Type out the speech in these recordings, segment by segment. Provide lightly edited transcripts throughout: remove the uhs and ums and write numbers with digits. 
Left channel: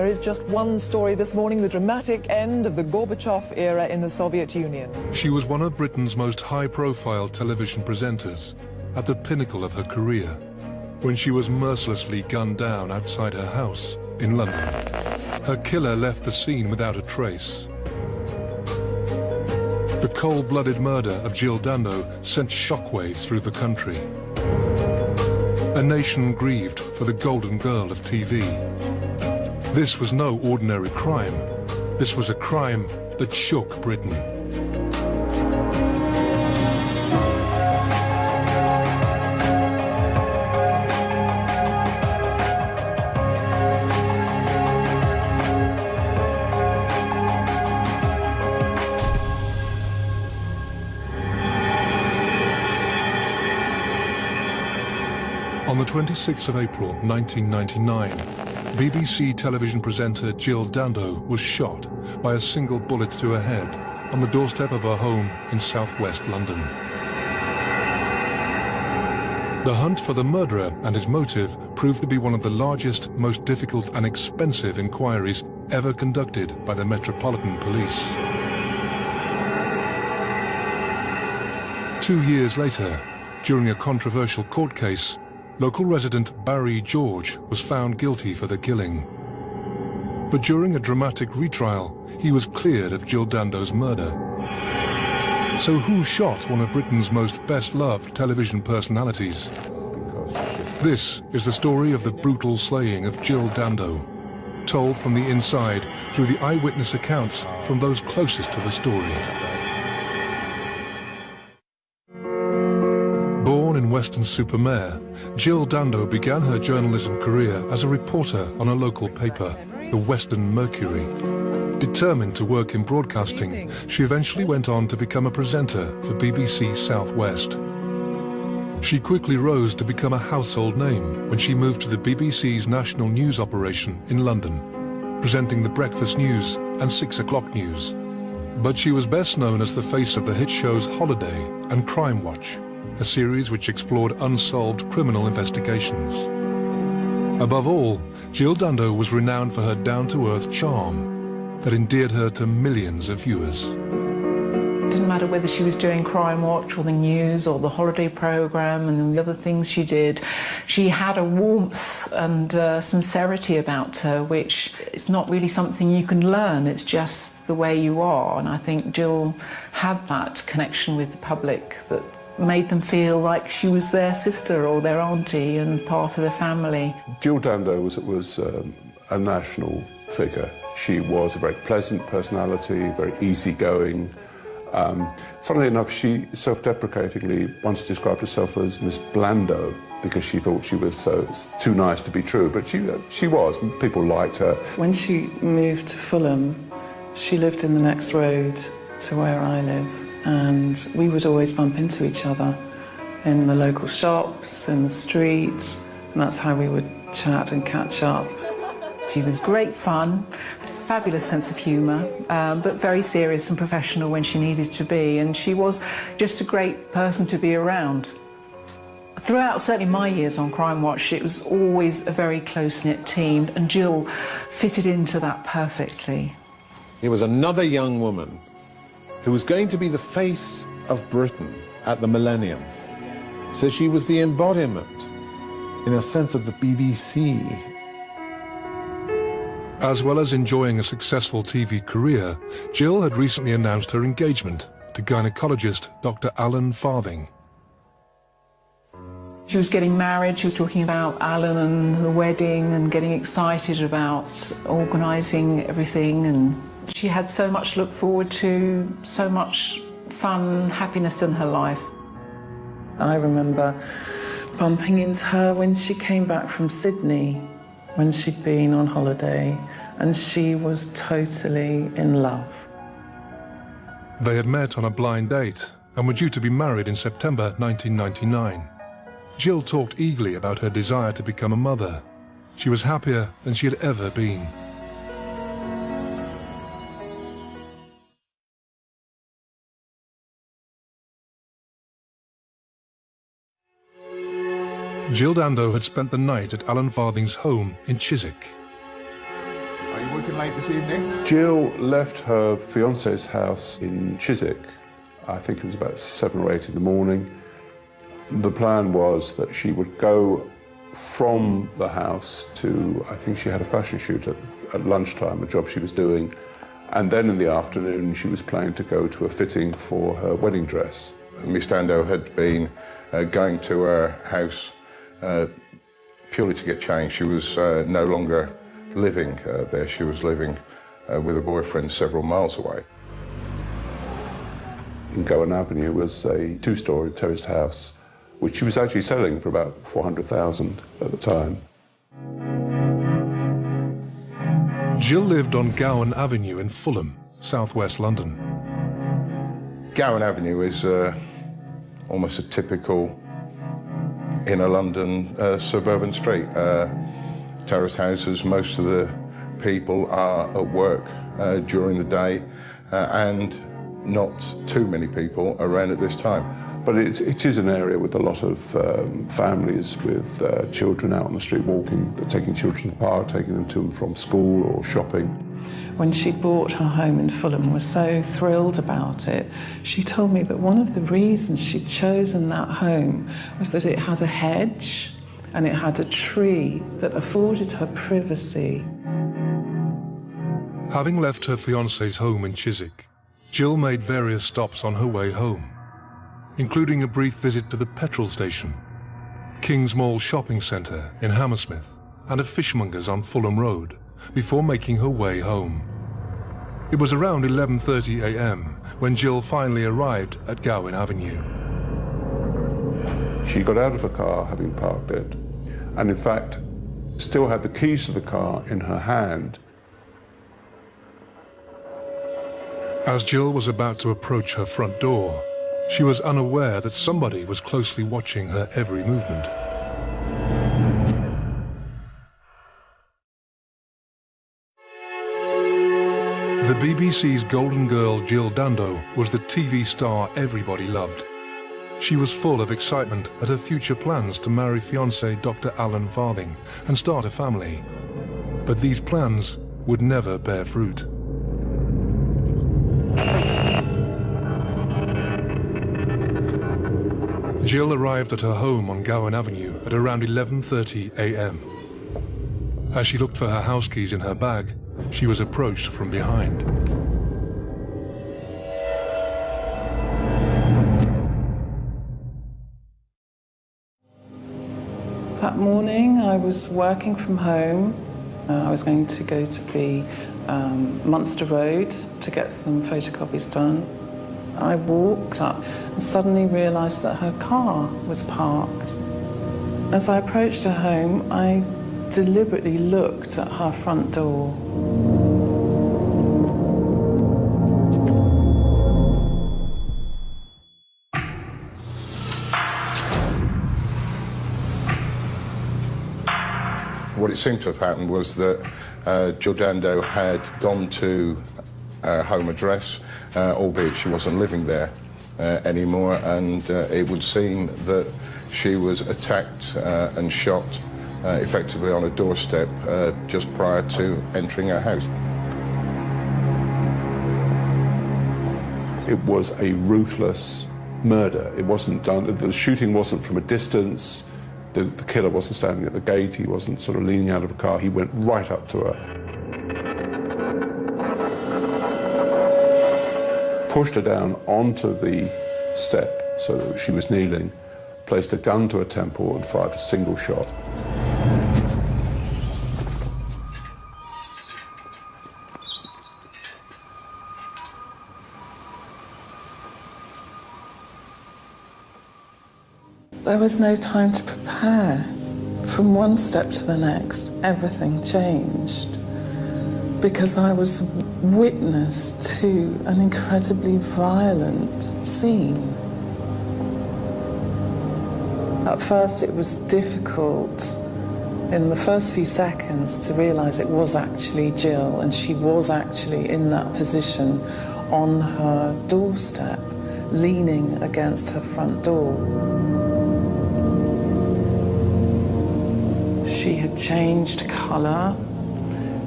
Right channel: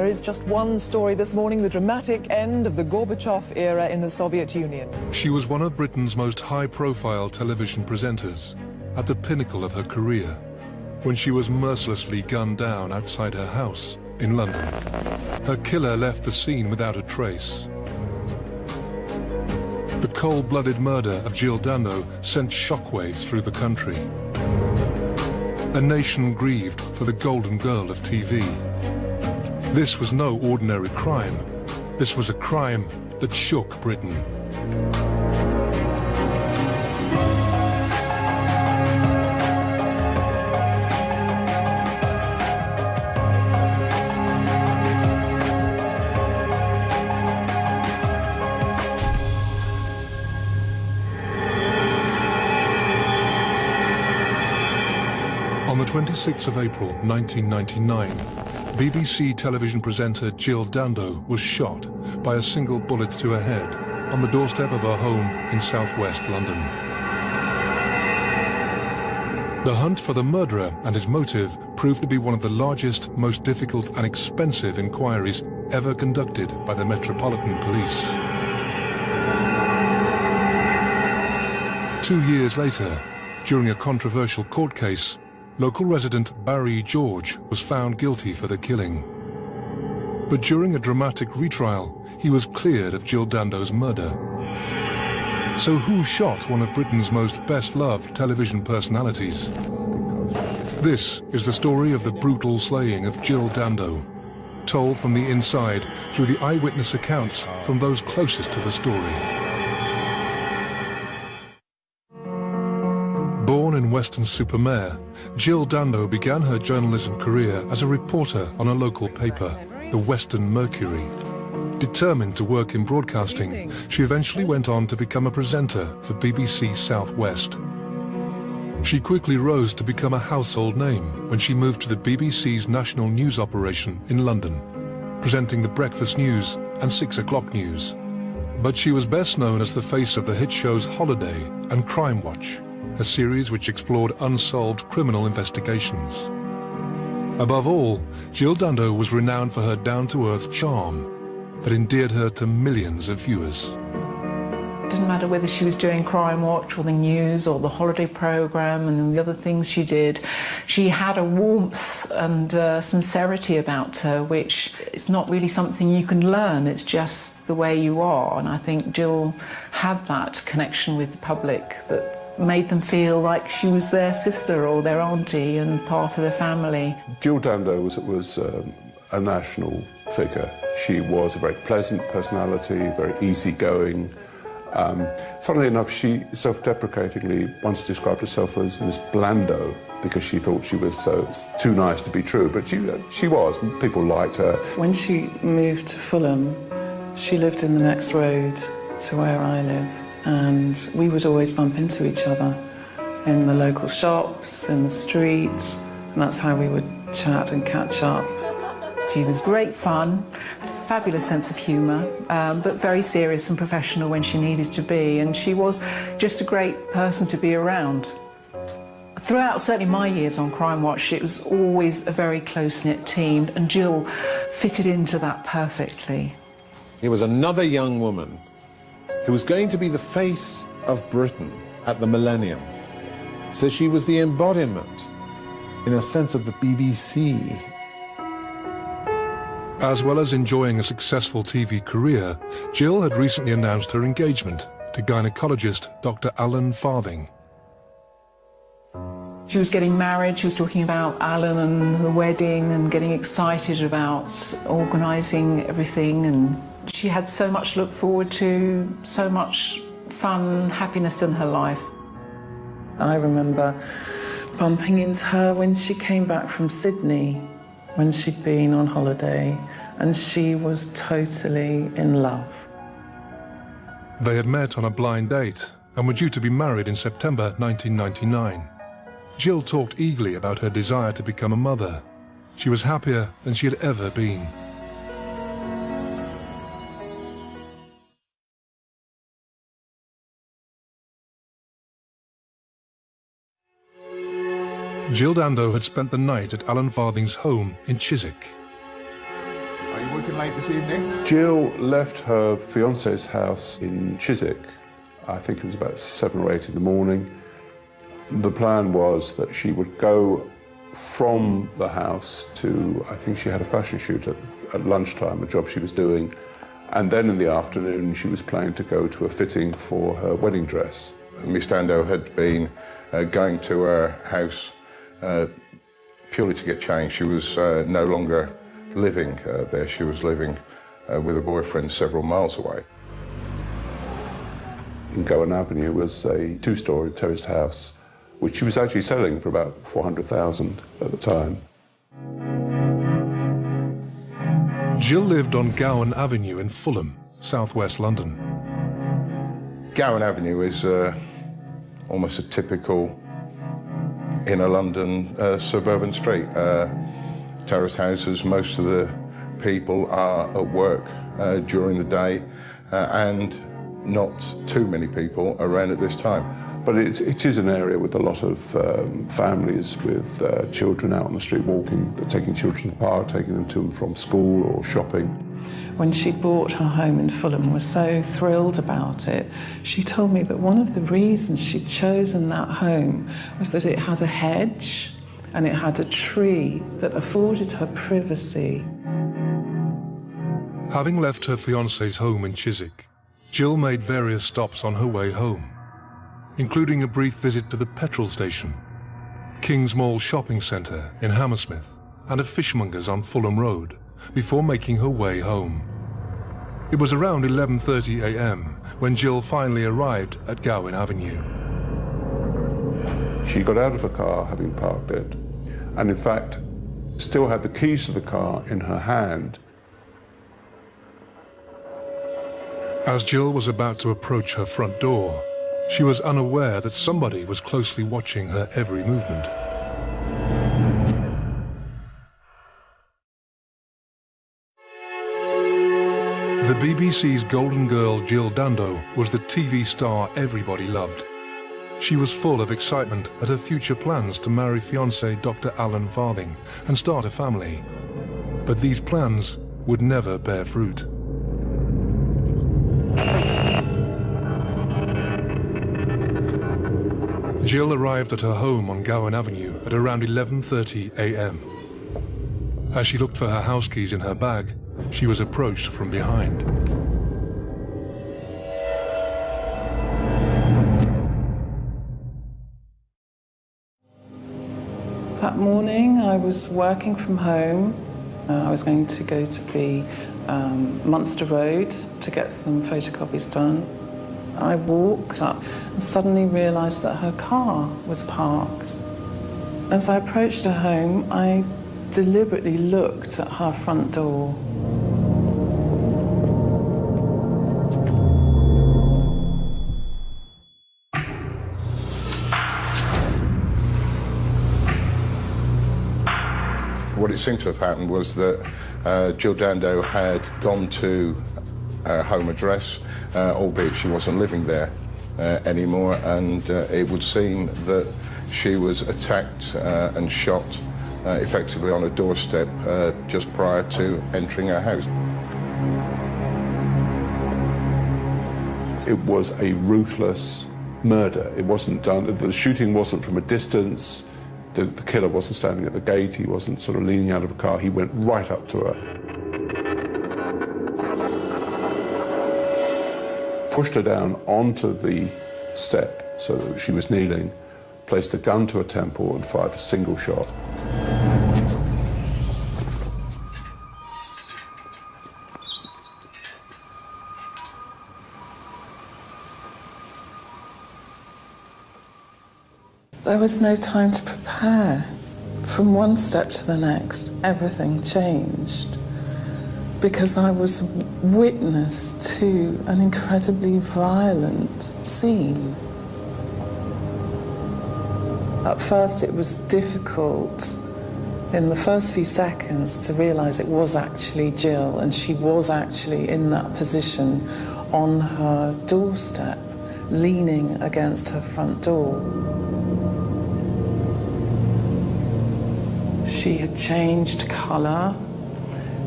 There is just one story this morning, the dramatic end of the Gorbachev era in the Soviet Union. She was one of Britain's most high-profile television presenters, at the pinnacle of her career, when she was mercilessly gunned down outside her house in London. Her killer left the scene without a trace. The cold-blooded murder of Jill Dando sent shockwaves through the country. A nation grieved for the golden girl of TV. This was no ordinary crime. This was a crime that shook Britain. On the 26th of April 1999, BBC television presenter Jill Dando was shot by a single bullet to her head on the doorstep of her home in southwest London. The hunt for the murderer and his motive proved to be one of the largest, most difficult and expensive inquiries ever conducted by the Metropolitan Police. 2 years later, during a controversial court case, local resident Barry George was found guilty for the killing. But during a dramatic retrial, he was cleared of Jill Dando's murder. So who shot one of Britain's most best-loved television personalities? This is the story of the brutal slaying of Jill Dando, told from the inside through the eyewitness accounts from those closest to the story. Weston-super-Mare, Jill Dando began her journalism career as a reporter on a local paper, the Western Mercury. Determined to work in broadcasting, she eventually went on to become a presenter for BBC South West. She quickly rose to become a household name when she moved to the BBC's national news operation in London, presenting the breakfast news and 6 o'clock news. But she was best known as the face of the hit shows Holiday and Crime Watch, a series which explored unsolved criminal investigations. Above all, Jill Dando was renowned for her down-to-earth charm that endeared her to millions of viewers. It didn't matter whether she was doing Crime Watch or the news or the holiday programme and the other things she did. She had a warmth and sincerity about her, which is not really something you can learn, it's just the way you are. And I think Jill had that connection with the public that made them feel like she was their sister or their auntie and part of the family. Jill Dando was a national figure. She was a very pleasant personality, very easygoing. Funnily enough, she self-deprecatingly once described herself as Miss Blando because she thought she was too nice to be true, but she was. People liked her. When she moved to Fulham, she lived in the next road to where I live. And we would always bump into each other in the local shops, in the street, and that's how we would chat and catch up. She was great fun, fabulous sense of humour, but very serious and professional when she needed to be, and she was just a great person to be around. Throughout certainly my years on Crime Watch, it was always a very close-knit team, and Jill fitted into that perfectly. He was another young woman who was going to be the face of Britain at the millennium. So she was the embodiment, in a sense, of the BBC. As well as enjoying a successful TV career, Jill had recently announced her engagement to gynecologist Dr. Alan Farthing. She was getting married, she was talking about Alan and the wedding and getting excited about organising everything, and she had so much to look forward to, so much fun, happiness in her life. I remember bumping into her when she came back from Sydney, when she'd been on holiday, and she was totally in love. They had met on a blind date and were due to be married in September 1999. Jill talked eagerly about her desire to become a mother. She was happier than she had ever been. Jill Dando had spent the night at Alan Farthing's home in Chiswick. I late this evening? Jill left her fiancé's house in Chiswick. I think it was about 7 or 8 in the morning. The plan was that she would go from the house to, I think she had a fashion shoot at lunchtime, a job she was doing, and then in the afternoon she was planning to go to a fitting for her wedding dress. Miss Dando had been going to her house purely to get changed. She was no longer living there. She was living with a boyfriend several miles away. In Gowan Avenue was a 2-story terraced house, which she was actually selling for about $400,000 at the time. Jill lived on Gowan Avenue in Fulham, southwest London. Gowan Avenue is almost a typical inner London suburban street. Terrace houses, most of the people are at work during the day, and not too many people around at this time. But it is an area with a lot of families with children out on the street walking, taking children to the park, taking them to and from school or shopping. When she bought her home in Fulham, was so thrilled about it. She told me that one of the reasons she'd chosen that home was that it had a hedge and it had a tree that afforded her privacy. Having left her fiancé's home in Chiswick, Jill made various stops on her way home, including a brief visit to the petrol station, King's Mall shopping centre in Hammersmith, and a fishmonger's on Fulham Road, before making her way home. It was around 11:30 a.m. when Jill finally arrived at Gowan Avenue. She got out of her car, having parked it, and in fact still had the keys to the car in her hand. As Jill was about to approach her front door, she was unaware that somebody was closely watching her every movement. The BBC's Golden Girl Jill Dando was the TV star everybody loved. She was full of excitement at her future plans to marry fiancé Dr. Alan Farthing and start a family. But these plans would never bear fruit. Jill arrived at her home on Gowan Avenue at around 11:30 a.m. As she looked for her house keys in her bag, she was approached from behind. That morning I was working from home. I was going to go to the Munster Road to get some photocopies done. I walked up and suddenly realised that her car was parked. As I approached her home, I deliberately looked at her front door. What it seemed to have happened was that Jill Dando had gone to her home address, albeit she wasn't living there anymore, and it would seem that she was attacked and shot effectively on a doorstep just prior to entering her house. It was a ruthless murder. It wasn't done, the shooting wasn't from a distance. The killer wasn't standing at the gate, he wasn't sort of leaning out of the car, he went right up to her. Pushed her down onto the step so that she was kneeling, placed a gun to her temple and fired a single shot. There was no time to prepare. From one step to the next, everything changed. Because I was witness to an incredibly violent scene. At first it was difficult in the first few seconds to realise it was actually Jill, and she was actually in that position on her doorstep, leaning against her front door. She had changed colour,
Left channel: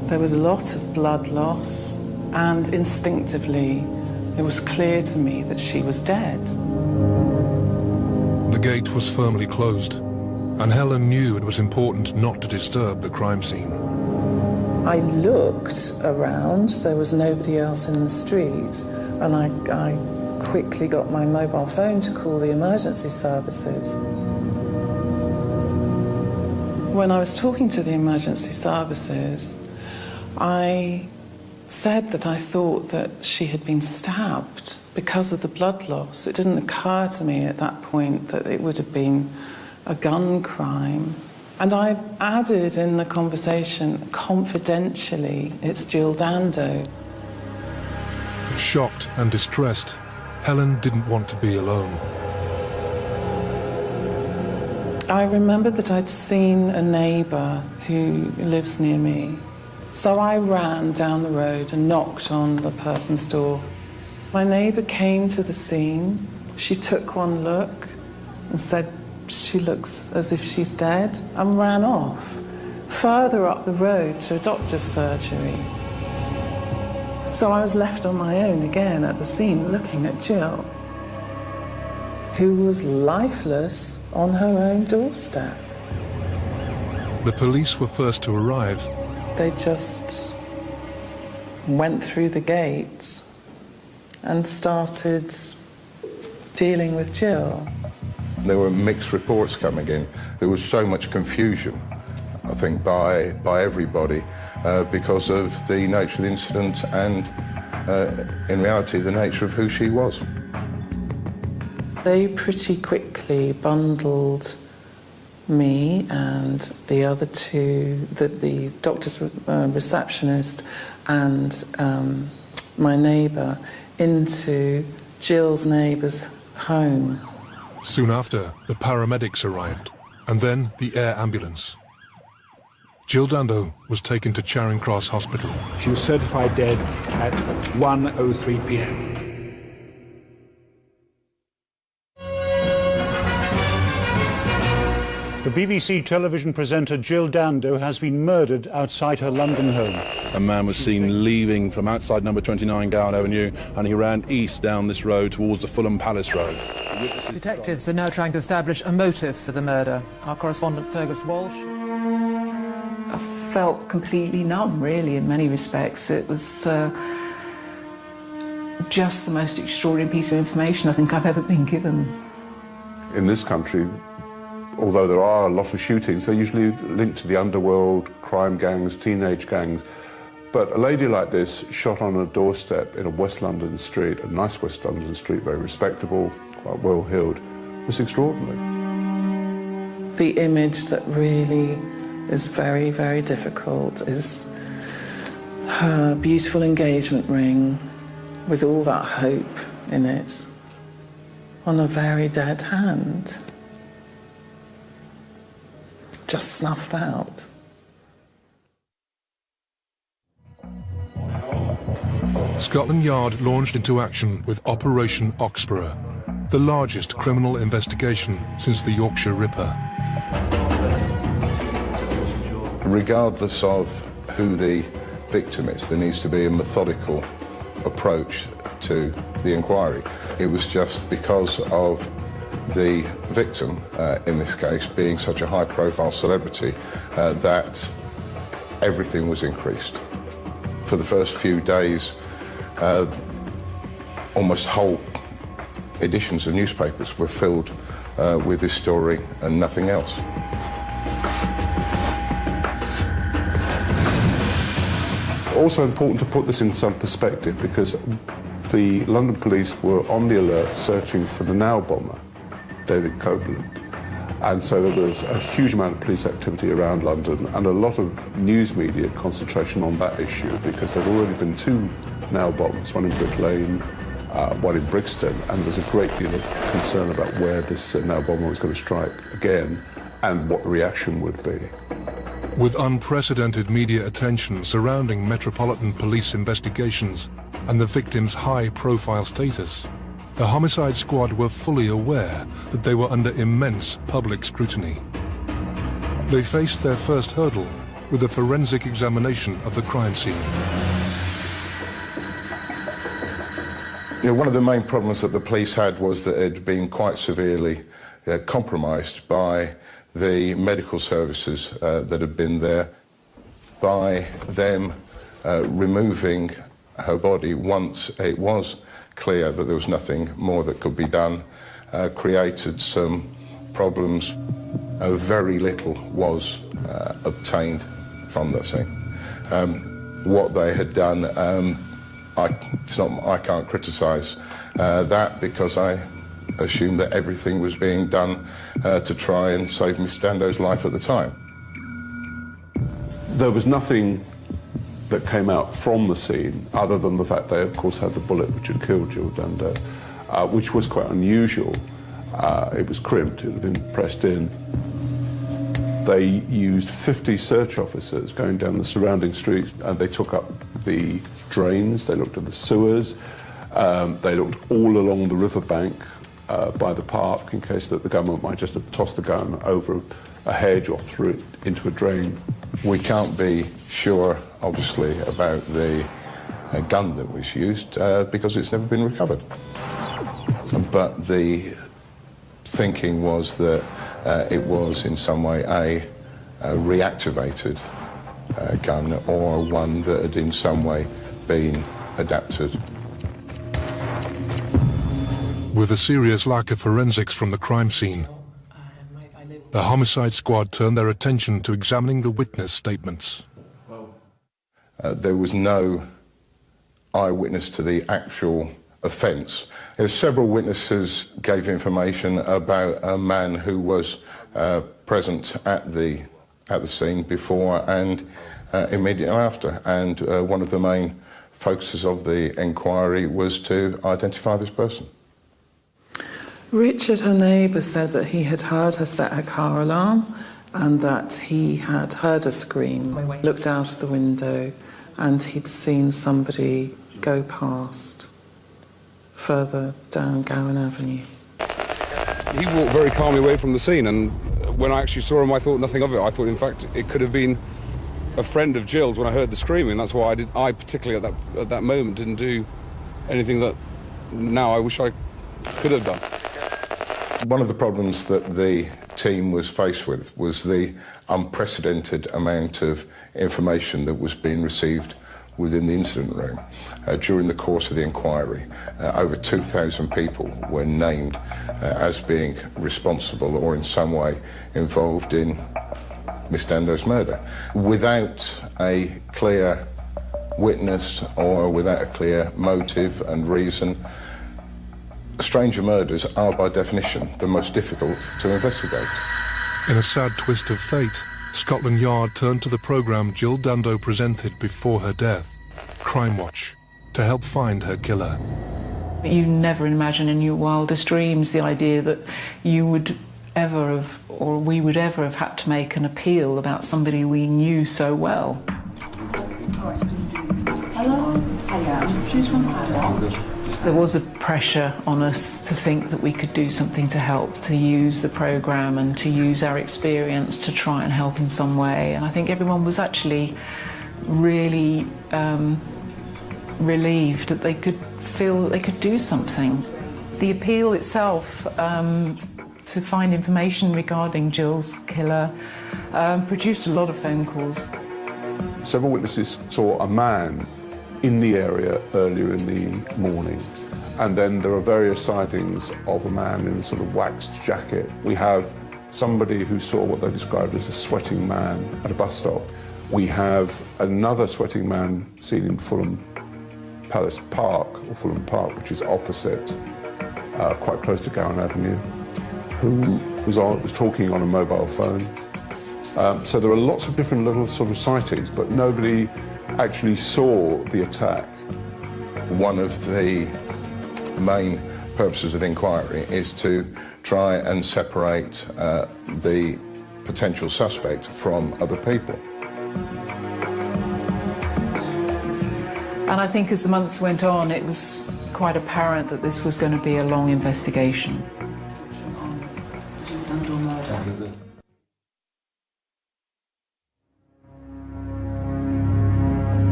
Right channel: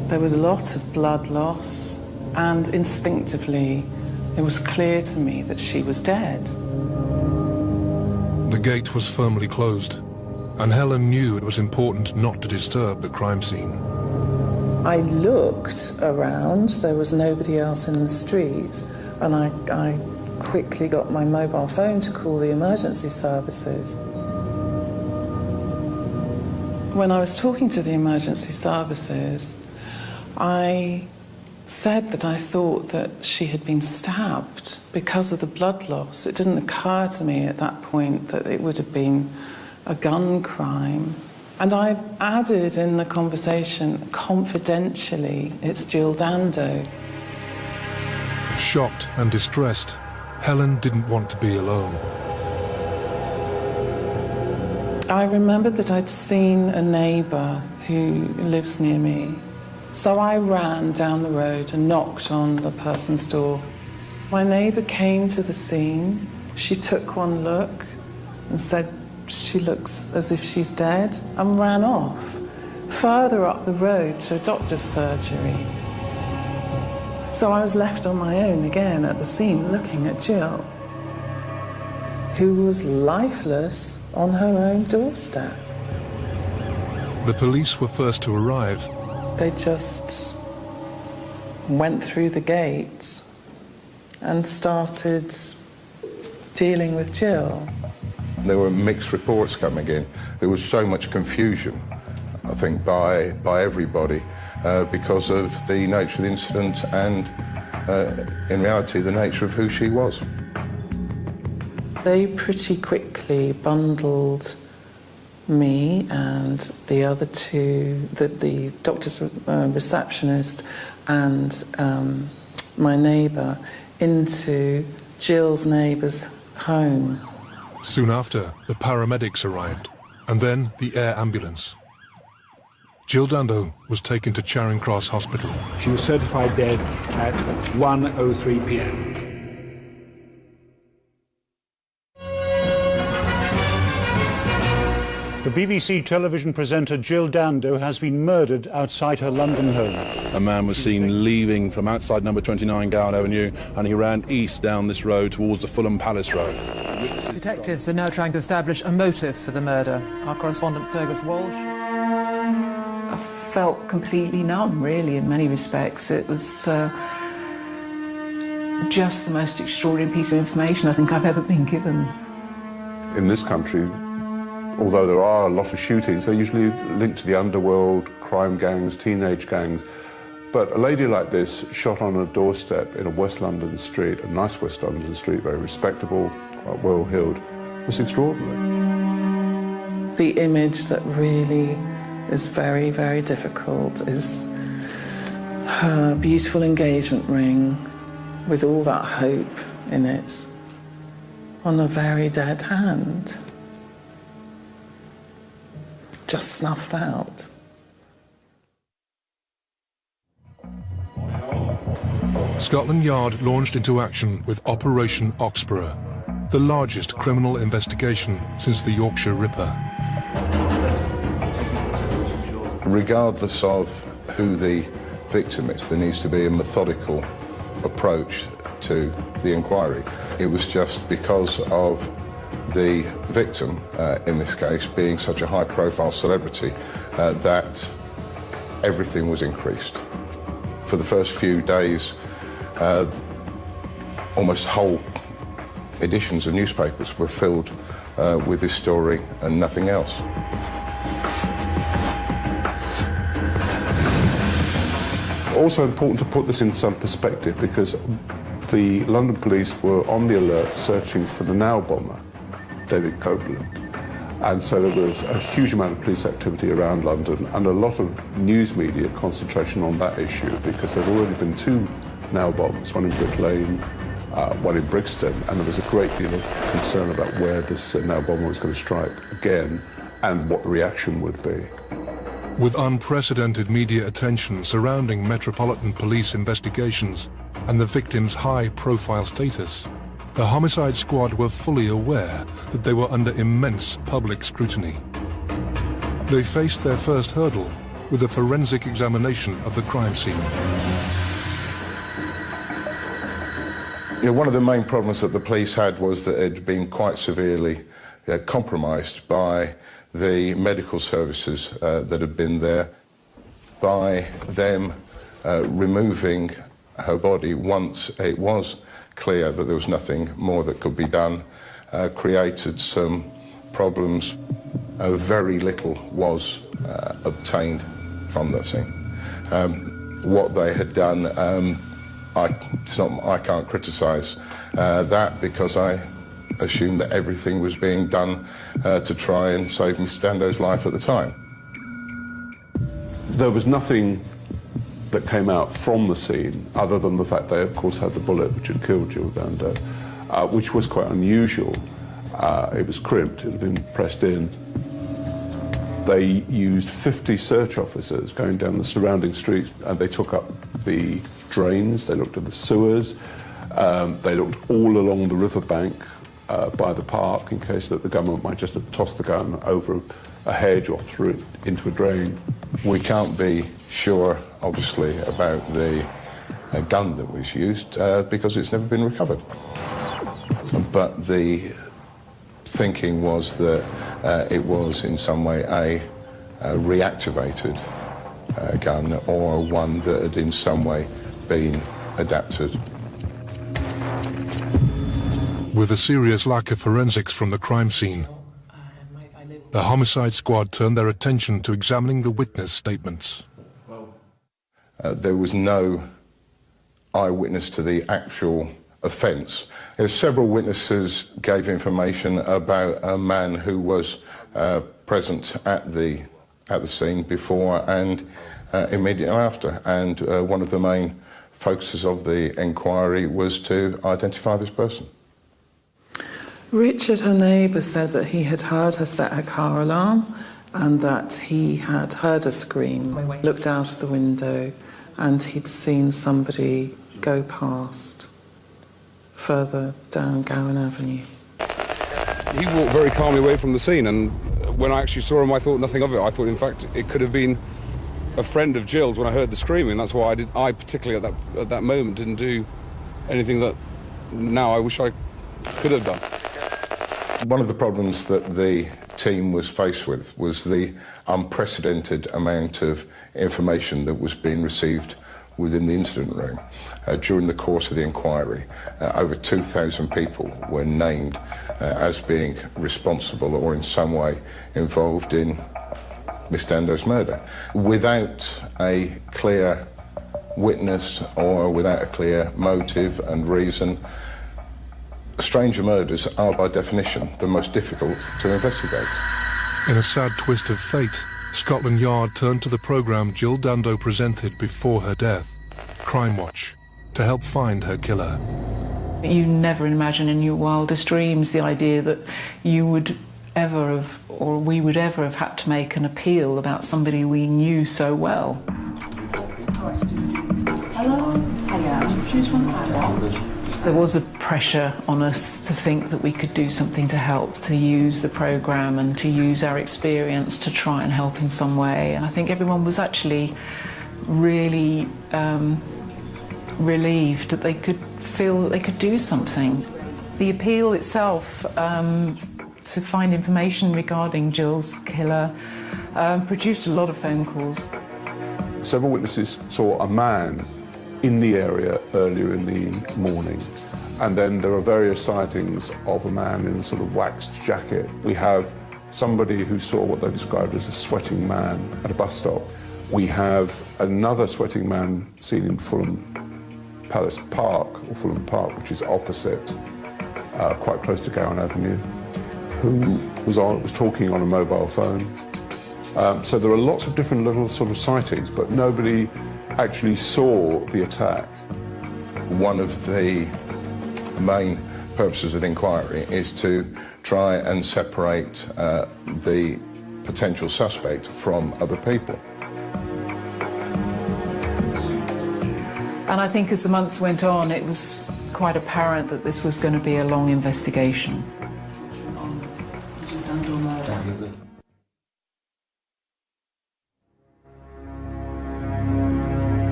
There was a lot of blood loss, and instinctively, it was clear to me that she was dead. The gate was firmly closed, and Helen knew it was important not to disturb the crime scene. I looked around, there was nobody else in the street, and I quickly got my mobile phone to call the emergency services. When I was talking to the emergency services, I said that I thought that she had been stabbed because of the blood loss. It didn't occur to me at that point that it would have been a gun crime. And I added in the conversation, confidentially, it's Jill Dando. Shocked and distressed, Helen didn't want to be alone. I remembered that I'd seen a neighbour who lives near me. So I ran down the road and knocked on the person's door. My neighbour came to the scene. She took one look and said, "She looks as if she's dead," and ran off, further up the road to a doctor's surgery. So I was left on my own again at the scene looking at Jill, who was lifeless on her own doorstep. The police were first to arrive. They just went through the gate and started dealing with Jill. There were mixed reports coming in. There was so much confusion, I think, by everybody because of the nature of the incident and, in reality, the nature of who she was. They pretty quickly bundled me and the other two, the doctor's receptionist and my neighbour, into Jill's neighbour's home. Soon after, the paramedics arrived, and then the air ambulance. Jill Dando was taken to Charing Cross Hospital. She was certified dead at 1:03 p.m. The BBC television presenter Jill Dando has been murdered outside her London home. A man was seen leaving from outside number 29 Gowan Avenue, and he ran east down this road towards the Fulham Palace Road. Detectives are now trying to establish a motive for the murder. Our correspondent Fergus Walsh. I felt completely numb, really, in many respects. It was just the most extraordinary piece of information I think I've ever been given. In this country, although there are a lot of shootings, they're usually linked to the underworld, crime gangs, teenage gangs. But a lady like this, shot on a doorstep in a West London street, a nice West London street, very respectable, quite well-heeled, was extraordinary. The image that really is very, very difficult is her beautiful engagement ring with all that hope in it on a very dead hand. Just snuffed out. Scotland Yard launched into action with Operation Oxborough, the largest criminal investigation since the Yorkshire Ripper. Regardless of who the victim is, there needs to be a methodical approach to the inquiry. It was just because of the victim, in this case, being such a high-profile celebrity, that everything was increased. For the first few days, almost whole editions of newspapers were filled with this story and nothing else. Also important to put this in some perspective, because the London police were on the alert searching for the nail bomber, David Copeland. And so there was a huge amount of police activity around London and a lot of news media concentration on that issue, because there had already been two nail bombs, one in Brook Lane, one in Brixton, and there was a great deal of concern about where this nail bomber was going to strike again and what the reaction would be. With unprecedented media attention surrounding Metropolitan Police investigations and the victim's high-profile status, the Homicide Squad were fully aware that they were under immense public scrutiny. They faced their first hurdle with a forensic examination of the crime scene. Yeah, one of the main problems that the police had was that it had been quite severely compromised by the medical services that had been there, by them removing her body once it was clear that there was nothing more that could be done, created some problems. Very little was obtained from the scene. What they had done, I can't criticise that, because I assumed that everything was being done to try and save Miss Dando's life at the time. There was nothing that came out from the scene other than the fact they, of course, had the bullet which had killed Jill Dando, which was quite unusual. It was crimped, it had been pressed in. They used 50 search officers going down the surrounding streets, and they took up the drains, they looked at the sewers, they looked all along the riverbank by the park, in case that the government might just have tossed the gun over a hedge or through it into a drain. We can't be sure, obviously, about the gun that was used because it's never been recovered. But the thinking was that it was in some way a reactivated gun, or one that had in some way been adapted. With a serious lack of forensics from the crime scene, the homicide squad turned their attention to examining the witness statements. There was no eyewitness to the actual offence. Several witnesses gave information about a man who was present at the scene before and immediately after, and one of the main focuses of the inquiry was to identify this person. Richard, her neighbour, said that he had heard her set her car alarm and that he had heard a scream, looked out of the window, and he'd seen somebody go past further down Gowan Avenue. He walked very calmly away from the scene, and when I actually saw him, I thought nothing of it. I thought, in fact, it could have been a friend of Jill's when I heard the screaming. That's why I particularly at that moment didn't do anything that now I wish I could have done. One of the problems that the team was faced with was the unprecedented amount of information that was being received within the incident room. During the course of the inquiry, over 2,000 people were named as being responsible or in some way involved in Miss Dando's murder. Without a clear witness or without a clear motive and reason, stranger murders are by definition the most difficult to investigate. In a sad twist of fate, Scotland Yard turned to the programme Jill Dando presented before her death, Crime Watch, to help find her killer. You never imagine in your wildest dreams the idea that you would ever have, or we would ever have had to make an appeal about somebody we knew so well. There was a pressure on us to think that we could do something to help, to use the programme and to use our experience to try and help in some way. And I think everyone was actually really relieved that they could feel that they could do something. The appeal itself to find information regarding Jill's killer produced a lot of phone calls. Several witnesses saw a man in the area earlier in the morning, and then there are various sightings of a man in a sort of waxed jacket. We have somebody who saw what they described as a sweating man at a bus stop. We have another sweating man seen in Fulham Palace Park, or Fulham Park, which is opposite, quite close to Gowan Avenue, who was talking on a mobile phone. So there are lots of different little sort of sightings, but nobody actually saw the attack. One of the main purposes of the inquiry is to try and separate the potential suspect from other people. And I think as the months went on, it was quite apparent that this was going to be a long investigation.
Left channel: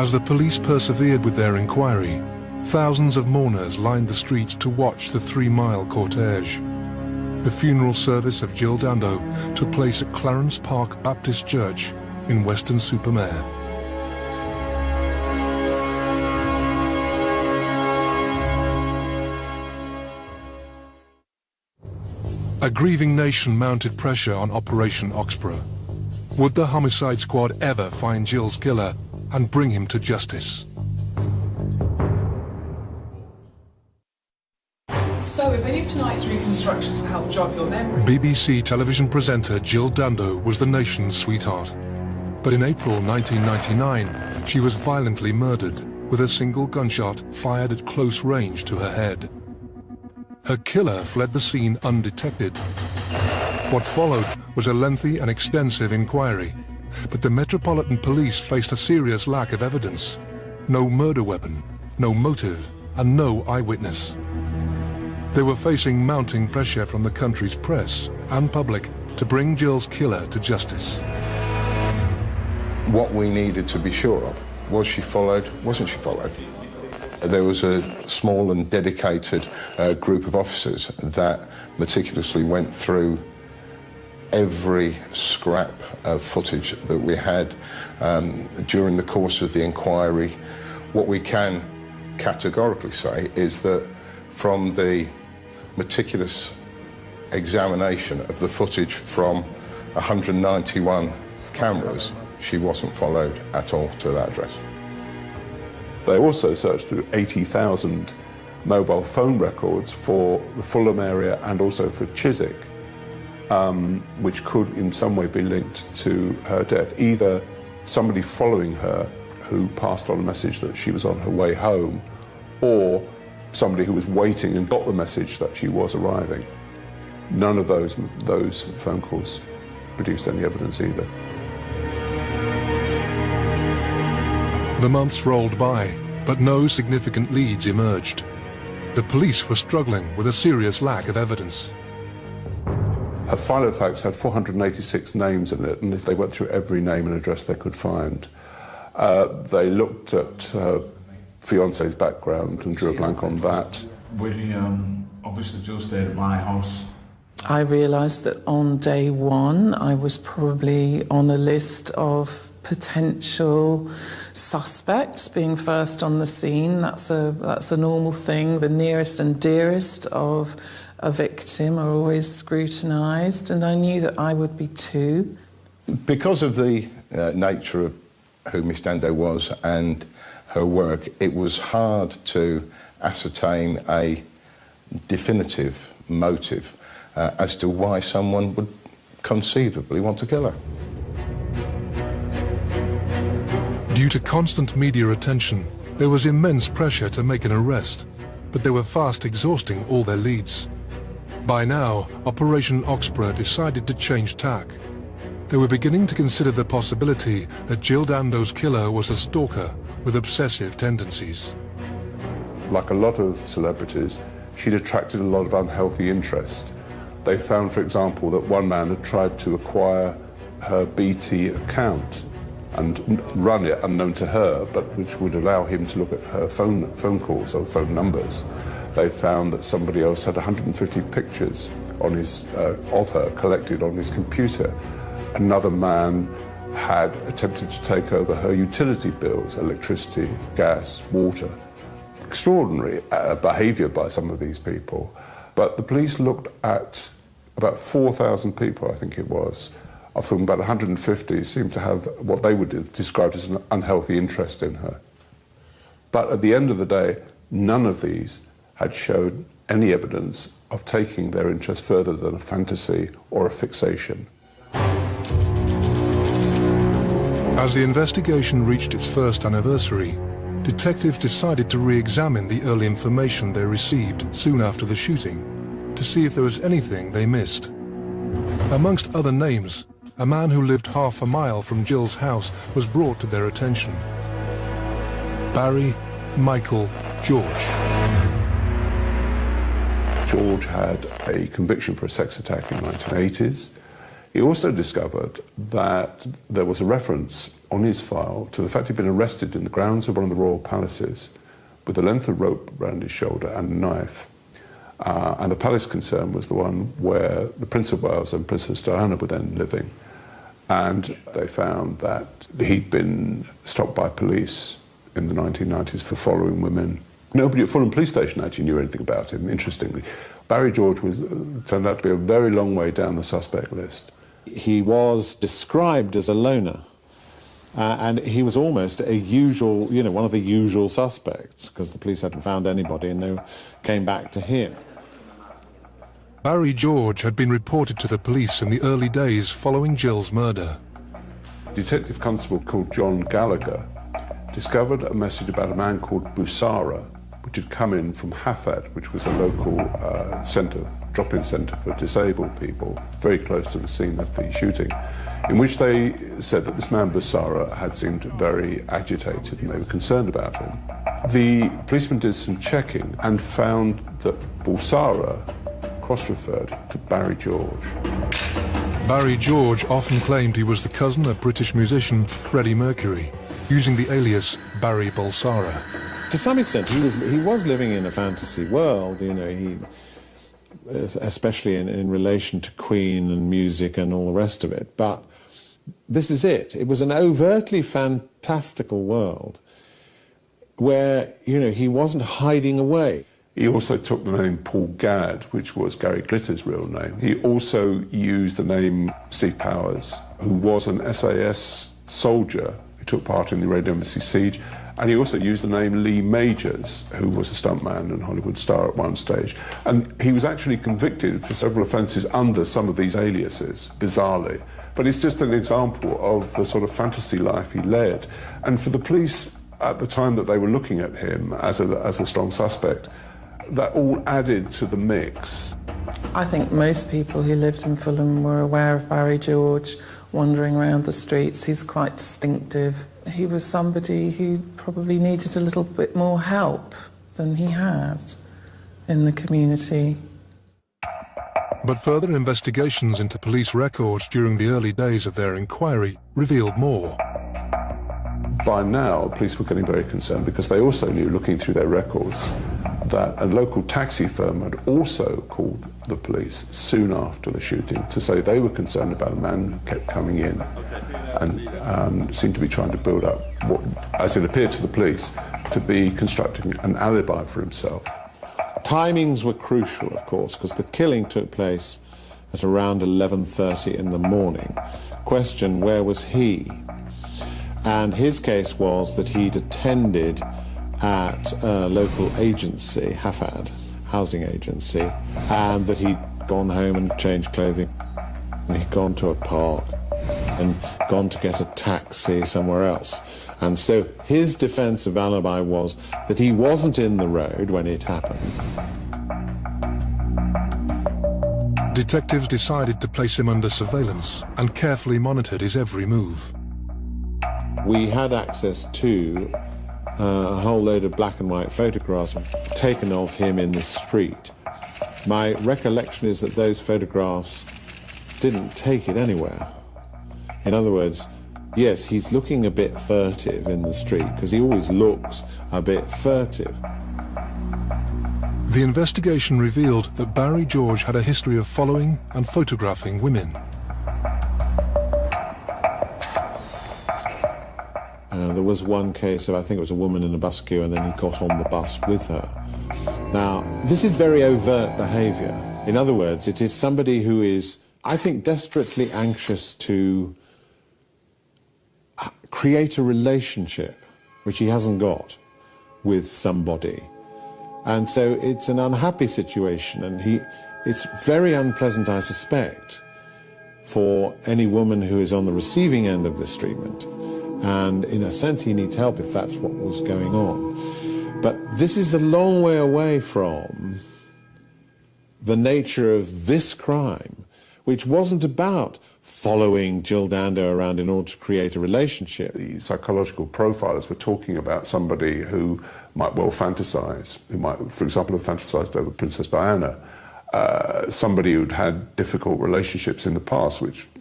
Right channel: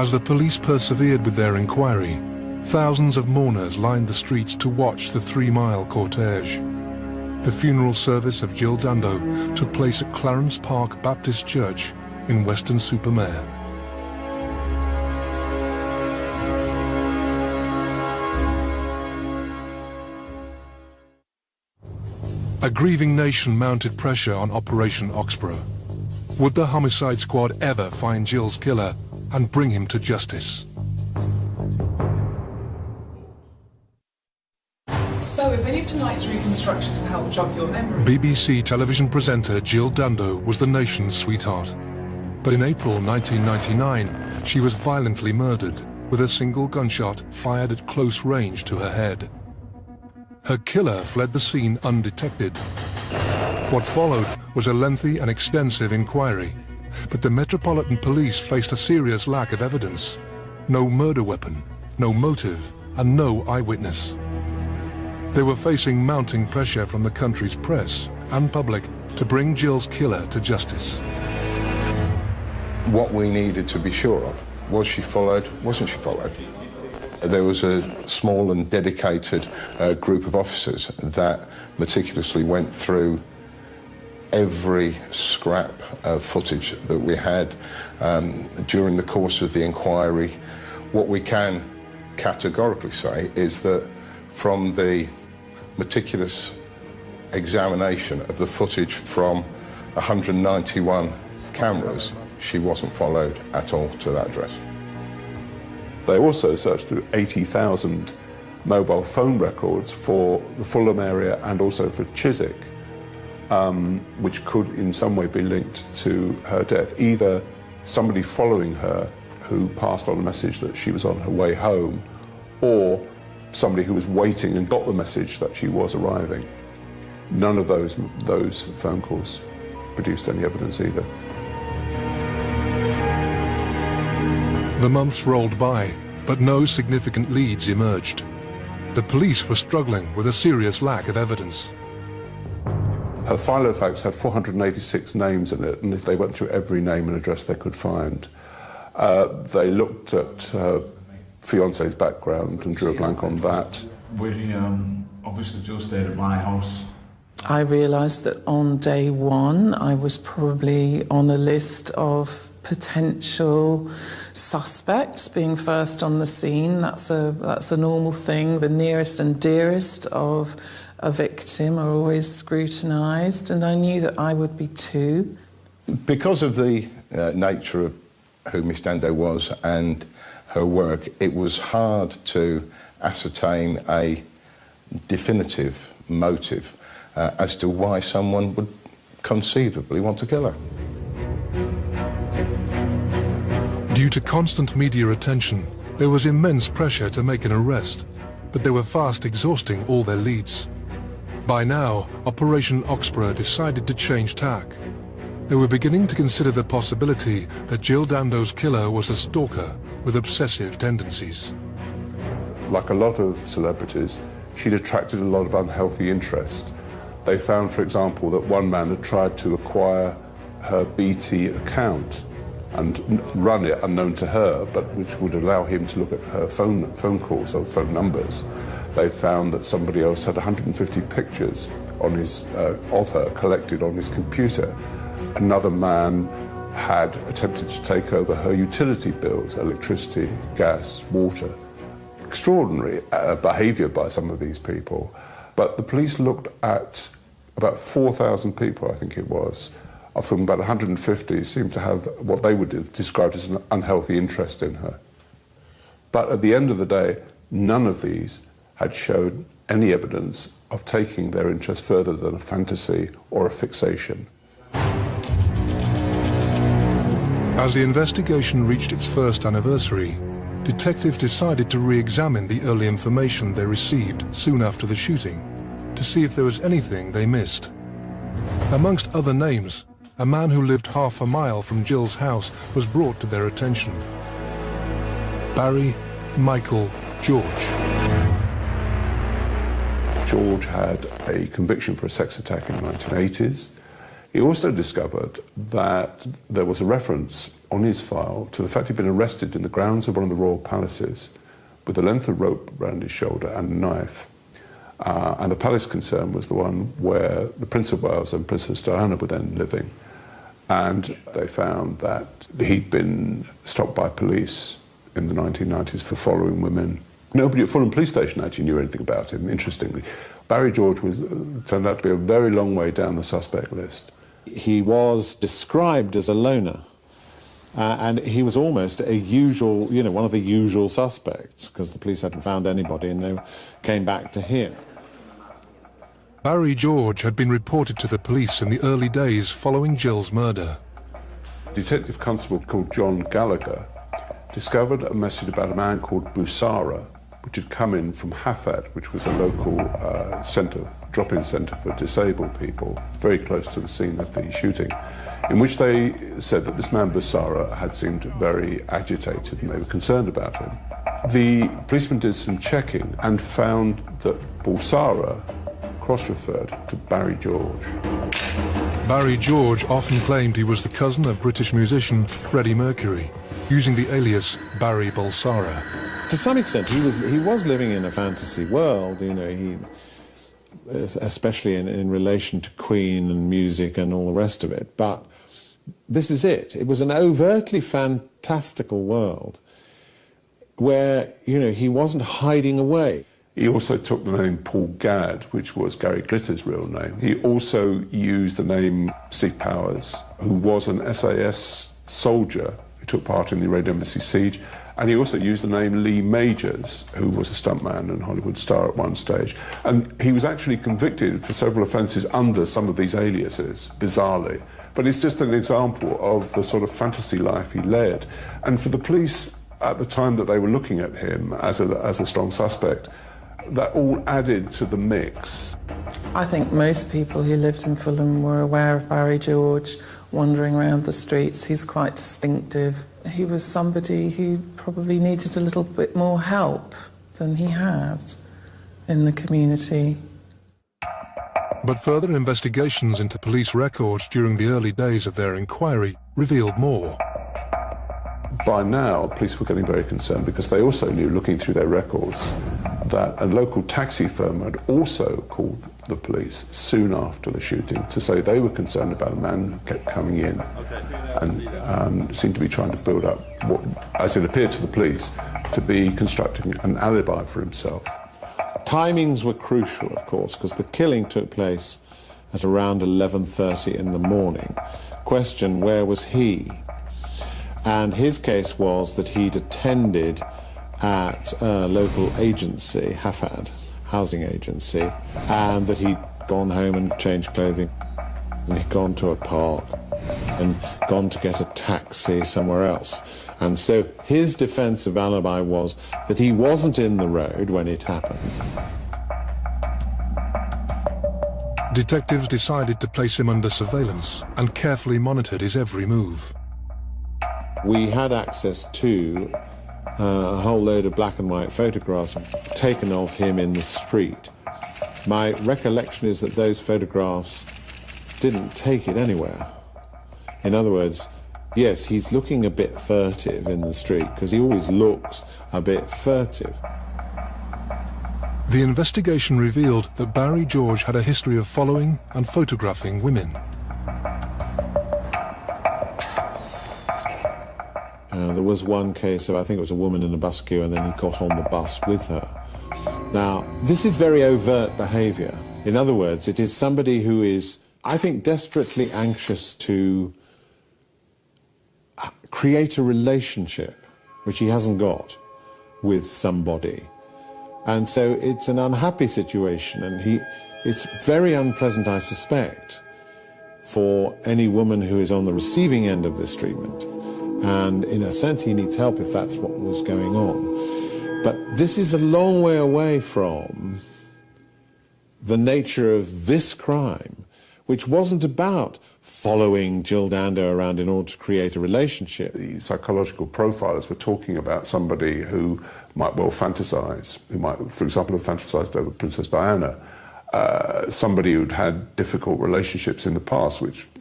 As the police persevered with their inquiry, thousands of mourners lined the streets to watch the 3-mile cortege. The funeral service of Jill Dando took place at Clarence Park Baptist Church in Weston-super-Mare. A grieving nation mounted pressure on Operation Oxborough. Would the homicide squad ever find Jill's killer and bring him to justice? So we've been using tonight's reconstruction to help jog your memory. BBC television presenter Jill Dando was the nation's sweetheart. But in April 1999, she was violently murdered with a single gunshot fired at close range to her head. Her killer fled the scene undetected. What followed was a lengthy and extensive inquiry, but the Metropolitan Police faced a serious lack of evidence. No murder weapon, no motive, and no eyewitness. They were facing mounting pressure from the country's press and public to bring Jill's killer to justice. What we needed to be sure of, was she followed, wasn't she followed? There was a small and dedicated group of officers that meticulously went through every scrap of footage that we had during the course of the inquiry. What we can categorically say is that from the meticulous examination of the footage from 191 cameras, she wasn't followed at all to that address. They also searched through 80,000 mobile phone records for the Fulham area and also for Chiswick, which could in some way be linked to her death. Either somebody following her who passed on a message that she was on her way home, or somebody who was waiting and got the message that she was arriving. None of those phone calls produced any evidence either. The months rolled by, but no significant leads emerged. The police were struggling with a serious lack of evidence. Her file of facts had 486 names in it, and they went through every name and address they could find. They looked at her fiance's background and drew a blank on that. We obviously Jill stayed at my house. I realised that on day one I was probably on a list of potential suspects being first on the scene. That's a normal thing. The nearest and dearest of a victim are always scrutinised, and I knew that I would be too. Because of the nature of who Miss Dando was and her work, it was hard to ascertain a definitive motive as to why someone would conceivably want to kill her. Due to constant media attention, there was immense pressure to make an arrest, but they were fast exhausting all their leads. By now, Operation Oxborough decided to change tack. They were beginning to consider the possibility that Jill Dando's killer was a stalker with obsessive tendencies. Like a lot of celebrities, she'd attracted a lot of unhealthy interest. They found, for example, that one man had tried to acquire her BT account and run it unknown to her, but which would allow him to look at her phone calls or phone numbers. They found that somebody else had 150 pictures on his, of her collected on his computer. Another man had attempted to take over her utility bills, electricity, gas, water. Extraordinary behaviour by some of these people. But the police looked at about 4,000 people, I think it was. Of them, about 150 seemed to have what they would describe as an unhealthy interest in her. But at the end of the day, none of these had showed any evidence of taking their interest further than a fantasy or a fixation. As the investigation reached its first anniversary, detectives decided to re-examine the early information they received soon after the shooting to see if there was anything they missed. Amongst other names, a man who lived half a mile from Jill's house was brought to their attention. Barry Michael George. George had a conviction for a sex attack in the 1980s. He also discovered that there was a reference on his file to the fact he'd been arrested in the grounds of one of the royal palaces with a length of rope around his shoulder and a knife. And the palace concern was the one where the Prince of Wales and Princess Diana were then living. And they found that he'd been stopped by police in the 1990s for following women. Nobody at Fulham police station actually knew anything about him, interestingly. Barry George turned out to be a very long way down the suspect list. He was described as a loner, and he was almost a usual, one of the usual suspects, because the police hadn't found anybody and they came back to him. Barry George had been reported to the police in the early days following Jill's murder. A detective constable called John Gallagher discovered a message about a man called Busara, which had come in from Hafad, which was a local drop-in centre for disabled people, very close to the scene of the shooting, in which they said that this man Busara had seemed very agitated and they were concerned about him. The policeman did some checking and found that Busara cross-referred to Barry George. Barry George often claimed he was the cousin of British musician Freddie Mercury, using the alias Barry Balsara. To some extent, he was living in a fantasy world, especially in relation to Queen and music and all the rest of it. But this is it. It was an overtly fantastical world where, he wasn't hiding away. He also took the name Paul Gadd, which was Gary Glitter's real name. He also used the name Steve Powers, who was an SAS soldier who took part in the Red Embassy siege. And he also used the name Lee Majors, who was a stuntman and Hollywood star at one stage. And he was actually convicted for several offences under some of these aliases, bizarrely. But it's just an example of the sort of fantasy life he led. And for the police at the time that they were looking at him as a strong suspect, that all added to the mix. I think most people who lived in Fulham were aware of Barry George wandering around the streets. He's quite distinctive. He was somebody who probably needed a little bit more help than he had in the community. But further investigations into police records during the early days of their inquiry revealed more. By now, police were getting very concerned because they also knew, looking through their records, that a local taxi firm had also called the police soon after the shooting to say they were concerned about a man who kept coming in and seemed to be trying to build up what, as it appeared to the police, to be constructing an alibi for himself. Timings were crucial, of course, because the killing took place at around 11:30 in the morning. Question, where was he? And his case was that he'd attended at a local agency, Hafad, housing agency, and that he'd gone home and changed clothing, and he'd gone to a park and gone to get a taxi somewhere else. And so his defensive alibi was that he wasn't in the road when it happened. Detectives decided to place him under surveillance and carefully monitored his every move. We had access to a whole load of black and white photographs taken of him in the street. My recollection is that those photographs didn't take him anywhere. In other words, yes, he's looking a bit furtive in the street, because he always looks a bit furtive. The investigation revealed that Barry George had a history of following and photographing women. There was one case of, I think it was a woman in a bus queue, and then he got on the bus with her. Now, this is very overt behaviour. In other words, it is somebody who is, I think, desperately anxious to create a relationship, which he hasn't got, with somebody. And so it's an unhappy situation, and it's very unpleasant, I suspect, for any woman who is on the receiving end of this treatment. And in a sense, he needs help if that's what was going on. But this is a long way away from the nature of this crime, which wasn't about following Jill Dando around in order to create a relationship. The psychological profilers were talking about somebody who might well fantasize. He might, for example, have fantasized over Princess Diana. Somebody who'd had difficult relationships in the past, which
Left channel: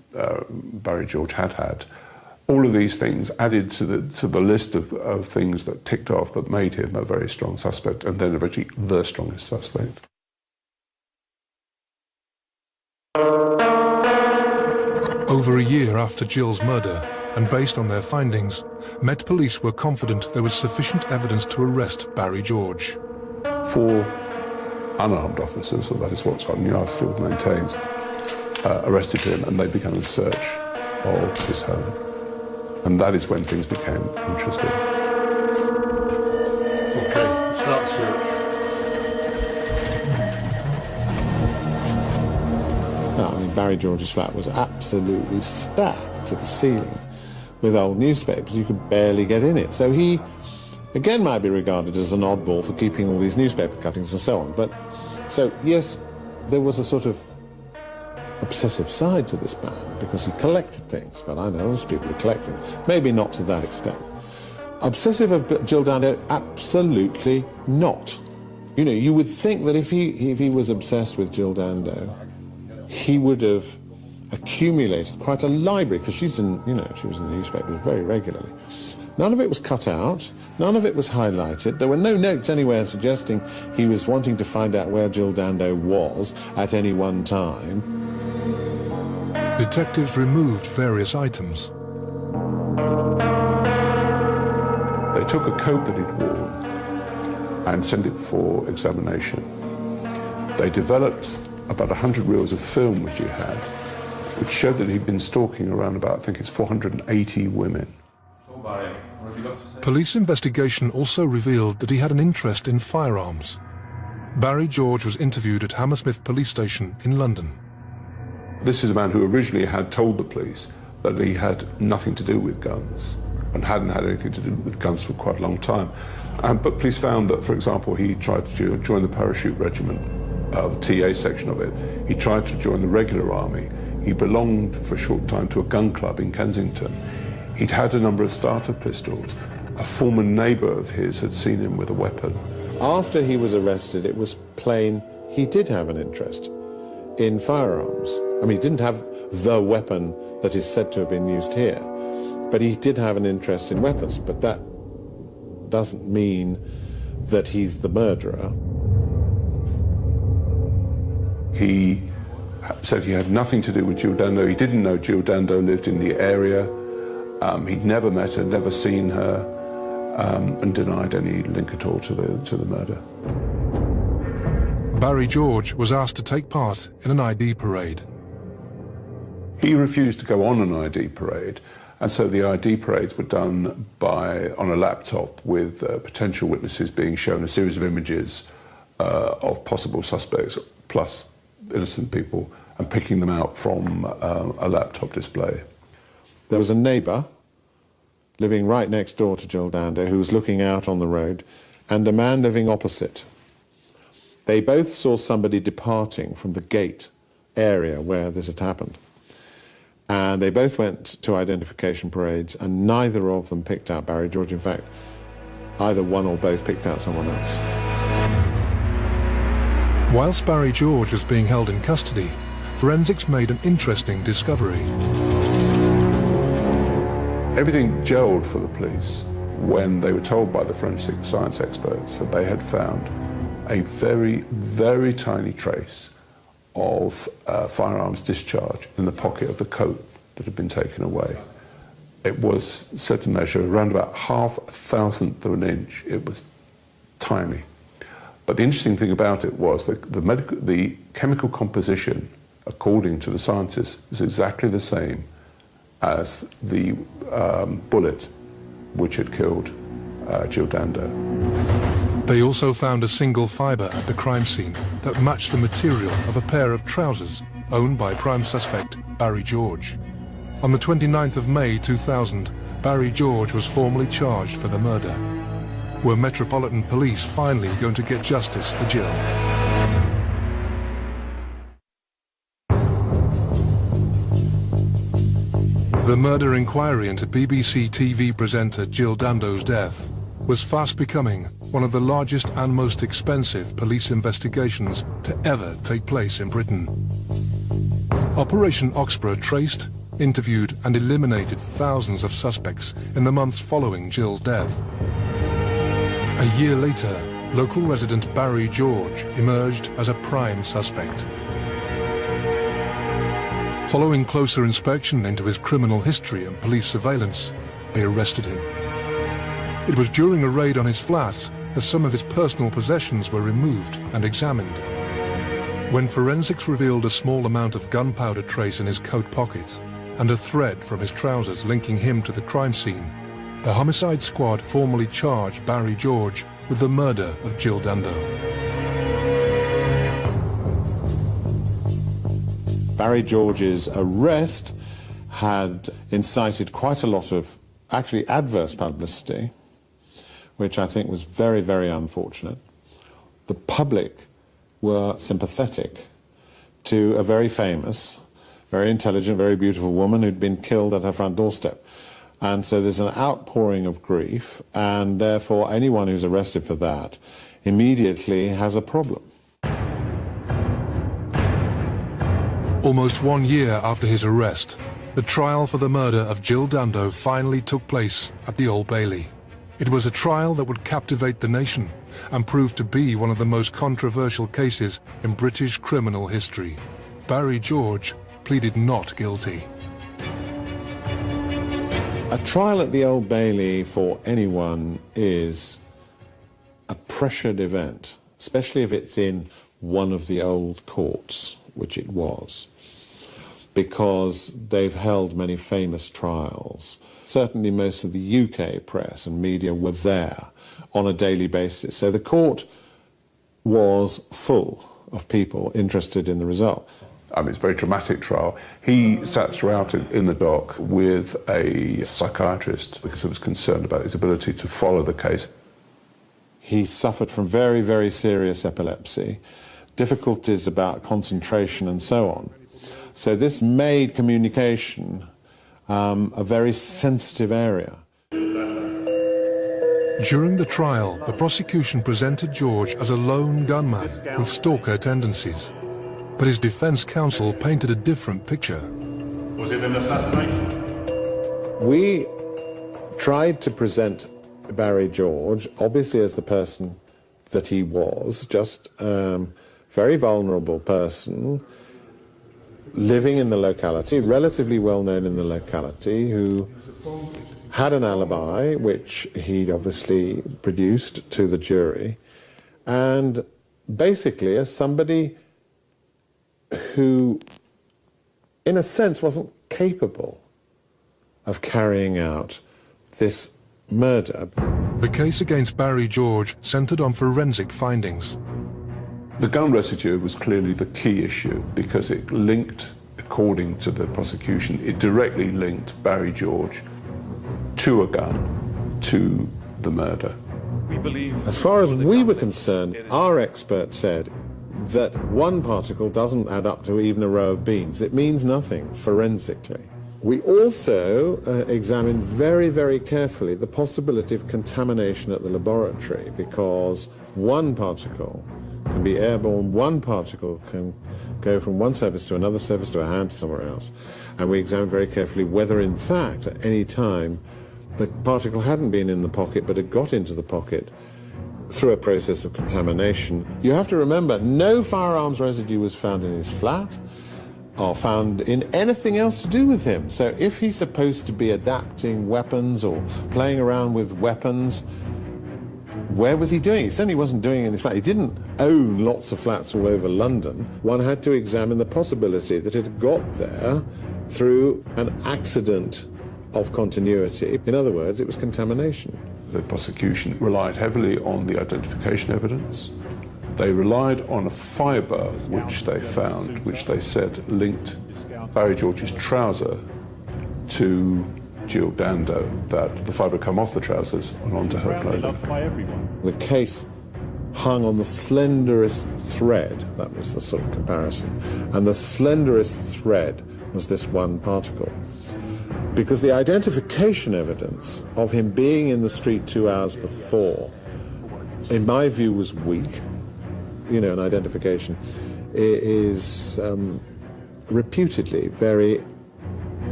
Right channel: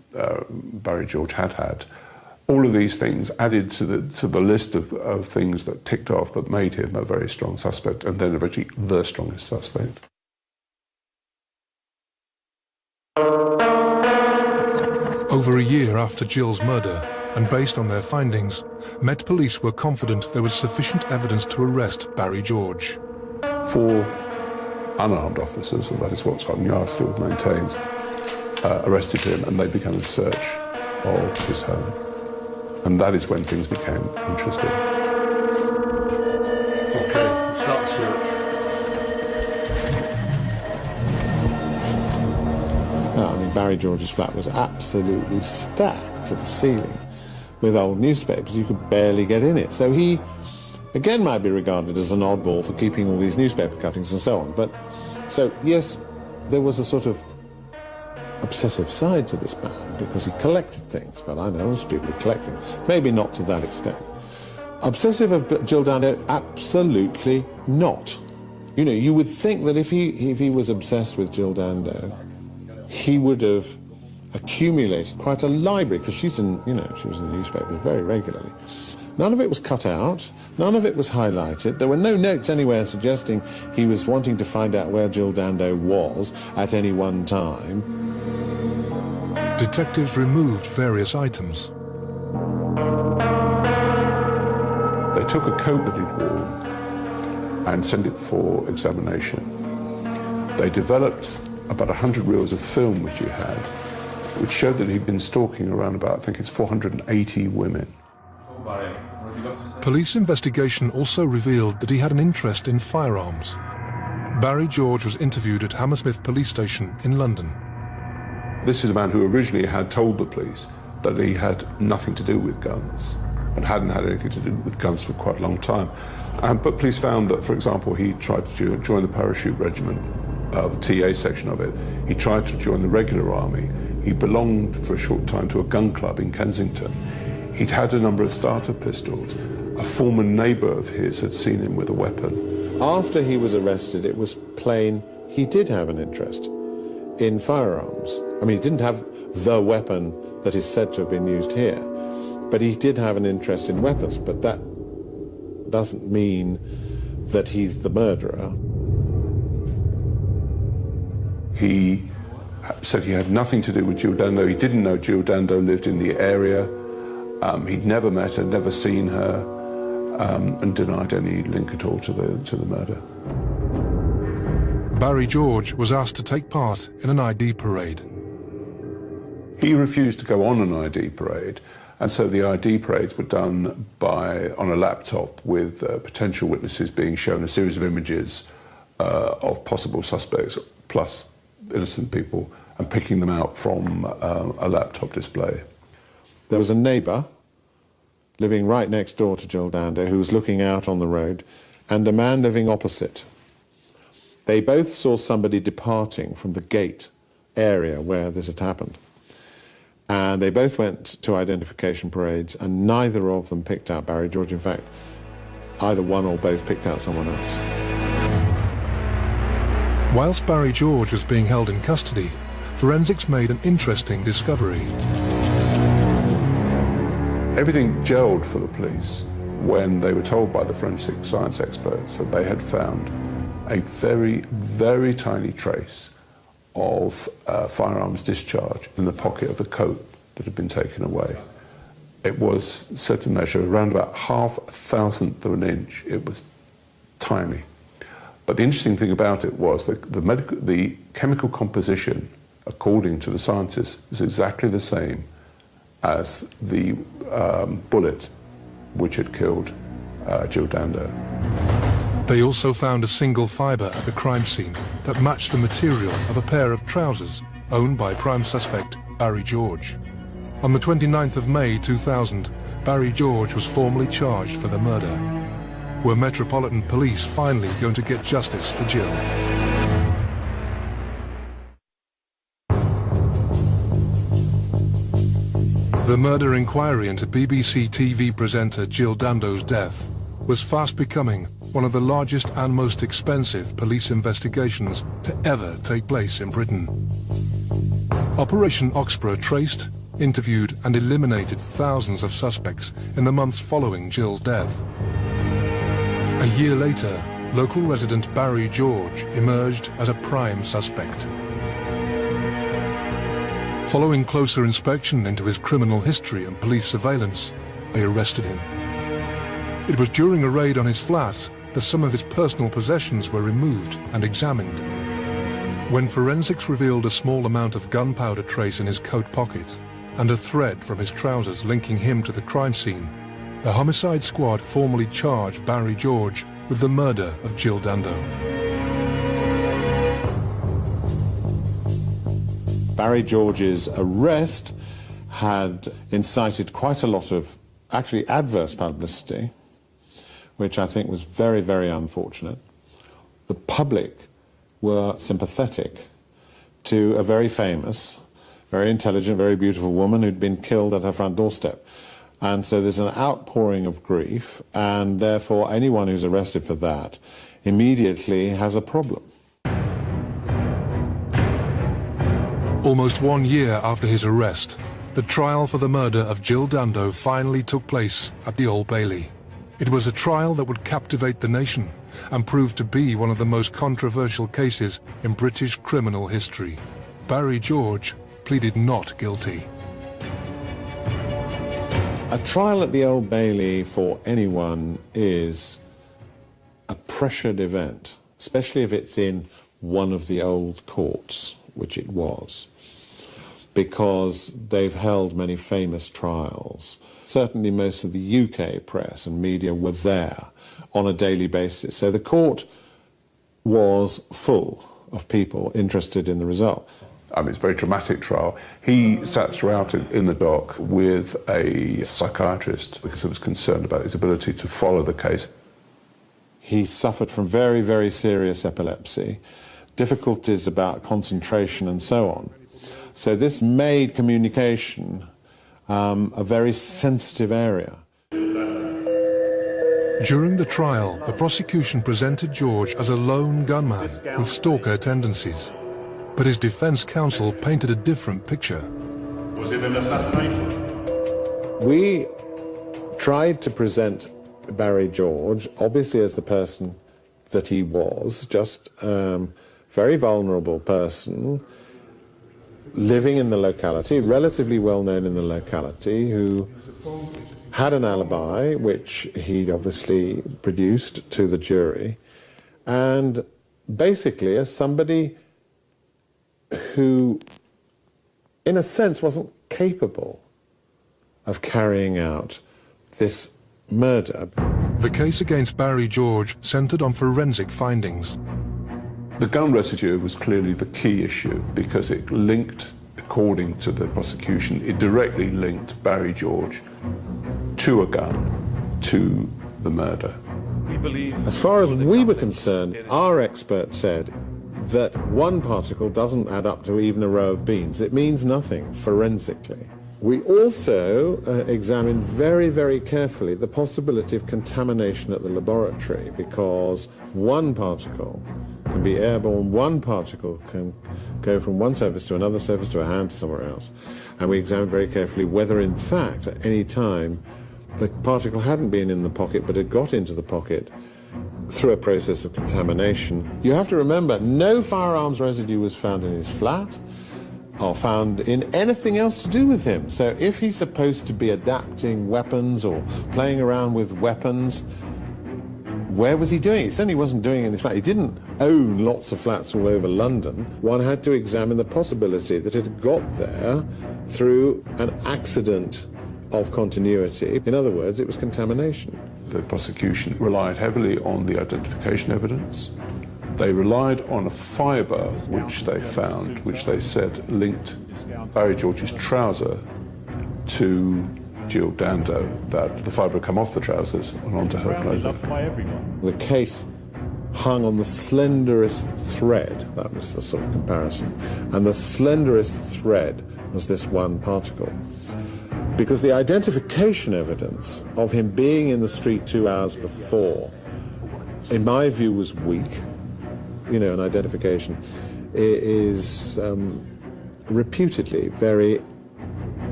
Barry George had had. All of these things added to the list of things that ticked off that made him a very strong suspect, and then eventually the strongest suspect. Over a year after Jill's murder, and based on their findings, Met Police were confident there was sufficient evidence to arrest Barry George. 4 unarmed officers, or that is what Scotland Yard still maintains, arrested him, and they began a search of his home. And that is when things became interesting. Okay, flat search. No, I mean, Barry George's flat was absolutely stacked to the ceiling with old newspapers. You could barely get in it. So he, again, might be regarded as an oddball for keeping all these newspaper cuttings and so on. But, so, yes, there was a sort of obsessive side to this man, because he collected things. And I know most people who collect things. Maybe not to that extent. Obsessive of Jill Dando? Absolutely not. You know, you would think that if he was obsessed with Jill Dando, he would have accumulated quite a library, because she's in, you know, she was in the newspapers very regularly. None of it was cut out, none of it was highlighted. There were no notes anywhere suggesting he was wanting to find out where Jill Dando was at any one time. Detectives removed various items. They took a coat that he'd worn and sent it for examination. They developed about 100 reels of film which he had, which showed that he'd been stalking around about, I think it's 480 women. Police investigation also revealed that he had an interest in firearms. Barry George was interviewed at Hammersmith Police Station in London. This is a man who originally had told the police that he had nothing to do with guns and hadn't had anything to do with guns for quite a long time. But police found that, for example, he tried to join the parachute regiment, the TA section of it. He tried to join the regular army. He belonged for a short time to a gun club in Kensington. He'd had a number of starter pistols. A former neighbour of his had seen him with a weapon. After he was arrested, it was plain he did have an interest in firearms. I mean, he didn't have the weapon that is said to have been used here, but he did have an interest in weapons. But that doesn't mean that he's the murderer. He said he had nothing to do with Jill Dando. He didn't know Jill Dando lived in the area. He'd never met her, never seen her, and denied any link at all to the murder. Barry George was asked to take part in an ID parade. He refused to go on an ID parade, and so the ID parades were done on a laptop with potential witnesses being shown a series of images of possible suspects plus innocent people, and picking them out from a laptop display. There was a neighbour living right next door to Jill Dando who was looking out on the road, and a man living opposite. They both saw somebody departing from the gate area where this had happened. And they both went to identification parades, and neither of them picked out Barry George. In fact, either one or both picked out someone else. Whilst Barry George was being held in custody, forensics made an interesting discovery. Everything gelled for the police when they were told by the forensic science experts that they had found a very, very tiny trace of firearms discharge in the pocket of the coat that had been taken away. It was said to measure around about 0.5 of an inch. It was tiny. But the interesting thing about it was that the chemical composition, according to the scientists, is exactly the same as the bullet which had killed Jill Dando. They also found a single fibre at the crime scene that matched the material of a pair of trousers owned by prime suspect Barry George. On the 29th of May 2000, Barry George was formally charged for the murder. Were Metropolitan Police finally going to get justice for Jill? The murder inquiry into BBC TV presenter Jill Dando's death was fast becoming one of the largest and most expensive police investigations to ever take place in Britain. Operation Oxborough traced, interviewed and eliminated thousands of suspects in the months following Jill's death. A year later, local resident Barry George emerged as a prime suspect. Following closer inspection into his criminal history and police surveillance, they arrested him. It was during a raid on his flat that some of his personal possessions were removed and examined. When forensics revealed a small amount of gunpowder trace in his coat pocket and a thread from his trousers linking him to the crime scene, the homicide squad formally charged Barry George with the murder of Jill Dando. Barry George's arrest had incited quite a lot of actually adverse publicity, which I think was very, very unfortunate. The public were sympathetic to a very famous, very intelligent, very beautiful woman who'd been killed at her front doorstep. And so there's an outpouring of grief, and therefore anyone who's arrested for that immediately has a problem. Almost 1 year after his arrest, the trial for the murder of Jill Dando finally took place at the Old Bailey. It was a trial that would captivate the nation and prove to be one of the most controversial cases in British criminal history. Barry George pleaded not guilty. A trial at the Old Bailey for anyone is a pressured event, especially if it's in one of the old courts, which it was, because they've held many famous trials. Certainly most of the UK press and media were there on a daily basis. So the court was full of people interested in the result. It's a very dramatic trial. He sat throughout it in the dock with a psychiatrist because he was concerned about his ability to follow the case. He suffered from very, very serious epilepsy, difficulties about concentration and so on. So this made communication a very sensitive area. During the trial, the prosecution presented George as a lone gunman with stalker tendencies. But his defense counsel painted a different picture. Was it an assassination? We tried to present Barry George, obviously as the person that he was, just a very vulnerable person, living in the locality, relatively well known in the locality, who had an alibi, which he'd obviously produced to the jury, and basically as somebody who, in a sense, wasn't capable of carrying out this murder. The case against Barry George centred on forensic findings. The gun residue was clearly the key issue because it linked, according to the prosecution, it directly linked Barry George to a gun, to the murder. As far as we were concerned, our expert said that one particle doesn't add up to even a row of beans. It means nothing forensically. We also examined very, very carefully the possibility of contamination at the laboratory, because one particle can be airborne, one particle can go from one surface to another surface to a hand to somewhere else. And we examined very carefully whether, in fact, at any time, the particle hadn't been in the pocket but had got into the pocket through a process of contamination. You have to remember, no firearms residue was found in his flat or found in anything else to do with him. So if he's supposed to be adapting weapons or playing around with weapons, where was he doing? He certainly wasn't doing it in his flat. He didn't own lots of flats all over London. One had to examine the possibility that it got there through an accident of continuity. In other words, it was contamination. The prosecution relied heavily on the identification evidence. They relied on a fibre which they found, which they said linked Barry George's trouser to Jill Dando, that the fibre had come off the trousers and onto her clothing. The case hung on the slenderest thread. That was the sort of comparison. And the slenderest thread was this one particle. Because the identification evidence of him being in the street 2 hours before, in my view, was weak. You know, an identification is reputedly very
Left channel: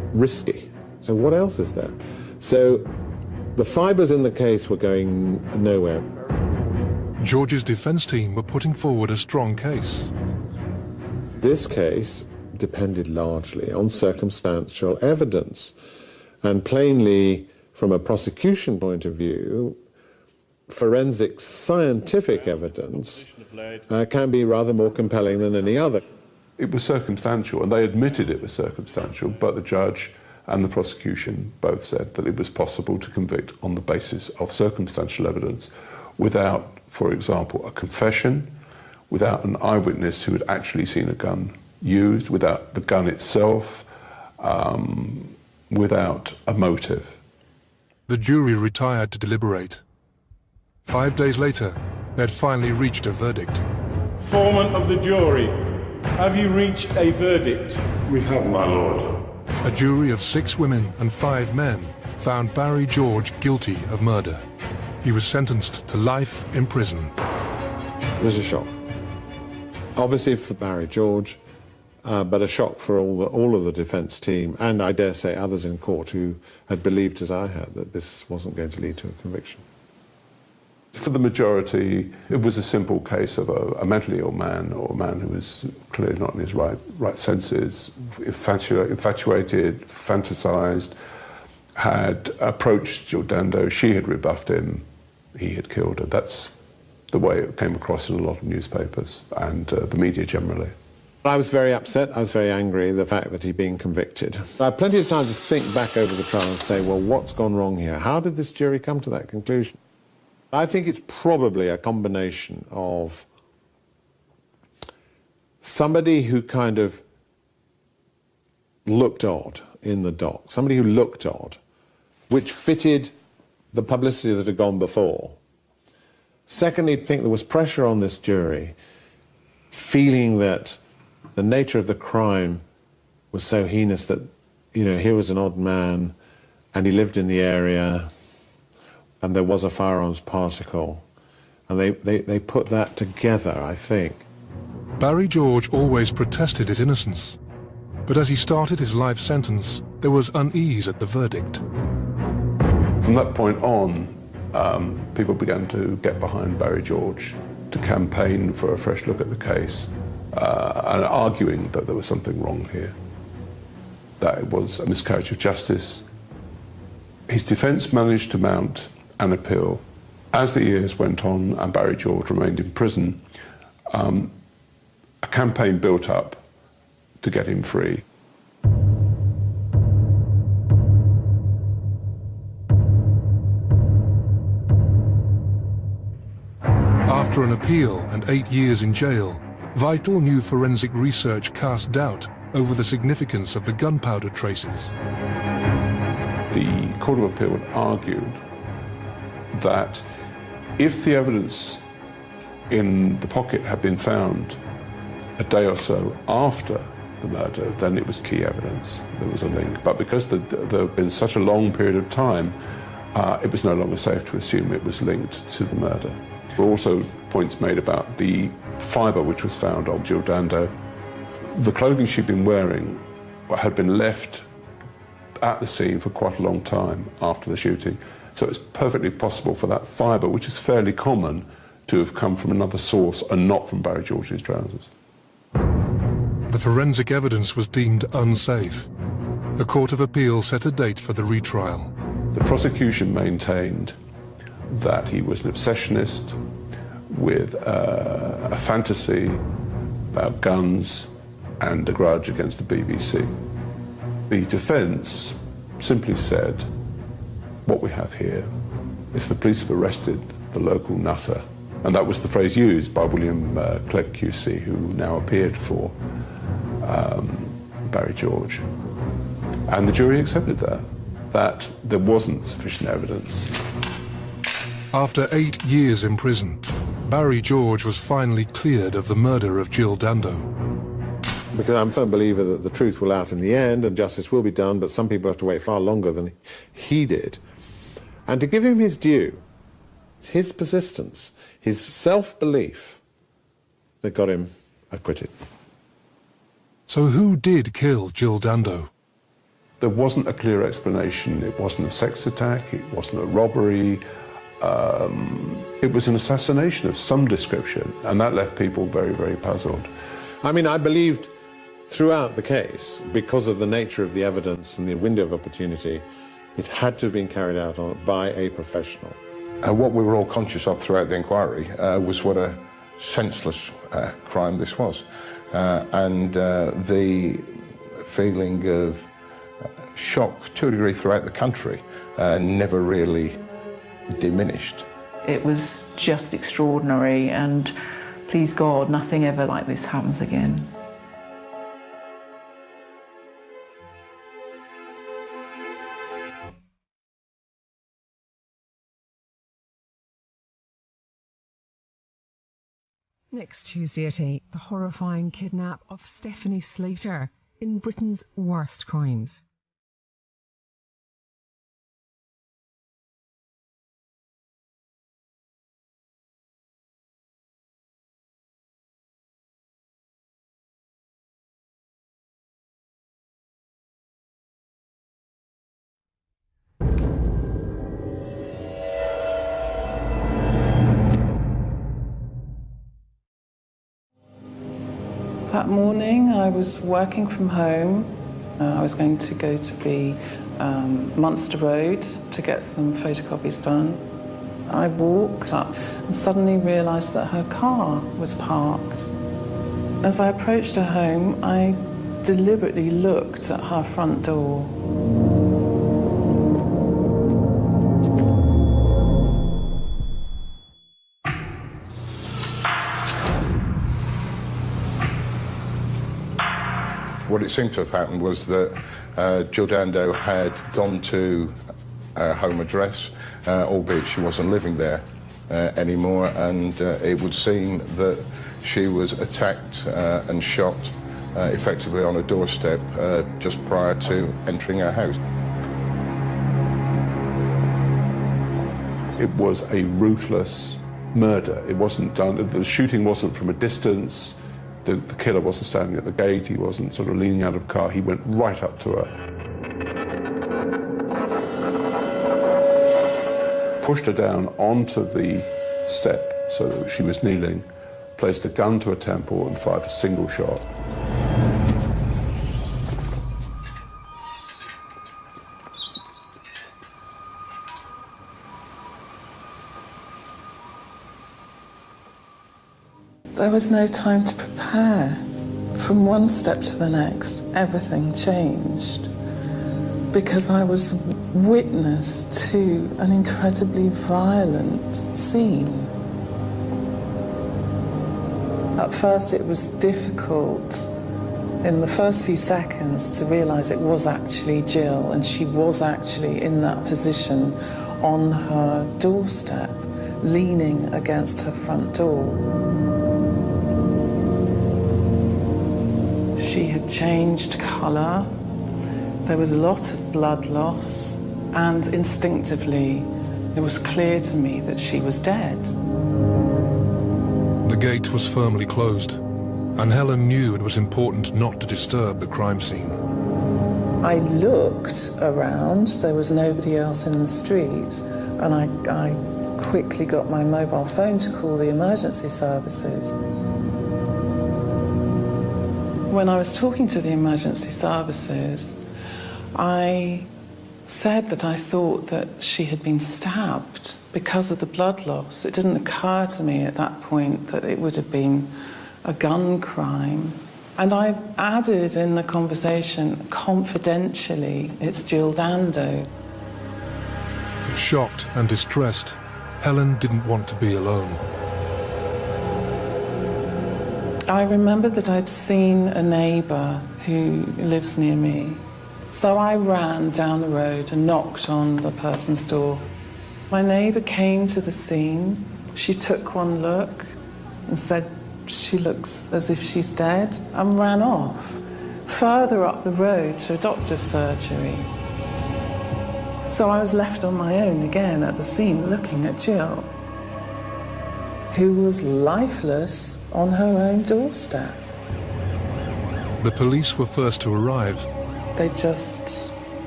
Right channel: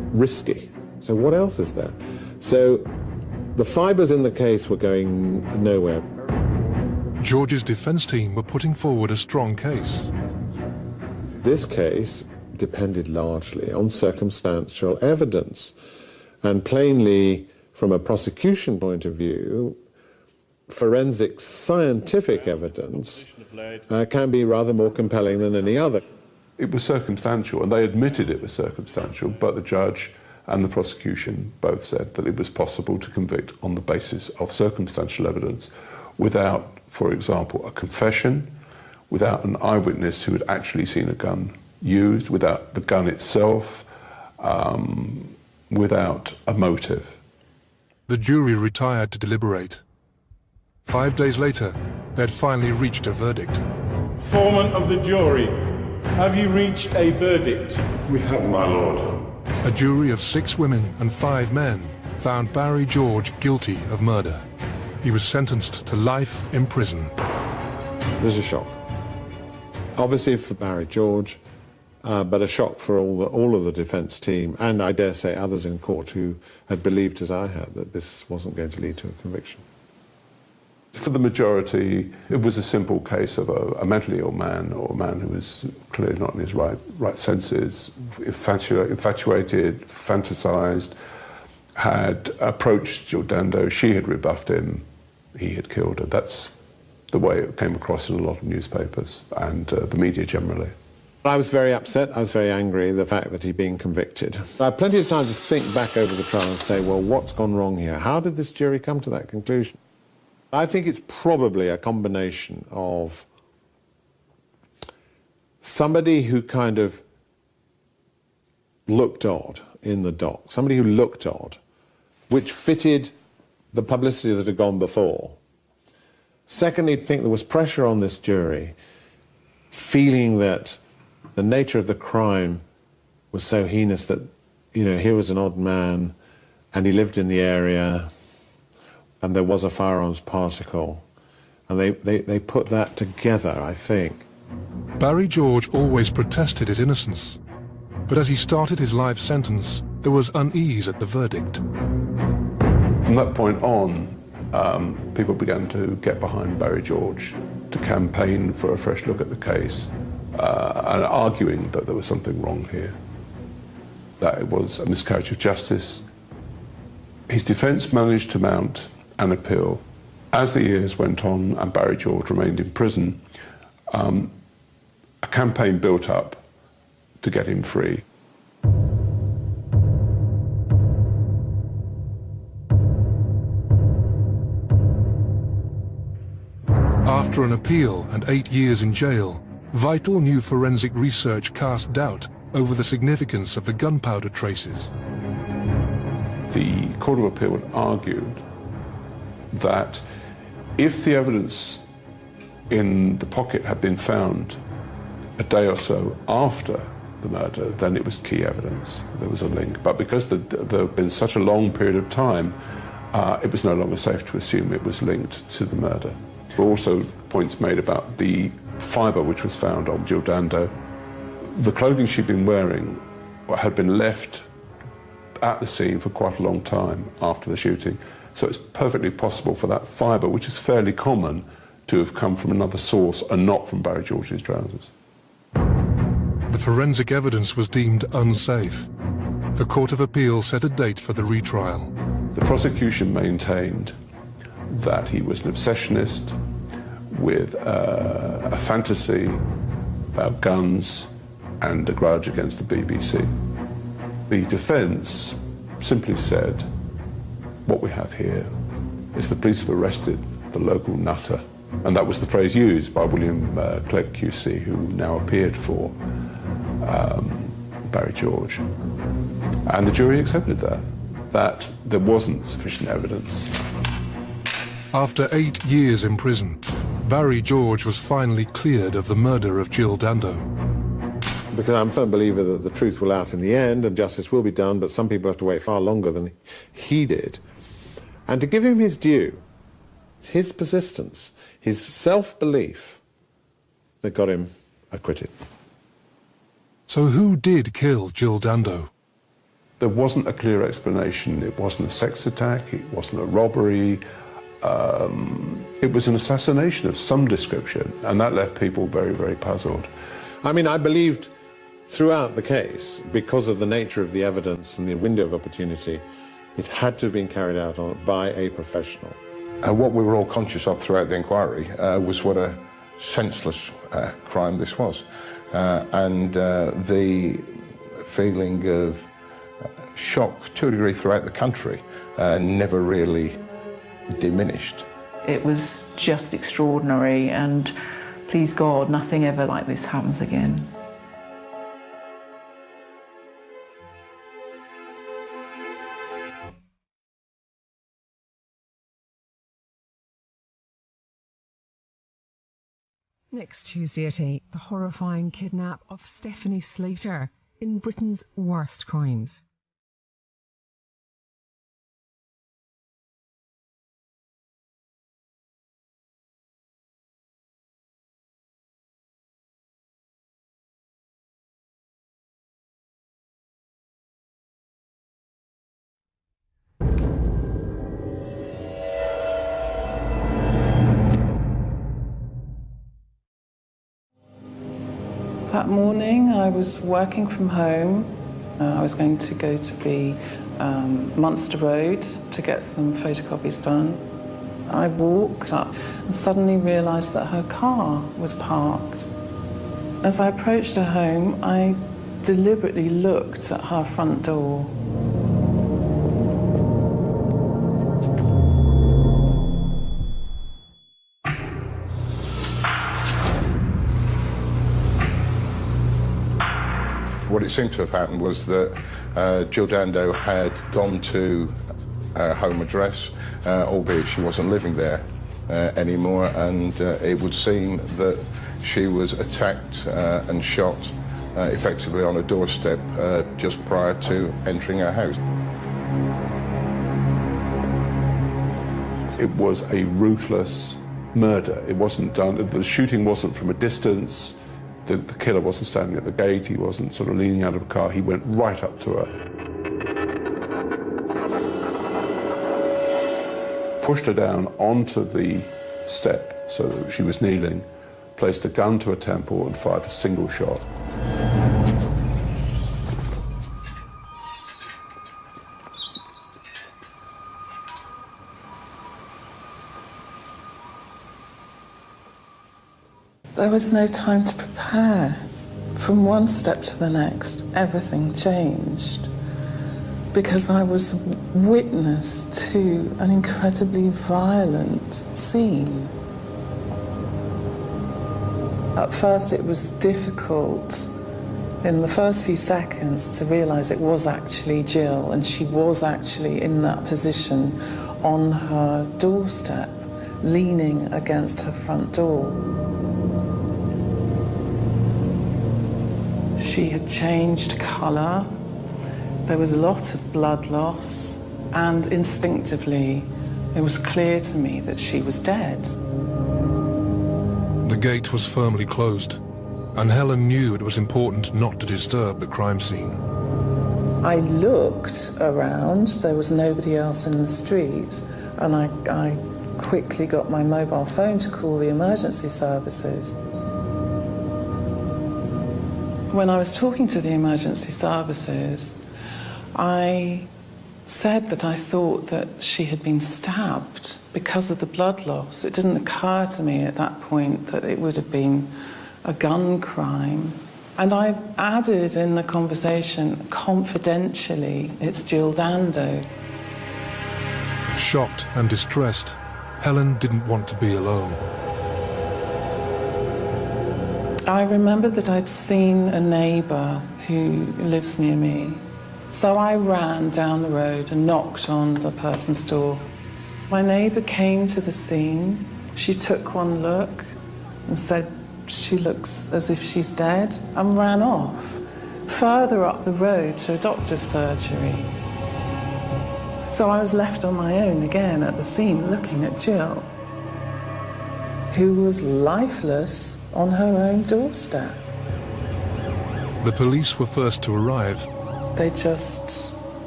risky. So what else is there? So the fibres in the case were going nowhere. George's defence team were putting forward a strong case. This case depended largely on circumstantial evidence. And plainly, from a prosecution point of view, forensic scientific evidence can be rather more compelling than any other. It was circumstantial, and they admitted it was circumstantial, but the judge and the prosecution both said that it was possible to convict on the basis of circumstantial evidence without, for example, a confession, without an eyewitness who had actually seen a gun used, without the gun itself, without a motive. The jury retired to deliberate. 5 days later, they had finally reached a verdict. Foreman of the jury, have you reached a verdict? We have, my lord. A jury of 6 women and 5 men found Barry George guilty of murder. He was sentenced to life in prison. It was a shock. Obviously for Barry George, but a shock for all of the defence team, and I dare say others in court who had believed, as I had, that this wasn't going to lead to a conviction. For the majority, it was a simple case of a mentally ill man, or a man who was clearly not in his right senses, infatuated, fantasised, had approached Jill Dando, she had rebuffed him, he had killed her. That's the way it came across in a lot of newspapers and the media generally. I was very upset, I was very angry, the fact that he'd been convicted. I had plenty of time to think back over the trial and say, well, what's gone wrong here? How did this jury come to that conclusion? I think it's probably a combination of somebody who kind of looked odd in the dock, somebody who looked odd, which fitted the publicity that had gone before. Secondly, I think there was pressure on this jury, feeling that the nature of the crime was so heinous that, you know, here was an odd man and he lived in the area and there was a firearms particle, and they put that together, I think. Barry George always protested his innocence, but as he started his life sentence, there was unease at the verdict. From that point on, people began to get behind Barry George, to campaign for a fresh look at the case, and arguing that there was something wrong here, that it was a miscarriage of justice. His defence managed to mount an appeal. As the years went on and Barry George remained in prison, a campaign built up to get him free. After an appeal and 8 years in jail, vital new forensic research cast doubt over the significance of the gunpowder traces. The Court of Appeal argued that if the evidence in the pocket had been found a day or so after the murder, then it was key evidence. There was a link. But because there had been such a long period of time, it was no longer safe to assume it was linked to the murder. There were also points made about the fibre which was found on Jill Dando. The clothing she'd been wearing had been left at the scene for quite a long time after the shooting. So it's perfectly possible for that fibre, which is fairly common, to have come from another source and not from Barry George's trousers. The forensic evidence was deemed unsafe. The Court of Appeal set a date for the retrial. The prosecution maintained that he was an obsessionist with a fantasy about guns and a grudge against the BBC. The defence simply said, what we have here is the police have arrested the local nutter. And that was the phrase used by William Clegg QC, who now appeared for Barry George. And the jury accepted that there wasn't sufficient evidence. After 8 years in prison, Barry George was finally cleared of the murder of Jill Dando. Because I'm a firm believer that the truth will out in the end and justice will be done, but some people have to wait far longer than he did. And to give him his due, it's his persistence, his self-belief that got him acquitted. So who did kill Jill Dando? There wasn't a clear explanation. It wasn't a sex attack, it wasn't a robbery. It was an assassination of some description, and that left people very, very puzzled. I mean, I believed throughout the case, because of the nature of the evidence and the window of opportunity, it had to have been carried out by a professional. What we were all conscious of throughout the inquiry was what a senseless crime this was. And the feeling of shock, to a degree, throughout the country never really diminished. It was just extraordinary, and please God, nothing ever like this happens again. Next Tuesday at 8, the horrifying kidnap of Stephanie Slater in Britain's worst crimes. That morning I was working from home. I was going to go to the Munster Road to get some photocopies done. I walked up and suddenly realised that her car was parked. As I approached her home, I deliberately looked at her front door. What it seemed to have happened was that Jill Dando had gone to her home address, albeit she wasn't living there anymore, and it would seem that she was attacked and shot effectively on a doorstep just prior to entering her house. It was a ruthless murder. It wasn't done, the shooting wasn't from a distance. The killer wasn't standing at the gate, he wasn't sort of leaning out of the car, he went right up to her. Pushed her down onto the step so that she was kneeling, placed a gun to her temple and fired a single shot. There was no time to prepare. From one step to the next, everything changed. Because I was witness to an incredibly violent scene. At first it was difficult, in the first few seconds, to realise it was actually Jill, and she was actually in that position on her doorstep, leaning against her front door. She had changed colour, there was a lot of blood loss, and instinctively it was clear to me that she was dead. The gate was firmly closed, and Helen knew it was important not to disturb the crime scene. I looked around, there was nobody else in the street, and I quickly got my mobile phone to call the emergency services. When I was talking to the emergency services, I said that I thought that she had been stabbed because of the blood loss. It didn't occur to me at that point that it would have been a gun crime. And I added in the conversation, confidentially, it's Jill Dando. Shocked and distressed, Helen didn't want to be alone. I remembered that I'd seen a neighbour who lives near me. So I ran down the road and knocked on the person's door. My neighbour came to the scene. She took one look and said, "She looks as if she's dead," and ran off further up the road to a doctor's surgery. So I was left on my own again at the scene looking at Jill, who was lifeless on her own doorstep. The police were first to arrive. They just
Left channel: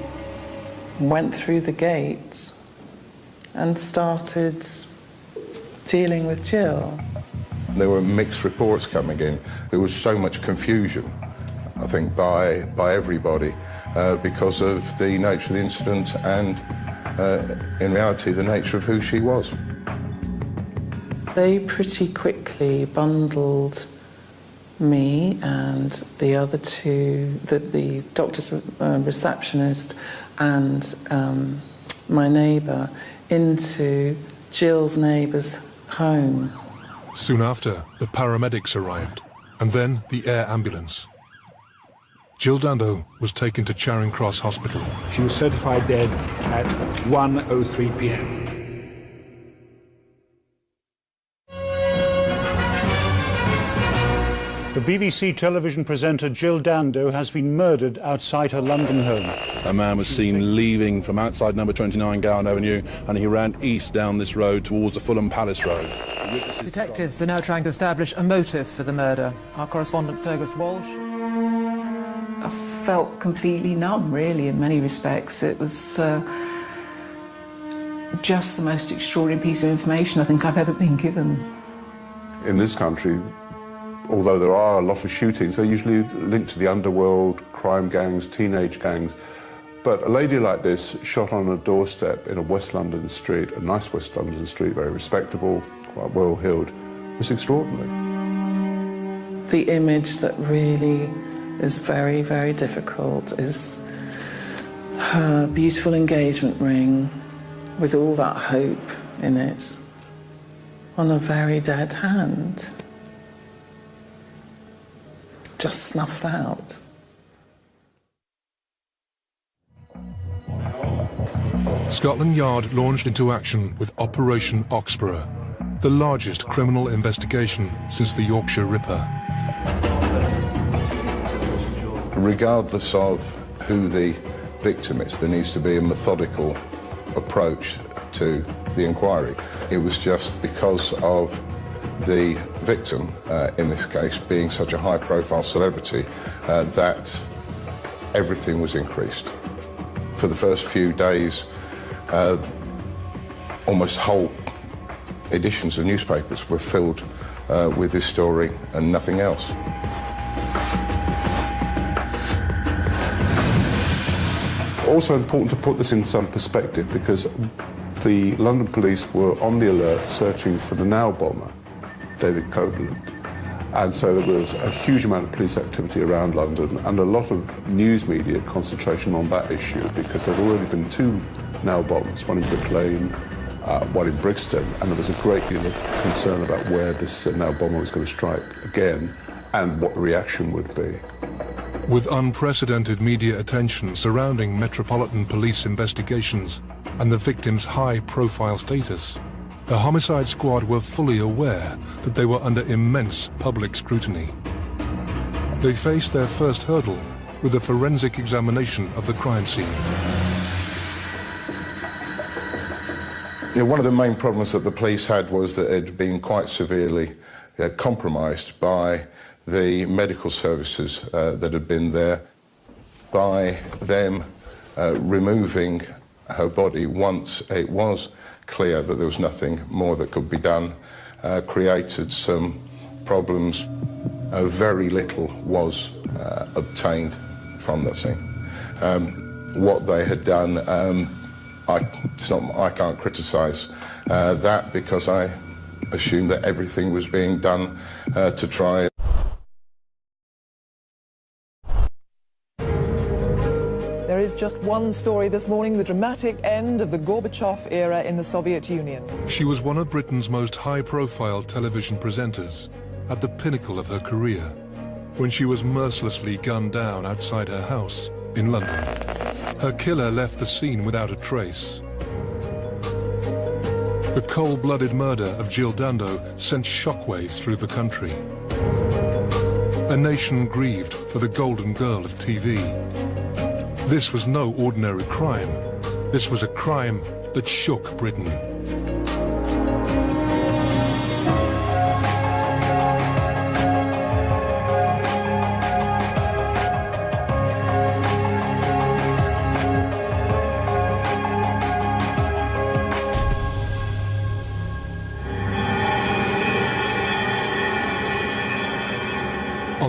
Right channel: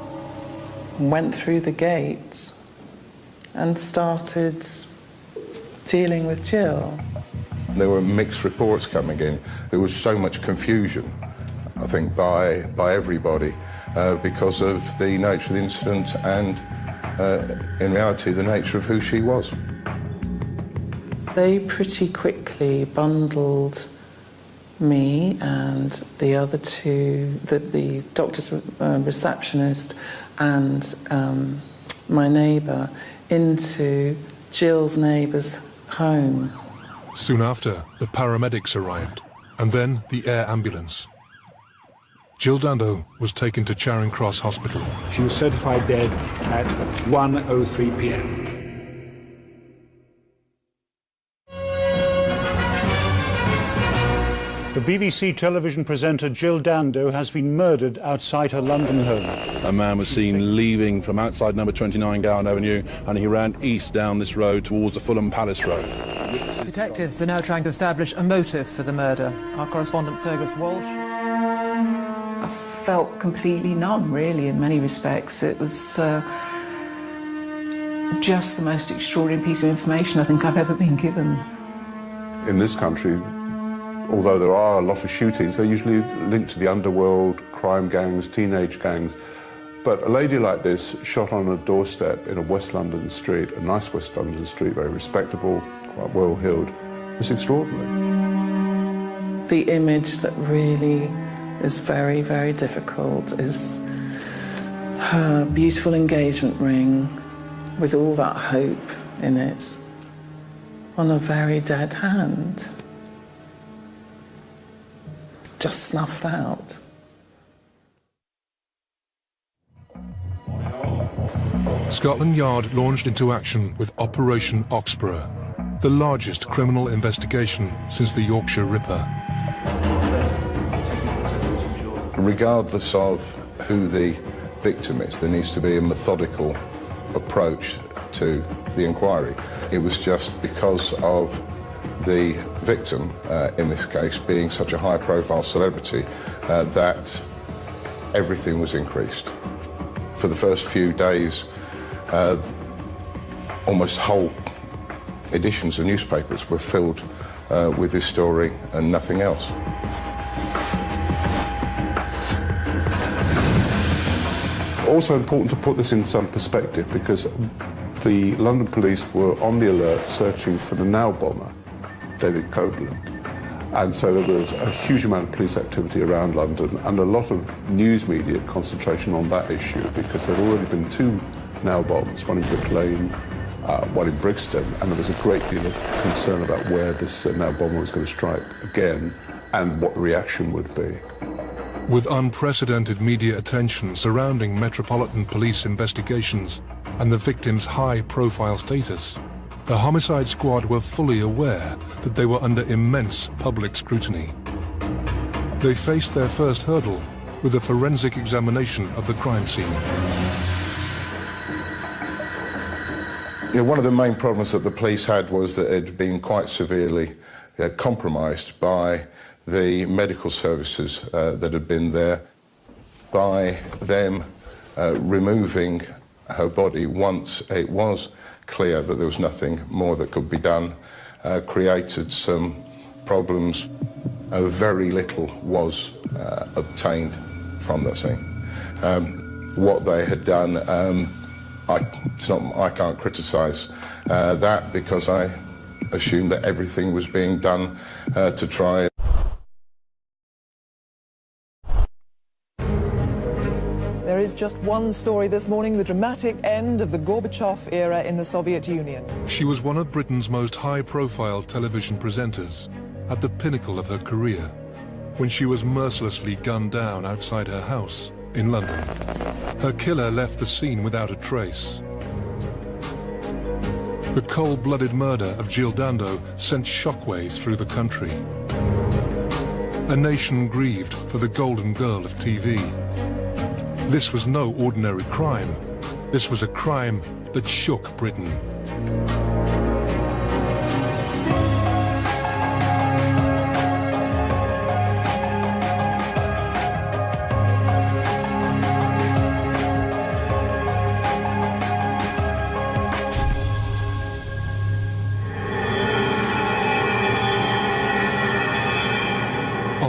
went through the gate and started dealing with Jill. There were mixed reports coming in. There was so much confusion, I think, by everybody because of the nature of the incident and, in reality, the nature of who she was. They pretty quickly bundled me and the other two, the doctor's receptionist and my neighbour, into Jill's neighbour's home. Soon after, the paramedics arrived, and then the air ambulance. Jill Dando was taken to Charing Cross Hospital. She was certified dead at 1:03 p.m. The BBC television presenter Jill Dando has been murdered outside her London home. A man was seen leaving from outside number 29 Gowan Avenue, and he ran east down this road towards the Fulham Palace Road. Detectives are now trying to establish a motive for the murder. Our correspondent Fergus Walsh. I felt completely numb, really, in many respects. It was just the most extraordinary piece of information I think I've ever been given. In this country, although there are a lot of shootings, they're usually linked to the underworld, crime gangs, teenage gangs. But a lady like this, shot on a doorstep in a West London street, a nice West London street, very respectable, quite well-heeled, was extraordinary. The image that really is very, very difficult is her beautiful engagement ring with all that hope in it on a very dead hand. Just snuffed out. Scotland Yard launched into action with Operation Oxborough, the largest criminal investigation since the Yorkshire Ripper. Regardless of who the victim is, there needs to be a methodical approach to the inquiry. It was just because of the victim, in this case, being such a high-profile celebrity, that everything was increased. For the first few days, almost whole editions of newspapers were filled with this story and nothing else. Also important to put this in some perspective, because the London police were on the alert searching for the now bomber, David Copeland. And so there was a huge amount of police activity around London and a lot of news media concentration on that issue, because there had already been two now bombs, one in Brick Lane, one in Brixton, and there was a great deal of concern about where this now bomber was going to strike again and what the reaction would be. With unprecedented media attention surrounding Metropolitan Police investigations and the victim's high-profile status, the homicide squad were fully aware that they were under immense public scrutiny. They faced their first hurdle with a forensic examination of the crime scene. One of the main problems that the police had was that it had been quite severely compromised by the medical services that had been there, by them removing her body once it was clear that there was nothing more that could be done, created some problems. Very little was obtained from the scene. What they had done, I can't criticise that, because I assume that everything was being done to try. There is just one story this morning, the dramatic end of the Gorbachev era in the Soviet Union. She was one of Britain's most high-profile television presenters, at the pinnacle of her career, when she was mercilessly gunned down outside her house in London. Her killer left the scene without a trace. The cold-blooded murder of Jill Dando sent shockwaves through the country. A nation grieved for the golden girl of TV. This was no ordinary crime. This was a crime that shook Britain.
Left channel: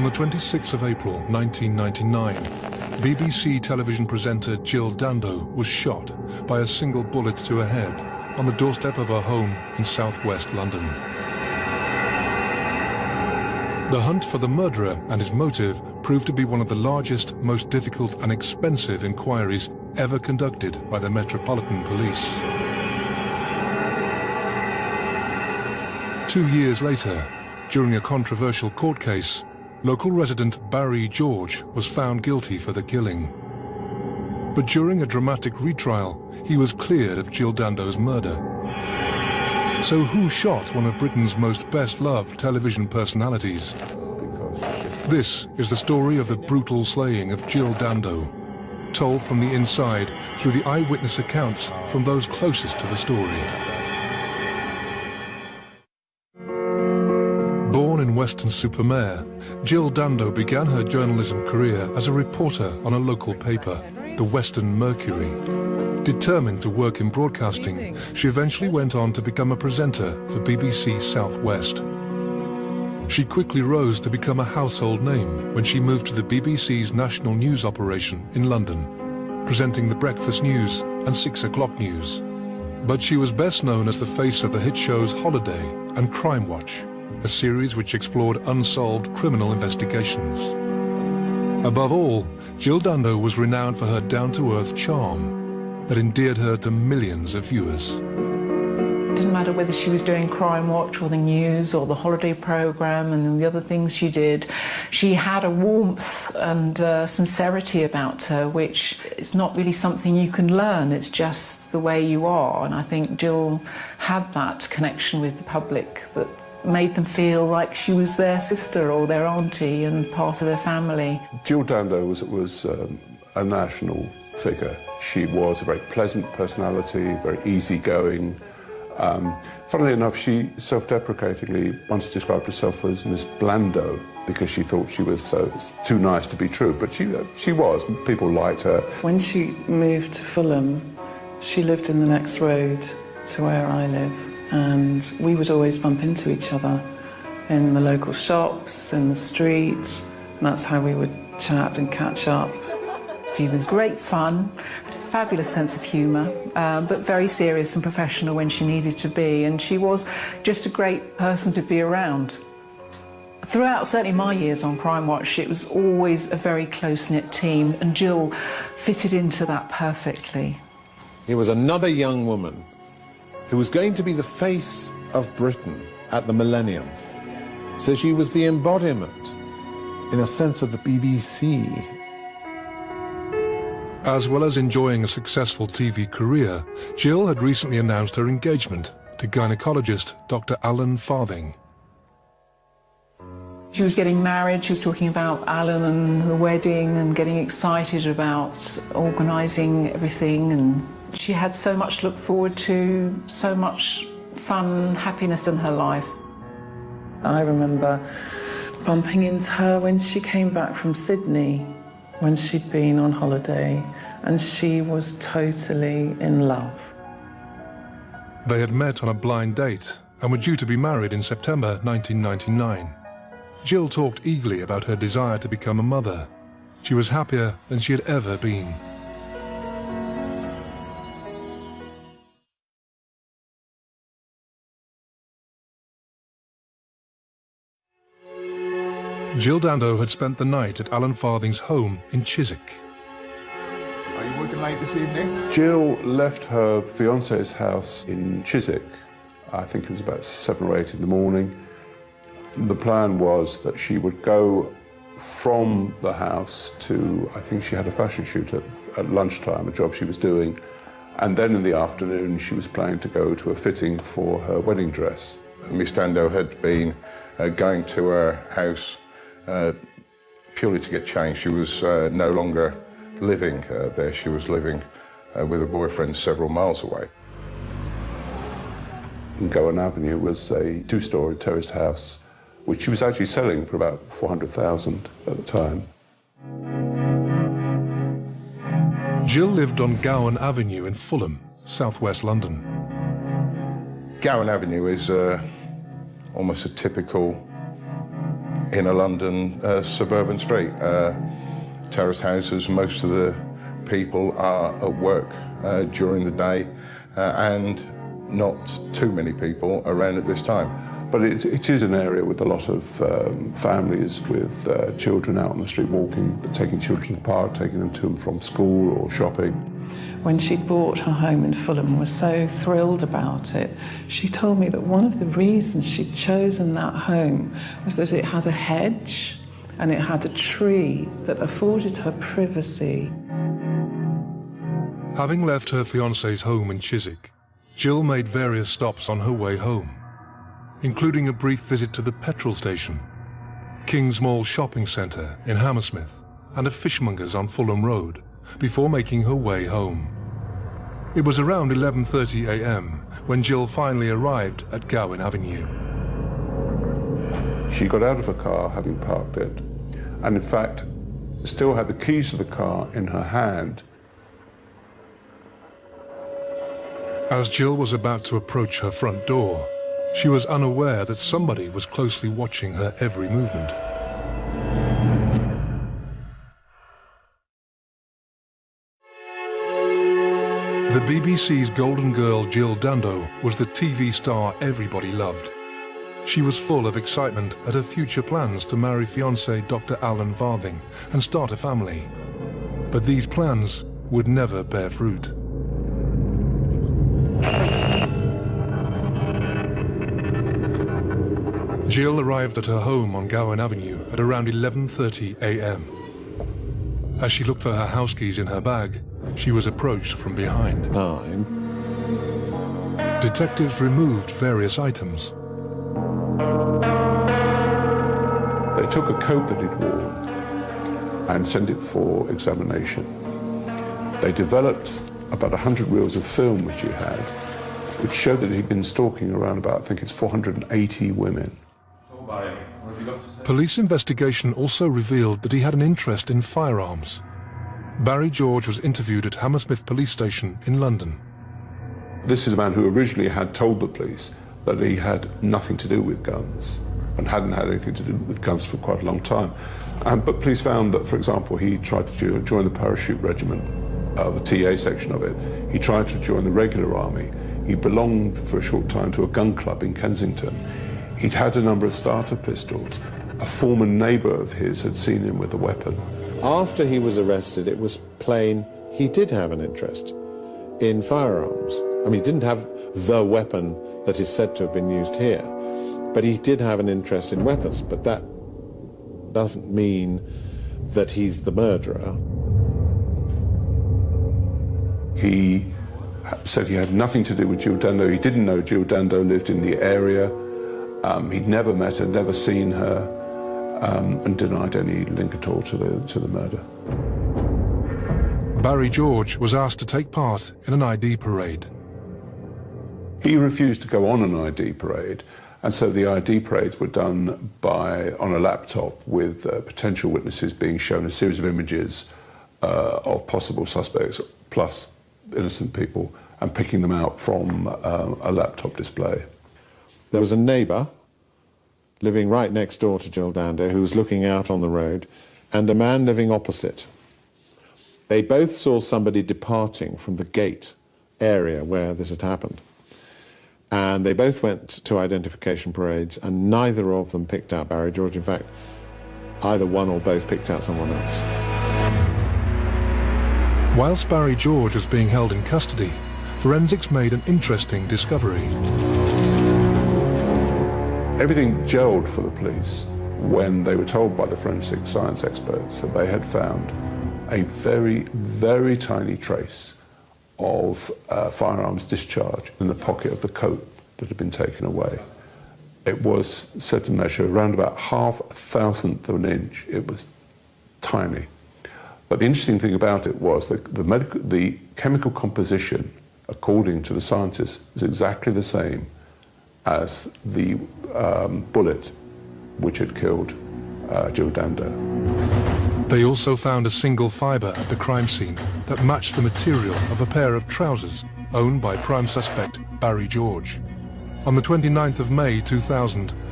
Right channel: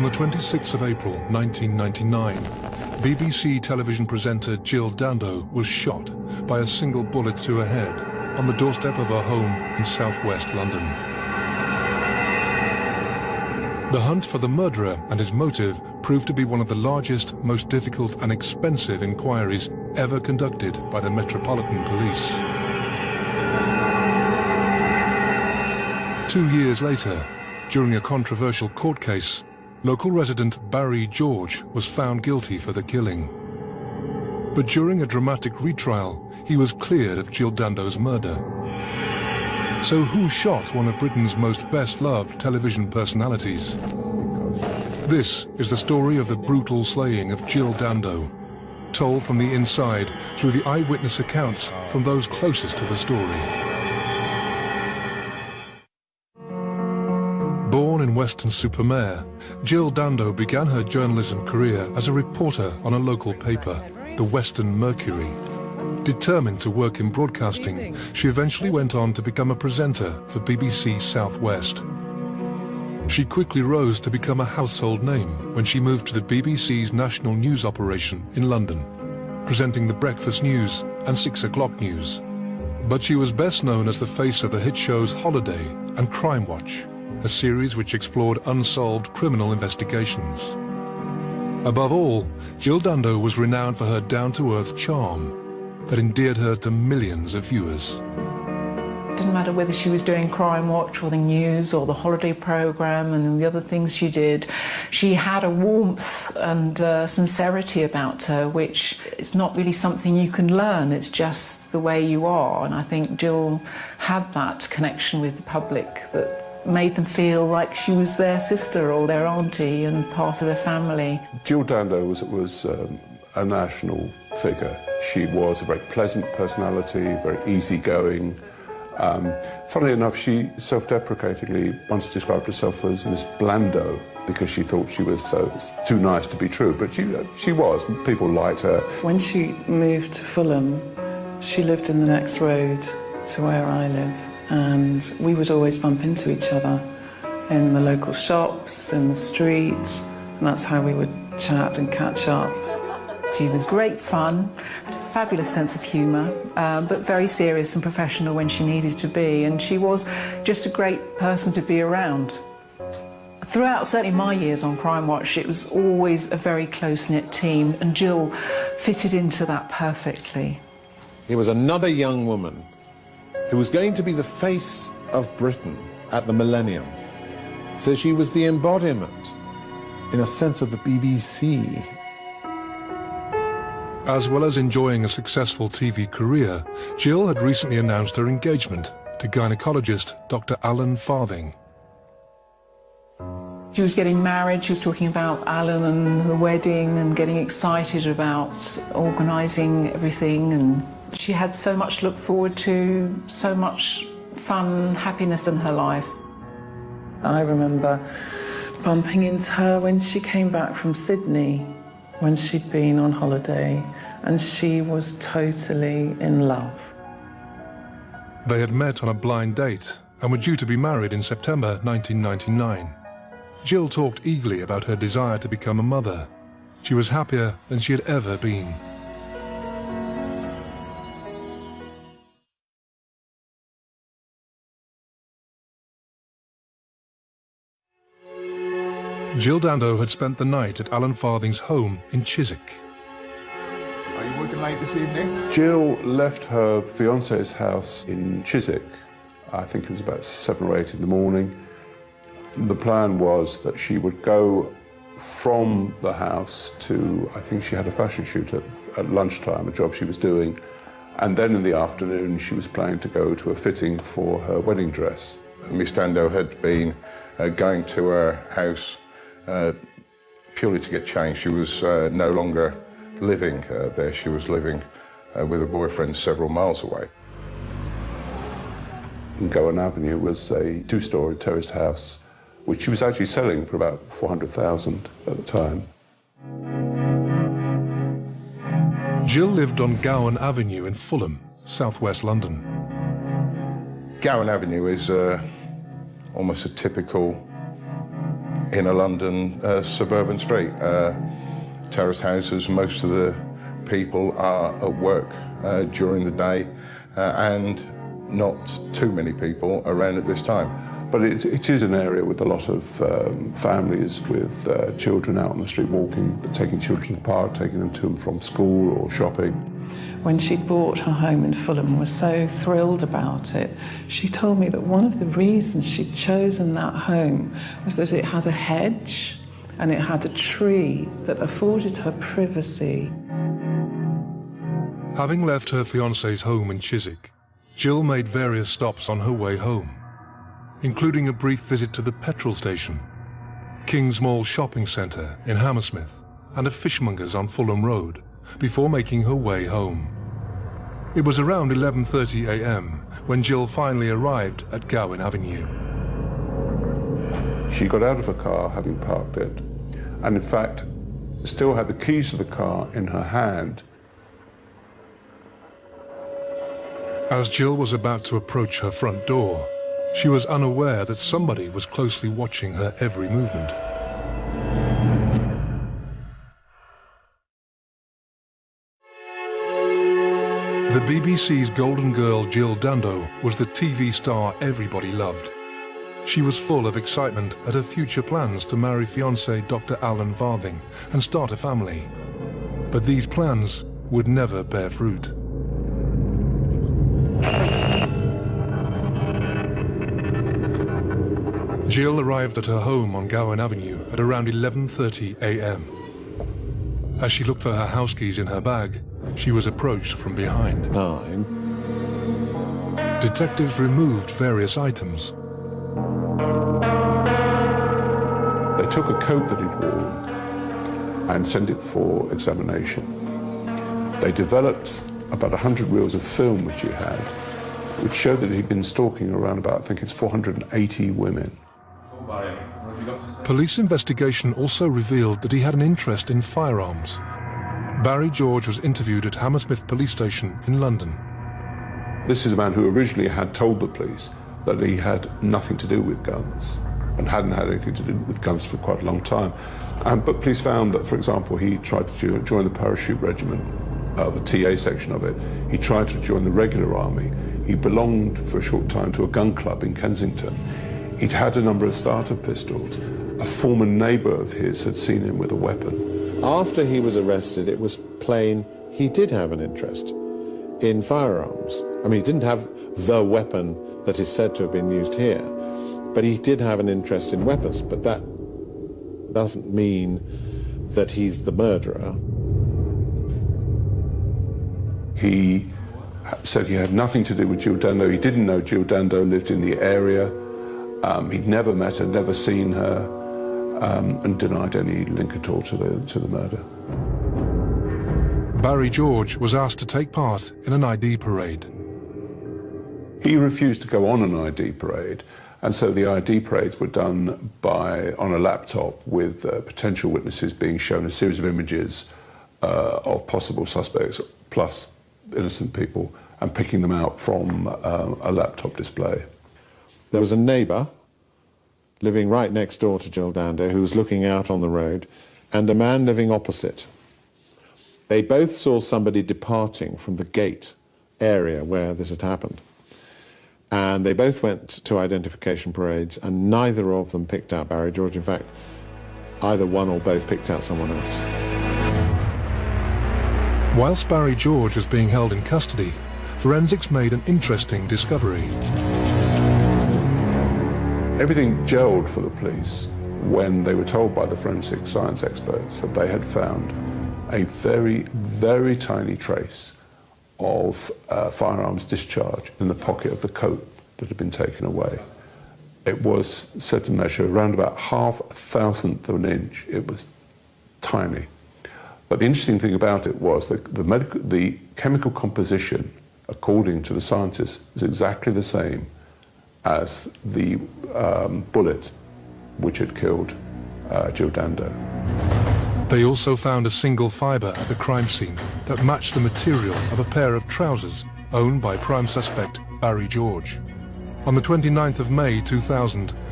On the 26th of April 1999, BBC television presenter Jill Dando was shot by a single bullet to her head on the doorstep of her home in southwest London. The hunt for the murderer and his motive proved to be one of the largest, most difficult and expensive inquiries ever conducted by the Metropolitan Police. 2 years later, during a controversial court case, local resident Barry George was found guilty for the killing. But during a dramatic retrial, he was cleared of Jill Dando's murder. So who shot one of Britain's most best-loved television personalities? This is the story of the brutal slaying of Jill Dando, told from the inside through the eyewitness accounts from those closest to the story. Born in Weston-super-Mare, Jill Dando began her journalism career as a reporter on a local paper, the Western Mercury. Determined to work in broadcasting, she eventually went on to become a presenter for BBC South West. She quickly rose to become a household name when she moved to the BBC's national news operation in London, presenting the breakfast news and 6 o'clock news. But she was best known as the face of the hit shows Holiday and Crime Watch, a series which explored unsolved criminal investigations. Above all, Jill Dando was renowned for her down-to-earth charm that endeared her to millions of viewers. It didn't matter whether she was doing Crime Watch or the news or the holiday programme and the other things she did. She had a warmth and sincerity about her, which is not really something you can learn. It's just the way you are. And I think Jill had that connection with the public that made them feel like she was their sister or their auntie and part of their family. Jill Dando was a national figure. She was a very pleasant personality, very easygoing. Funnily enough, she self-deprecatingly once described herself as Miss Blando because she thought she was too nice to be true, but she was. People liked her. When she moved to Fulham, she lived in the next road to where I live, and we would always bump into each other in the local shops, in the street. That's how we would chat and catch up. She was great fun, fabulous sense of humour, but very serious and professional when she needed to be, and she was just a great person to be around. Throughout, certainly my years on Crime Watch, it was always a very close-knit team, and Jill fitted into that perfectly. Here was another young woman who was going to be the face of Britain at the millennium. So she was the embodiment, in a sense, of the BBC. As well as enjoying a successful TV career, Jill had recently announced her engagement to gynecologist Dr. Alan Farthing. She was getting married, she was talking about Alan and her wedding and getting excited about organising everything, and she had so much to look forward to, so much fun, happiness in her life. I remember bumping into her when she came back from Sydney, when she'd been on holiday, and she was totally in love. They had met on a blind date and were due to be married in September 1999. Jill talked eagerly about her desire to become a mother. She was happier than she had ever been. Jill Dando had spent the night at Alan Farthing's home in Chiswick. Are you working late this evening? Jill left her fiancé's house in Chiswick. I think it was about 7 or 8 in the morning. The plan was that she would go from the house to, I think she had a fashion shoot at lunchtime, a job she was doing, and then in the afternoon she was planning to go to a fitting for her wedding dress. Miss Dando had been going to her house purely to get changed. She was no longer living there. She was living with a boyfriend several miles away. Gowan Avenue was a 2-storey terraced house, which she was actually selling for about $400,000 at the time. Jill lived on Gowan Avenue in Fulham, southwest London. Gowan Avenue is almost a typical in a London suburban street. Terrace houses, most of the people are at work during the day, and not too many people around at this time. But it is an area with a lot of families with children out on the street walking, taking children to the park, taking them to and from school or shopping. When she bought her home in Fulham and was so thrilled about it, she told me that one of the reasons she'd chosen that home was that it had a hedge and it had a tree that afforded her privacy. Having left her fiancé's home in Chiswick, Jill made various stops on her way home, including a brief visit to the petrol station, Kingsmall shopping centre in Hammersmith, and a fishmonger's on Fulham Road, before making her way home. It was around 11:30 a.m. when Jill finally arrived at Gowan Avenue. She got out of her car, having parked it, and in fact still had the keys to the car in her hand. As Jill was about to approach her front door, she was unaware that somebody was closely watching her every movement. The BBC's golden girl Jill Dando was the TV star everybody loved. She was full of excitement at her future plans to marry fiancé Dr. Alan Farthing and start a family. But these plans would never bear fruit. Jill arrived at her home on Gowan Avenue at around 11:30 a.m. As she looked for her house keys in her bag, she was approached from behind. Detectives removed various items. They took a coat that he'd worn and sent it for examination. They developed about 100 reels of film which he had, which showed that he'd been stalking around about, I think it's 480 women. Police investigation also revealed that he had an interest in firearms. Barry George was interviewed at Hammersmith Police Station in London. This is a man who originally had told the police that he had nothing to do with guns and hadn't had anything to do with guns for quite a long time. But police found that, for example, he tried to join the parachute regiment, the TA section of it. He tried to join the regular army. He belonged for a short time to a gun club in Kensington. He'd had a number of starter pistols. A former neighbour of his had seen him with a weapon. After he was arrested, it was plain he did have an interest in firearms. I mean, he didn't have the weapon that is said to have been used here, but he did have an interest in weapons. But that doesn't mean that he's the murderer. He said he had nothing to do with Jill Dando. He didn't know Jill Dando lived in the area. He'd never met her, never seen her, and denied any link at all to the murder. Barry George was asked to take part in an ID parade. He refused to go on an ID parade, and so the ID parades were done on a laptop with potential witnesses being shown a series of images of possible suspects, plus innocent people, and picking them out from a laptop display. There was a neighbour living right next door to Jill Dando who was looking out on the road, and a man living opposite. They both saw somebody departing from the gate area where this had happened. And they both went to identification parades, and neither of them picked out Barry George. In fact, either one or both picked out someone else. Whilst Barry George was being held in custody, forensics made an interesting discovery. Everything gelled for the police when they were told by the forensic science experts that they had found a very, very tiny trace of firearms discharge in the pocket of the coat that had been taken away. It was said to measure around about 1/1000th of an inch. It was tiny. But the interesting thing about it was that the chemical composition, according to the scientists, was exactly the same as the bullet which had killed Jill Dando. They also found a single fibre at the crime scene that matched the material of a pair of trousers owned by prime suspect Barry George. On the 29th of May 2000,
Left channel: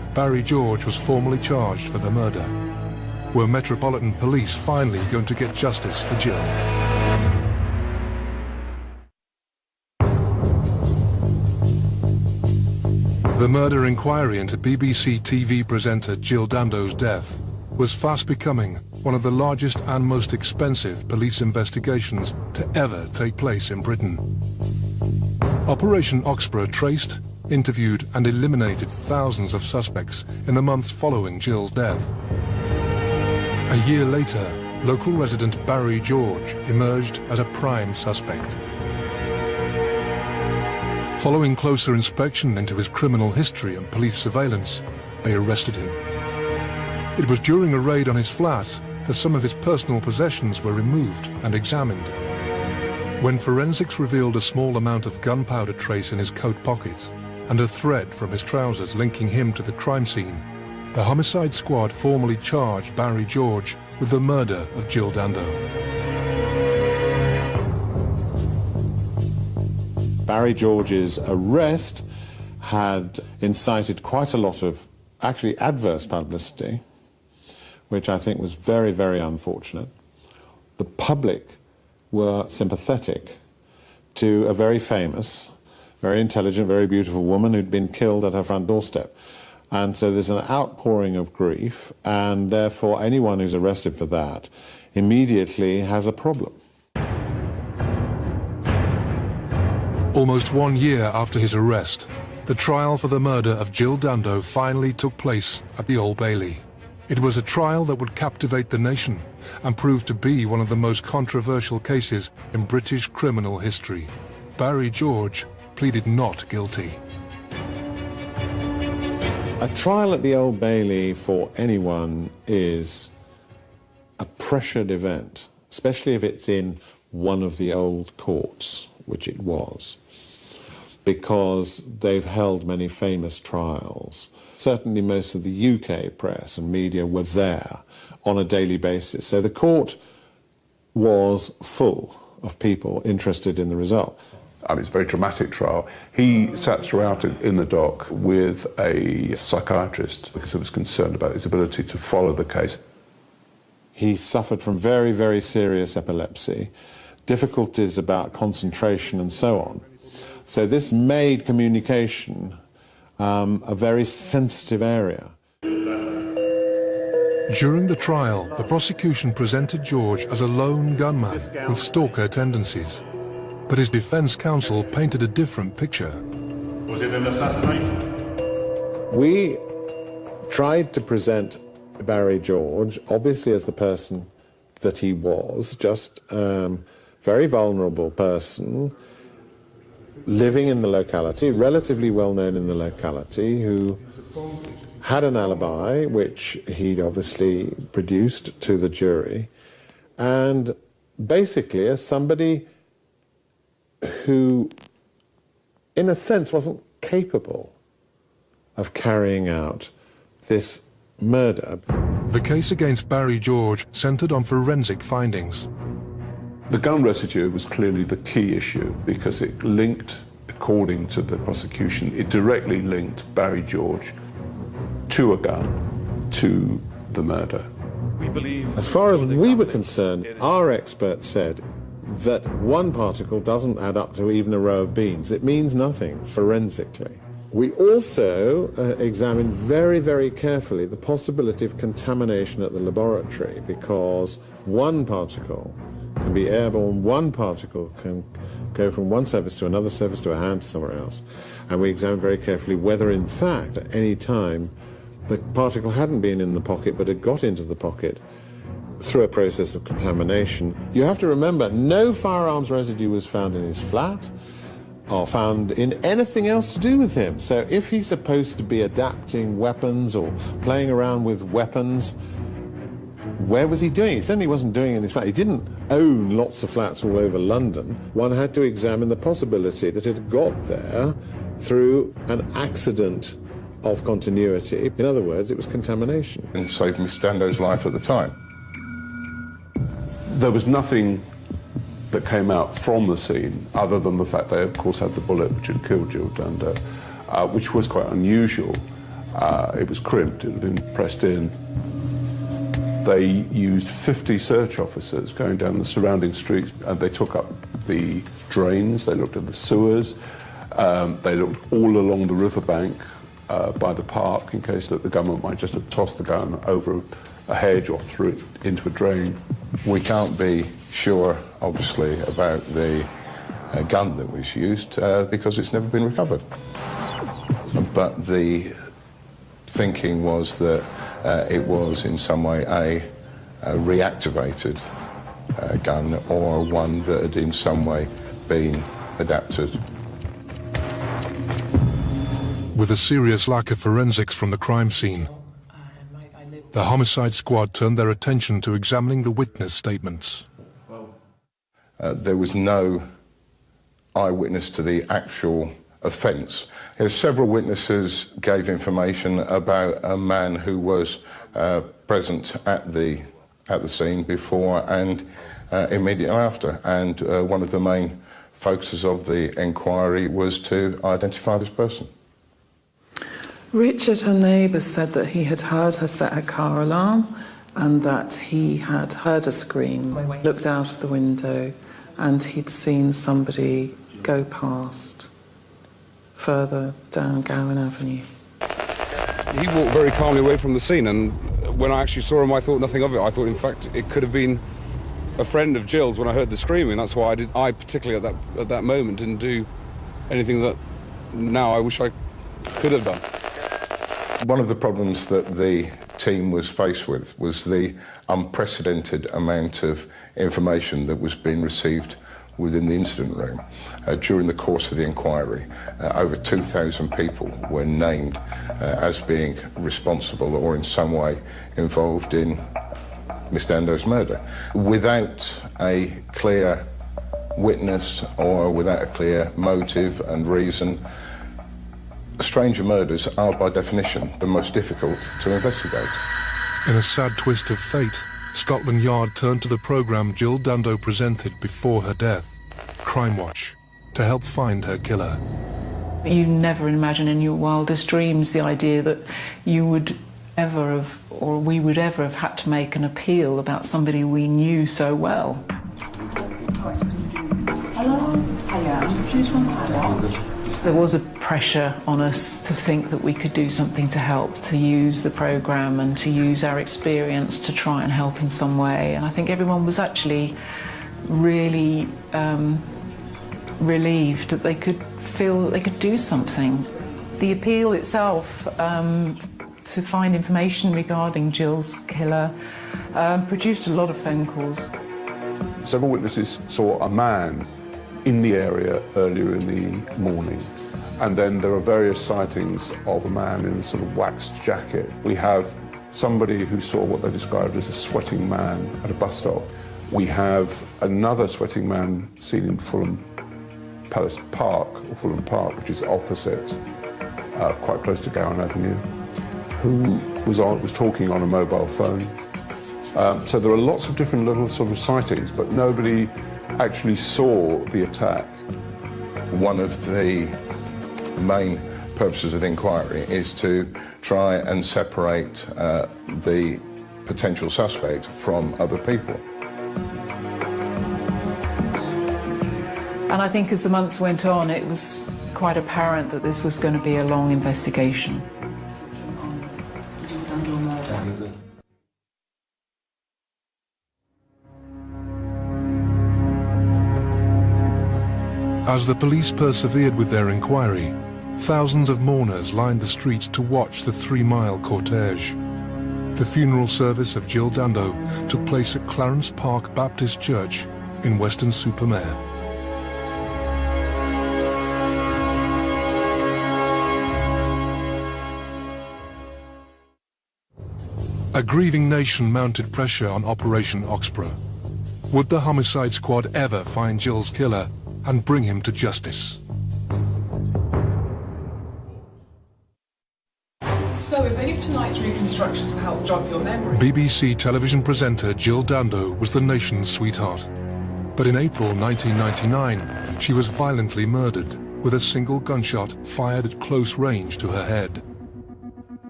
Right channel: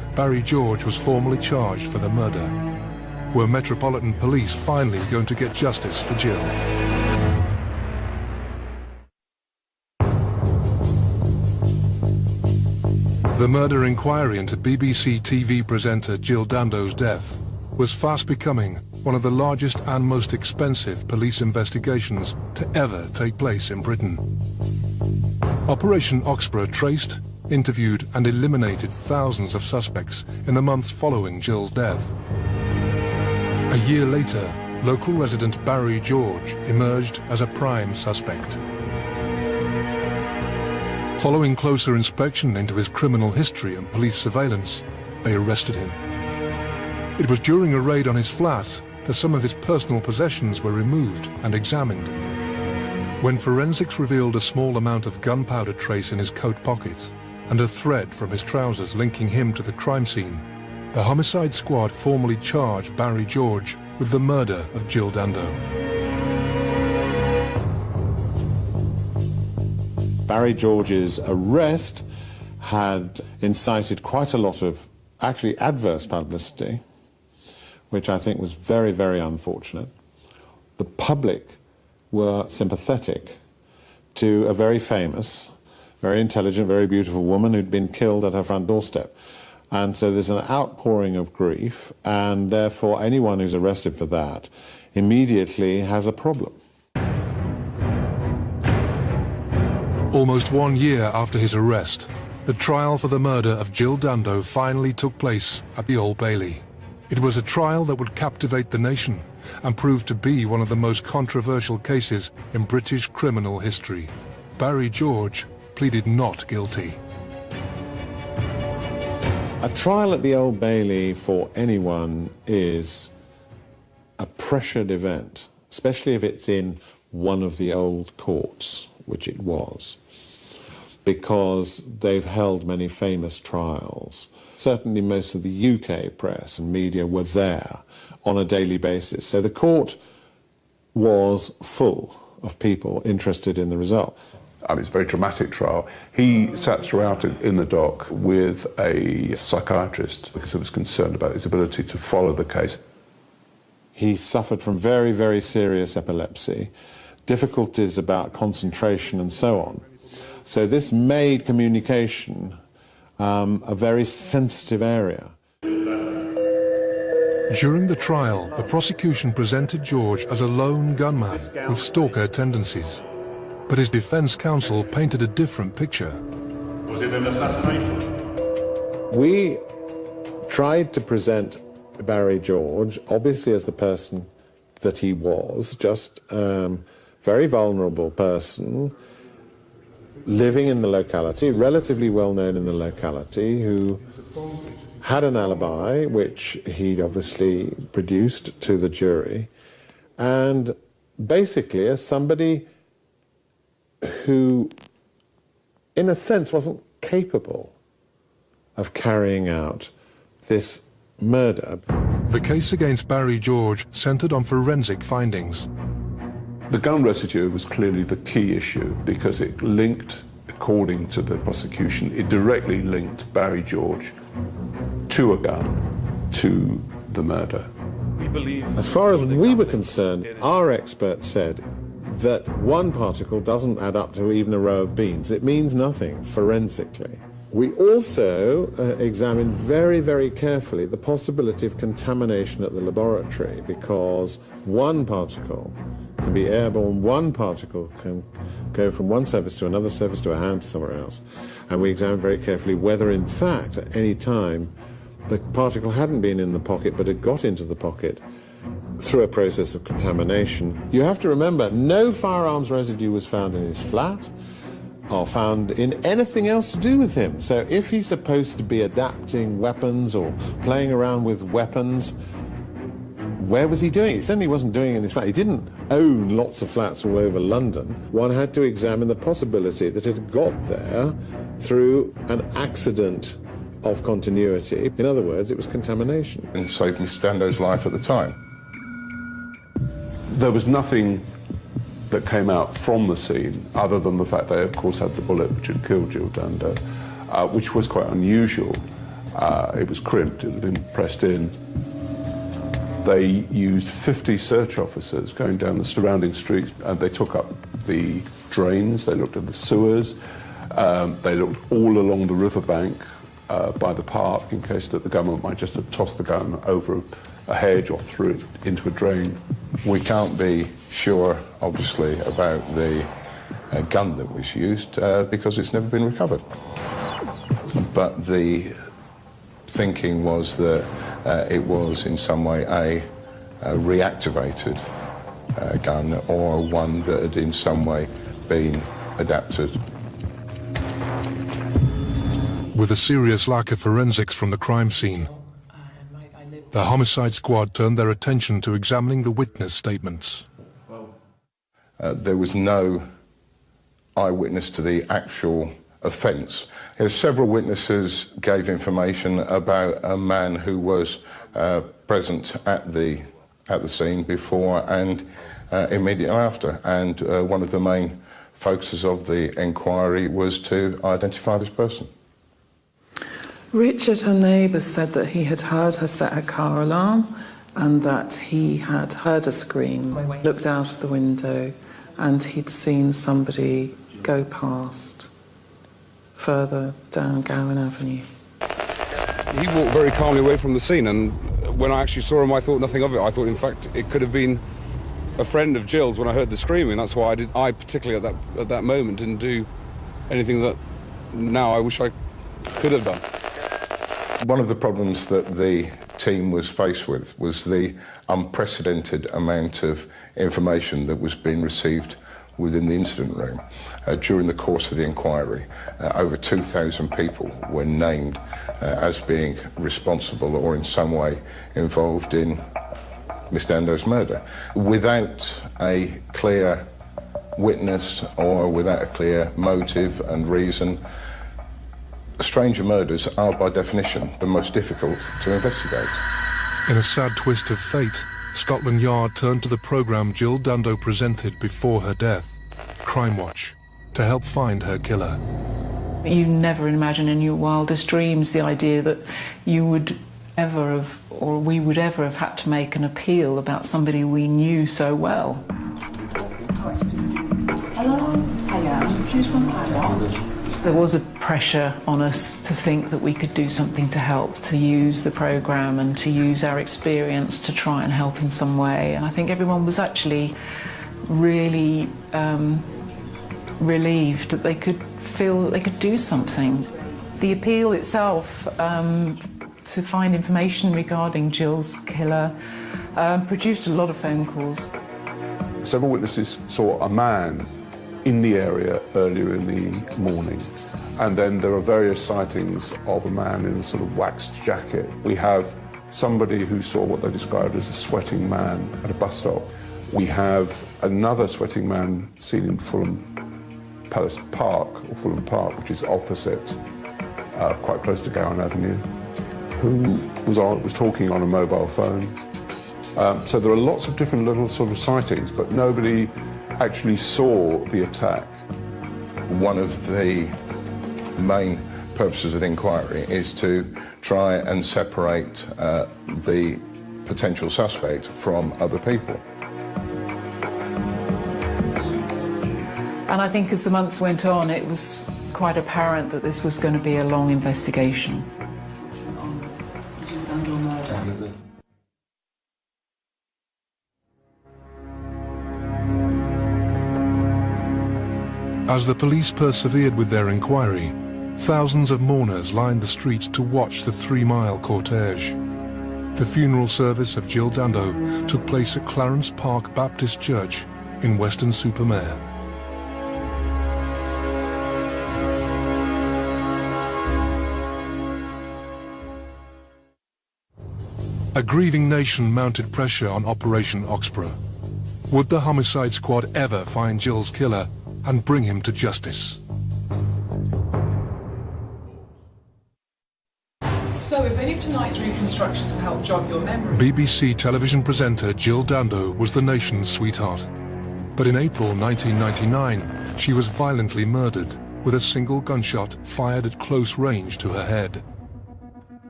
Barry George was formally charged for the murder. Were Metropolitan Police finally going to get justice for Jill? The murder inquiry into BBC TV presenter Jill Dando's death was fast becoming one of the largest and most expensive police investigations to ever take place in Britain. Operation Oxborough traced, interviewed and eliminated thousands of suspects in the months following Jill's death. A year later, local resident Barry George emerged as a prime suspect. Following closer inspection into his criminal history and police surveillance, they arrested him. It was during a raid on his flat that some of his personal possessions were removed and examined. When forensics revealed a small amount of gunpowder trace in his coat pocket and a thread from his trousers linking him to the crime scene, the homicide squad formally charged Barry George with the murder of Jill Dando. Barry George's arrest had incited quite a lot of actually adverse publicity, which I think was very, very unfortunate. The public were sympathetic to a very famous, very intelligent, very beautiful woman who'd been killed at her front doorstep. And so there's an outpouring of grief, and therefore anyone who's arrested for that immediately has a problem. Almost 1 year after his arrest, the trial for the murder of Jill Dando finally took place at the Old Bailey. It was a trial that would captivate the nation and prove to be one of the most controversial cases in British criminal history. Barry George pleaded not guilty. A trial at the Old Bailey for anyone is a pressured event, especially if it's in one of the old courts, which it was, because they've held many famous trials. Certainly most of the UK press and media were there on a daily basis. So the court was full of people interested in the result. And it's a very dramatic trial. He sat throughout it in the dock with a psychiatrist because he was concerned about his ability to follow the case. He suffered from very, very serious epilepsy, difficulties about concentration and so on. So this made communication a very sensitive area. During the trial, the prosecution presented George as a lone gunman with stalker tendencies. But his defense counsel painted a different picture. Was it an assassination? We tried to present Barry George, obviously as the person that he was, just very vulnerable person, living in the locality, relatively well known in the locality, who had an alibi, which he'd obviously produced to the jury, and basically as somebody who, in a sense, wasn't capable of carrying out this murder. The case against Barry George centred on forensic findings. The gun residue was clearly the key issue because it linked, according to the prosecution, it directly linked Barry George to a gun, to the murder. We believe... As far as we were concerned, our experts said that one particle doesn't add up to even a row of beans. It means nothing forensically. We also examined very, very carefully the possibility of contamination at the laboratory, because one particle can be airborne, one particle can go from one surface to another surface to a hand to somewhere else. And we examined very carefully whether, in fact, at any time, the particle hadn't been in the pocket but had got into the pocket through a process of contamination. You have to remember, no firearms residue was found in his flat or found in anything else to do with him. So if he's supposed to be adapting weapons or playing around with weapons, where was he doing it? He certainly wasn't doing it in his flat. He didn't own lots of flats all over London. One had to examine the possibility that it had got there through an accident of continuity. In other words, it was contamination. And saved Miss Dando's life at the time. There was nothing that came out from the scene other than the fact they, of course, had the bullet which had killed Jill Dando, which was quite unusual. It was crimped, it had been pressed in. They used 50 search officers going down the surrounding streets, and they took up the drains, they looked at the sewers, they looked all along the riverbank by the park in case that the government might just have tossed the gun over a hedge or threw it into a drain. We can't be sure, obviously, about the gun that was used because it's never been recovered. But the thinking was that it was in some way a reactivated gun or one that had in some way been adapted. With a serious lack of forensics from the crime scene, the homicide squad turned their attention to examining the witness statements. There was no eyewitness to the actual offence. Several witnesses gave information about a man who was present at the scene before and immediately after, and one of the main focuses of the inquiry was to identify this person. Richard, her neighbour, said that he had heard her set her car alarm and that he had heard a scream, looked out of the window, and he'd seen somebody go past further down Gowan Avenue. He walked very calmly away from the scene, and when I actually saw him, I thought nothing of it. I thought, in fact, it could have been a friend of Jill's when I heard the screaming. That's why I particularly at that moment didn't do anything that now I wish I could have done. One of the problems that the team was faced with was the unprecedented amount of information that was being received within the incident room. During the course of the inquiry, over 2,000 people were named as being responsible or in some way involved in Miss Dando's murder. Without a clear witness or without a clear motive and reason, stranger murders are by definition the most difficult to investigate. In a sad twist of fate, Scotland Yard turned to the programme Jill Dando presented before her death, Crime Watch, to help find her killer. You never imagine in your wildest dreams the idea that you would ever have, or we would ever have had to make an appeal about somebody we knew so well. There was a pressure on us to think that we could do something to help, to use the programme and to use our experience to try and help in some way. And I think everyone was actually really relieved that they could feel that they could do something. The appeal itself to find information regarding Jill's killer produced a lot of phone calls. Several witnesses saw a man in the area earlier in the morning, and then there are various sightings of a man in a sort of waxed jacket. We have somebody who saw what they described as a sweating man at a bus stop. We have another sweating man seen in Fulham Park, which is opposite, quite close to Gowan Avenue, who was talking on a mobile phone. So there are lots of different little sort of sightings, but nobody actually saw the attack. One of the main purposes of the inquiry is to try and separate the potential suspect from other people. And I think as the months went on, it was quite apparent that this was going to be a long investigation. As the police persevered with their inquiry, thousands of mourners lined the streets to watch the 3-mile cortege. The funeral service of Jill Dando took place at Clarence Park Baptist Church in Weston-super-Mare. A grieving nation mounted pressure on Operation Oxborough. Would the homicide squad ever find Jill's killer and bring him to justice? So if any of tonight's reconstructions will help jog your memory... BBC television presenter Jill Dando was the nation's sweetheart. But in April 1999, she was violently murdered with a single gunshot fired at close range to her head.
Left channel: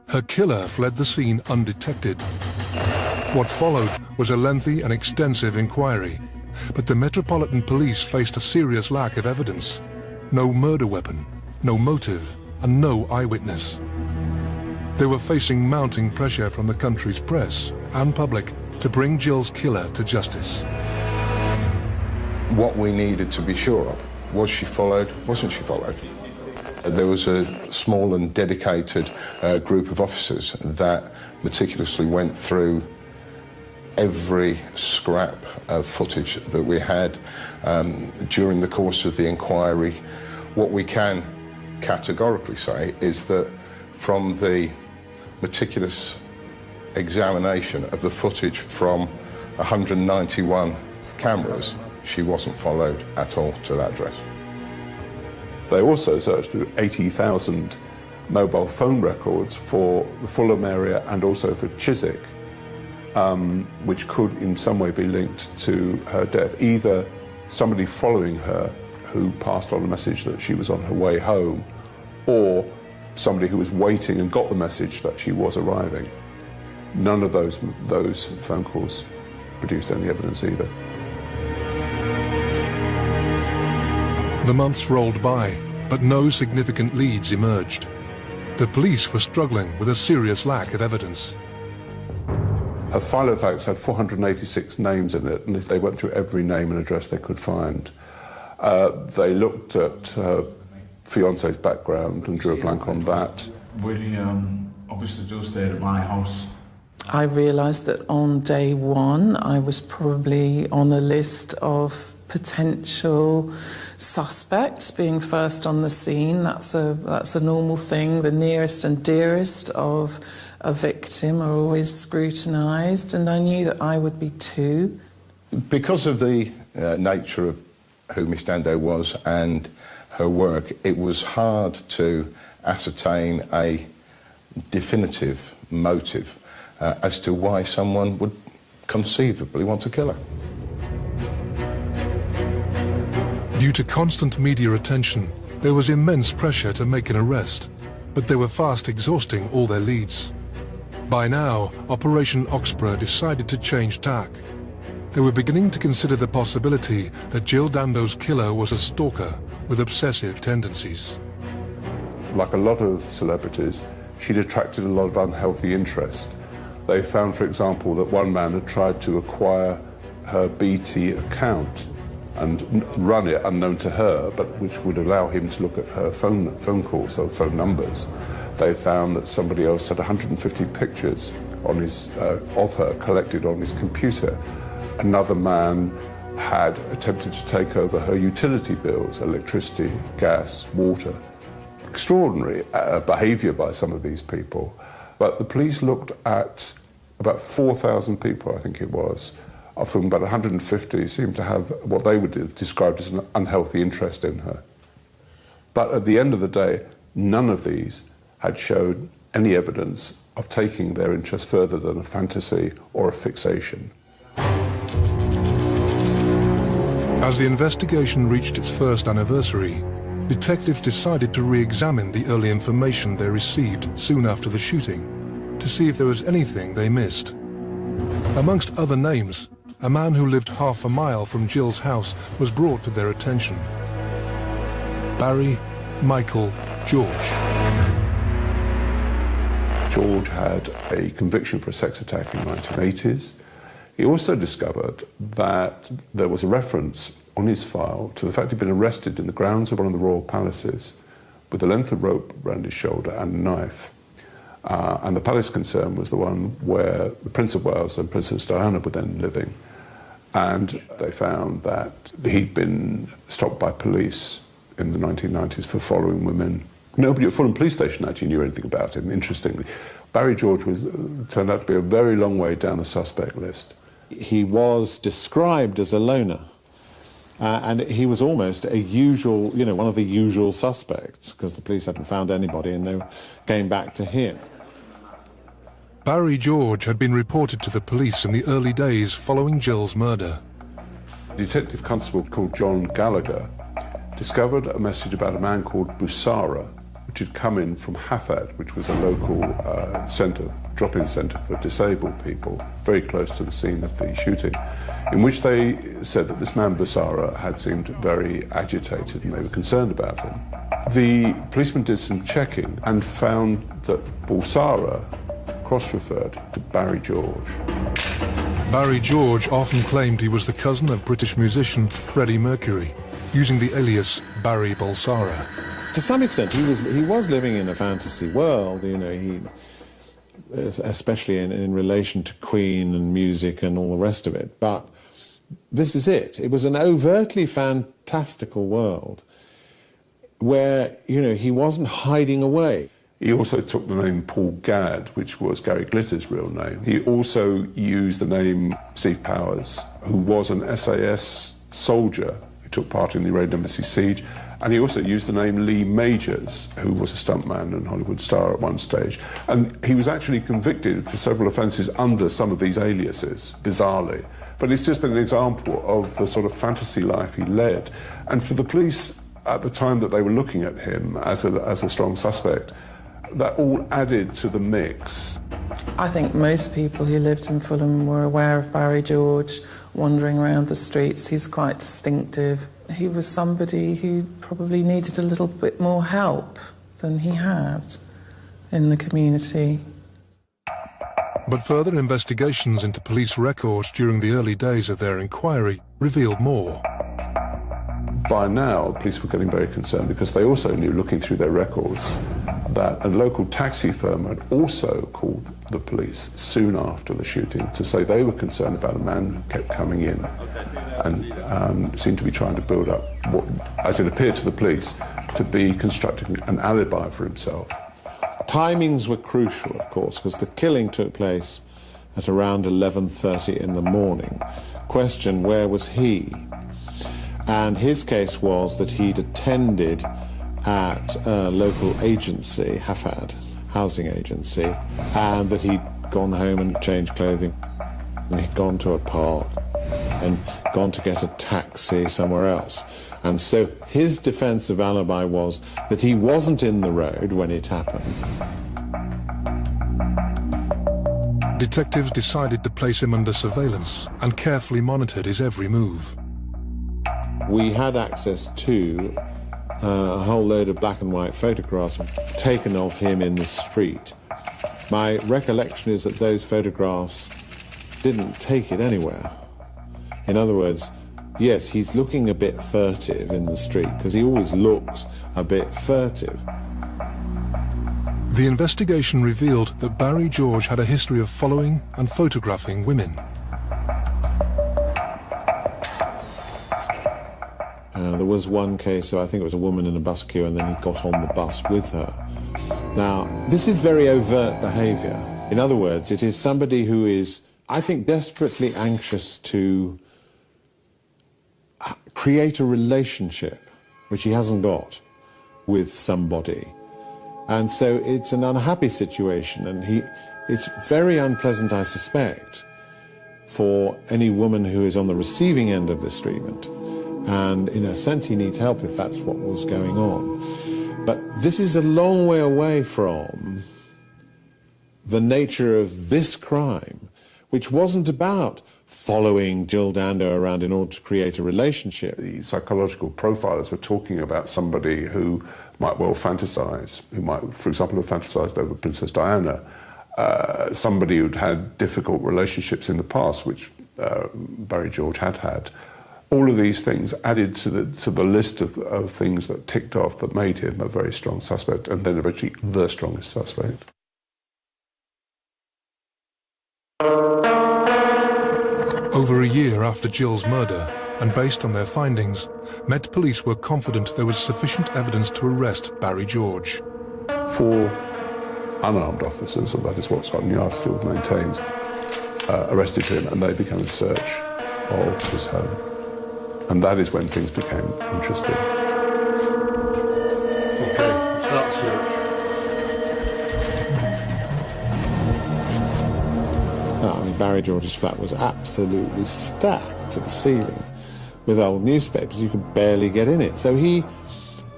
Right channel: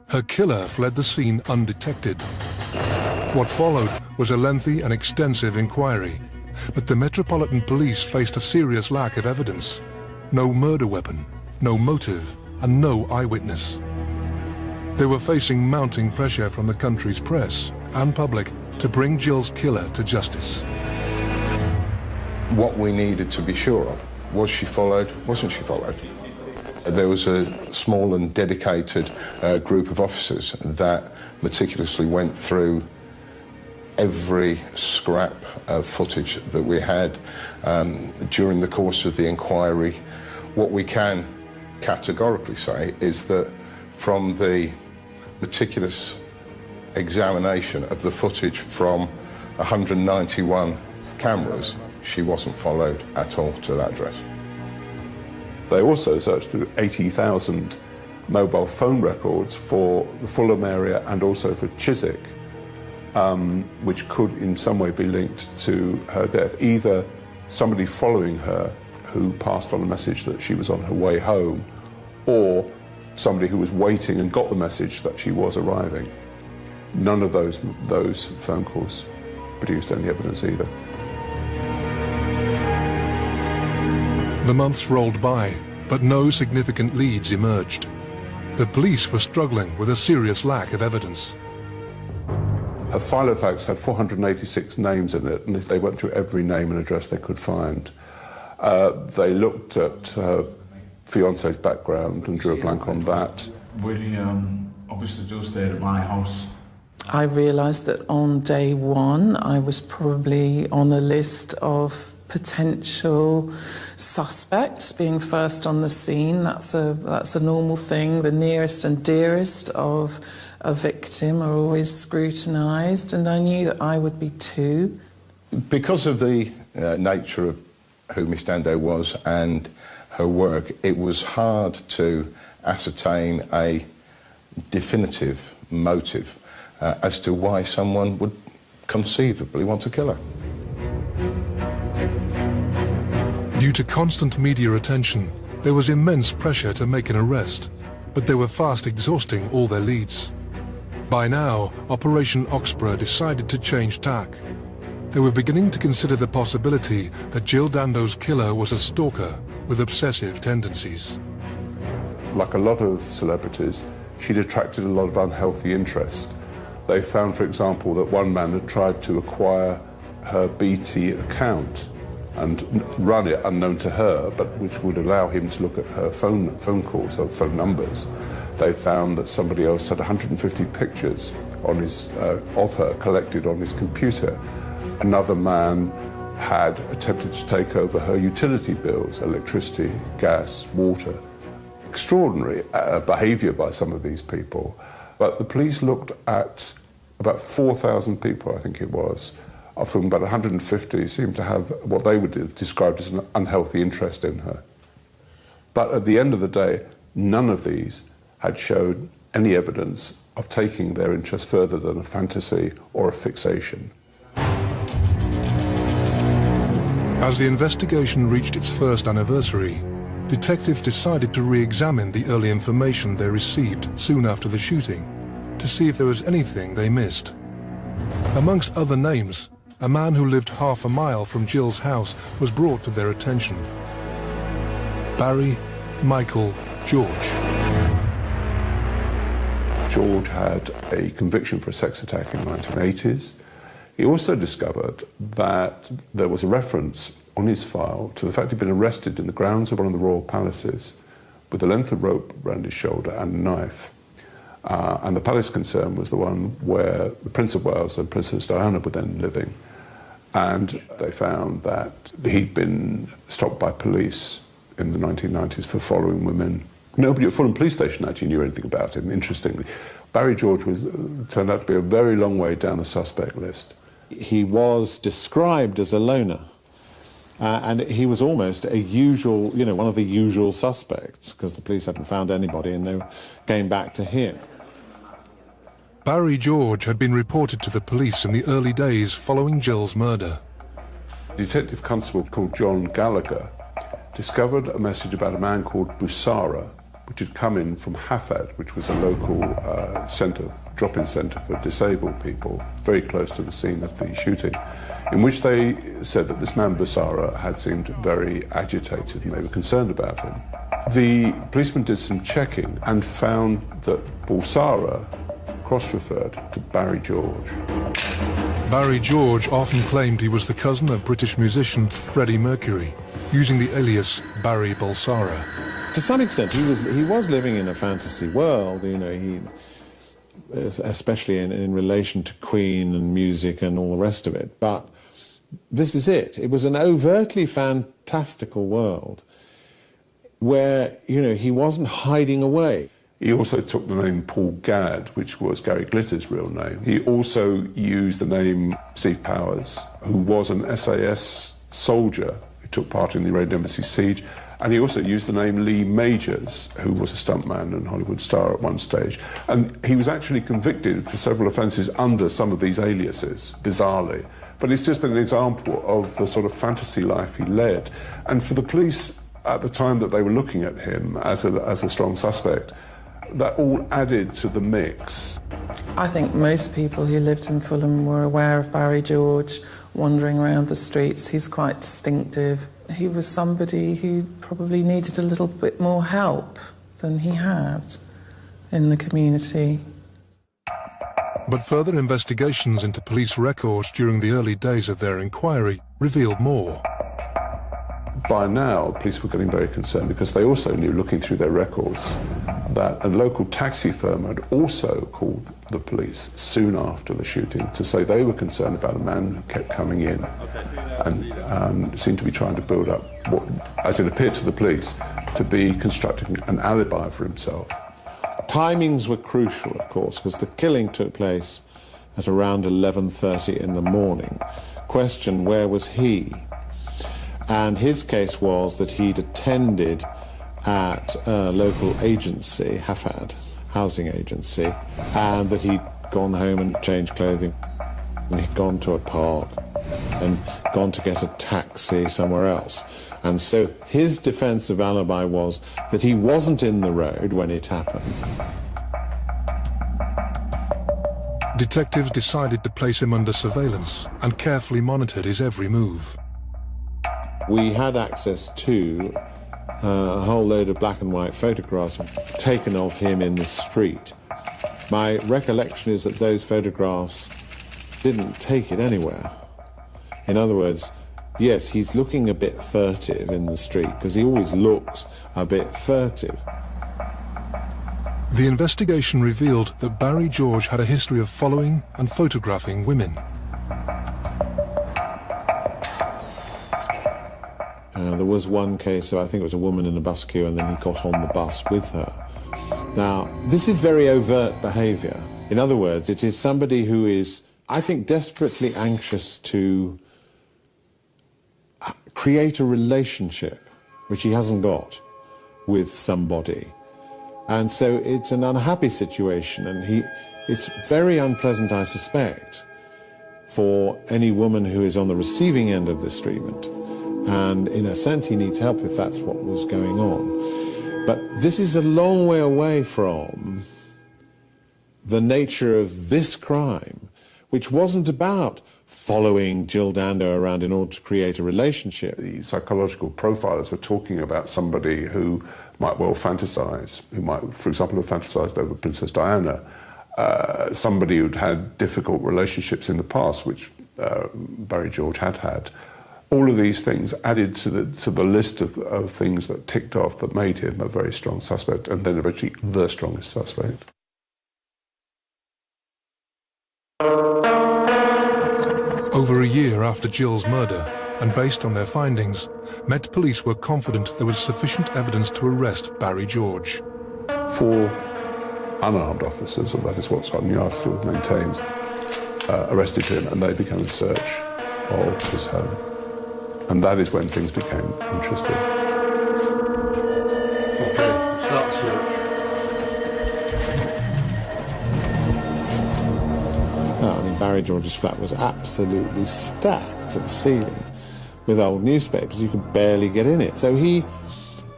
Her killer fled the scene undetected. What followed was a lengthy and extensive inquiry, but the Metropolitan Police faced a serious lack of evidence. No murder weapon, no motive, and no eyewitness. They were facing mounting pressure from the country's press and public to bring Jill's killer to justice. What we needed to be sure of, was she followed, wasn't she followed? There was a small and dedicated group of officers that meticulously went through every scrap of footage that we had during the course of the inquiry. What we can categorically say is that from the meticulous examination of the footage from 191 cameras, she wasn't followed at all to that address. They also searched through 80,000 mobile phone records for the Fulham area and also for Chiswick, which could in some way be linked to her death. Either somebody following her who passed on a message that she was on her way home, or somebody who was waiting and got the message that she was arriving. None of those phone calls produced any evidence either. The months rolled by, but no significant leads emerged. The police were struggling with a serious lack of evidence. Her file of facts had 486 names in it, and they went through every name and address they could find. They looked at her fiance's background and drew a blank on that. We obviously just stayed at my house. I realised that on day one I was probably on a list of potential suspects being first on the scene. That's a normal thing. The nearest and dearest of a victim are always scrutinised, and I knew that I would be too. Because of the nature of who Miss Dando was and her work, it was hard to ascertain a definitive motive as to why someone would conceivably want to kill her. Due to constant media attention, there was immense pressure to make an arrest, but they were fast exhausting all their leads. By now, Operation Oxborough decided to change tack. They were beginning to consider the possibility that Jill Dando's killer was a stalker with obsessive tendencies. Like a lot of celebrities, she'd attracted a lot of unhealthy interest. They found, for example, that one man had tried to acquire her BT account and run it unknown to her, but which would allow him to look at her phone calls or phone numbers. They found that somebody else had 150 pictures on his, of her collected on his computer. Another man had attempted to take over her utility bills, electricity, gas, water. Extraordinary behaviour by some of these people. But the police looked at about 4,000 people, I think it was, of whom about 150 seemed to have what they would have described as an unhealthy interest in her. But at the end of the day, none of these had showed any evidence of taking their interest further than a fantasy or a fixation. As the investigation reached its first anniversary, detectives decided to re-examine the early information they received soon after the shooting to see if there was anything they missed. Amongst other names, a man who lived half a mile from Jill's house was brought to their attention. Barry Michael George. George had a conviction for a sex attack in the 1980s. He also discovered that there was a reference on his file to the fact he'd been arrested in the grounds of one of the royal palaces with a length of rope around his shoulder and a knife. And the palace concern was the one where the Prince of Wales and Princess Diana were then living. And they found that he'd been stopped by police in the 1990s for following women. Nobody at Fulham Police Station actually knew anything about him, interestingly. Barry George turned out to be a very long way down the suspect list. He was described as a loner. And he was almost a usual, one of the usual suspects, because the police hadn't found anybody and they came back to him. Barry George had been reported to the police in the early days following Jill's murder. Detective Constable called John Gallagher discovered a message about a man called Busara which had come in from Hafad, which was a local drop-in centre for disabled people, very close to the scene of the shooting, in which they said that this man Busara had seemed very agitated and they were concerned about him. The policeman did some checking and found that Busara cross-referred to Barry George. Barry George often claimed he was the cousin of British musician Freddie Mercury, using the alias Barry Bulsara. To some extent, he was living in a fantasy world, you know, especially in relation to Queen and music and all the rest of it. But this is it. It was an overtly fantastical world where, you know, he wasn't hiding away. He also took the name Paul Gadd, which was Gary Glitter's real name. He also used the name Steve Powers, who was an SAS soldier who took part in the Red Embassy siege. And he also used the name Lee Majors, who was a stuntman and Hollywood star at one stage. And he was actually convicted for several offences under some of these aliases, bizarrely. But it's just an example of the sort of fantasy life he led. And for the police, at the time that they were looking at him as a strong suspect, that all added to the mix. I think most people who lived in Fulham were aware of Barry George wandering around the streets. He's quite distinctive. He was somebody who probably needed a little bit more help than he had in the community. But further investigations into police records during the early days of their inquiry revealed more. By now, police were getting very concerned because they also knew, looking through their records, that a local taxi firm had also called the police soon after the shooting to say they were concerned about a man who kept coming in and seemed to be trying to build up what, as it appeared to the police, to be constructing an alibi for himself. Timings were crucial, of course, because the killing took place at around 11:30 in the morning. Question, where was he? And his case was that he'd attended at a local agency, Hafad, housing agency, and that he'd gone home and changed clothing, and he'd gone to a park and gone to get a taxi somewhere else. And so his defensive alibi was that he wasn't in the road when it happened. Detectives decided to place him under surveillance and carefully monitored his every move. We had access to a whole load of black and white photographs taken of him in the street. My recollection is that those photographs didn't take it anywhere. In other words, yes, he's looking a bit furtive in the street, because he always looks a bit furtive. The investigation revealed that Barry George had a history of following and photographing women. There was one case, so I think it was a woman in a bus queue, and then he got on the bus with her. Now, this is very overt behaviour. In other words, it is somebody who is, I think, desperately anxious to create a relationship, which he hasn't got, with somebody. And so it's an unhappy situation, and it's very unpleasant, I suspect, for any woman who is on the receiving end of this treatment. And in a sense, he needs help if that's what was going on. But this is a long way away from the nature of this crime, which wasn't about following Jill Dando around in order to create a relationship. The psychological profilers were talking about somebody who might well fantasize, who might, for example, have fantasized over Princess Diana, somebody who'd had difficult relationships in the past, which Barry George had had. All of these things added to the list of things that ticked off that made him a very strong suspect, and then eventually the strongest suspect. Over a year after Jill's murder, and based on their findings, Met Police were confident there was sufficient evidence to arrest Barry George. 4 unarmed officers, although this is what Scotland Yard still maintains, arrested him, and they began a search of his home. And that is when things became interesting. Barry George's flat was absolutely stacked to the ceiling with old newspapers. You could barely get in it. So he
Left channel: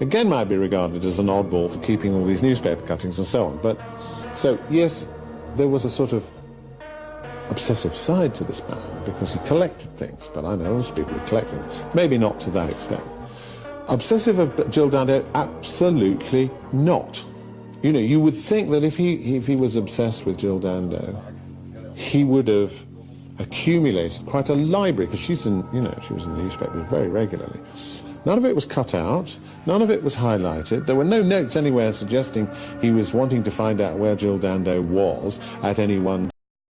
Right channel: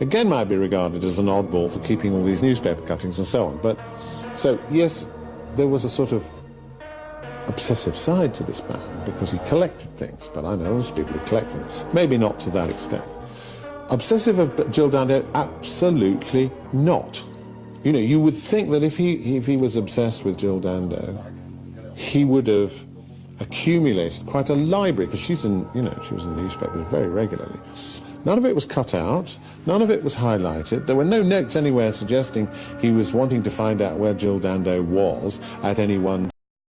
again might be regarded as an oddball for keeping all these newspaper cuttings and so on. But so yes, there was a sort of obsessive side to this man because he collected things. But I know most people who collect things, maybe not to that extent. Obsessive of Jill Dando? Absolutely not. You know, you would think that if he was obsessed with Jill Dando, he would have accumulated quite a library, because she was in the newspapers very regularly. None of it was cut out, none of it was highlighted. There were no notes anywhere suggesting he was wanting to find out where Jill Dando was at any one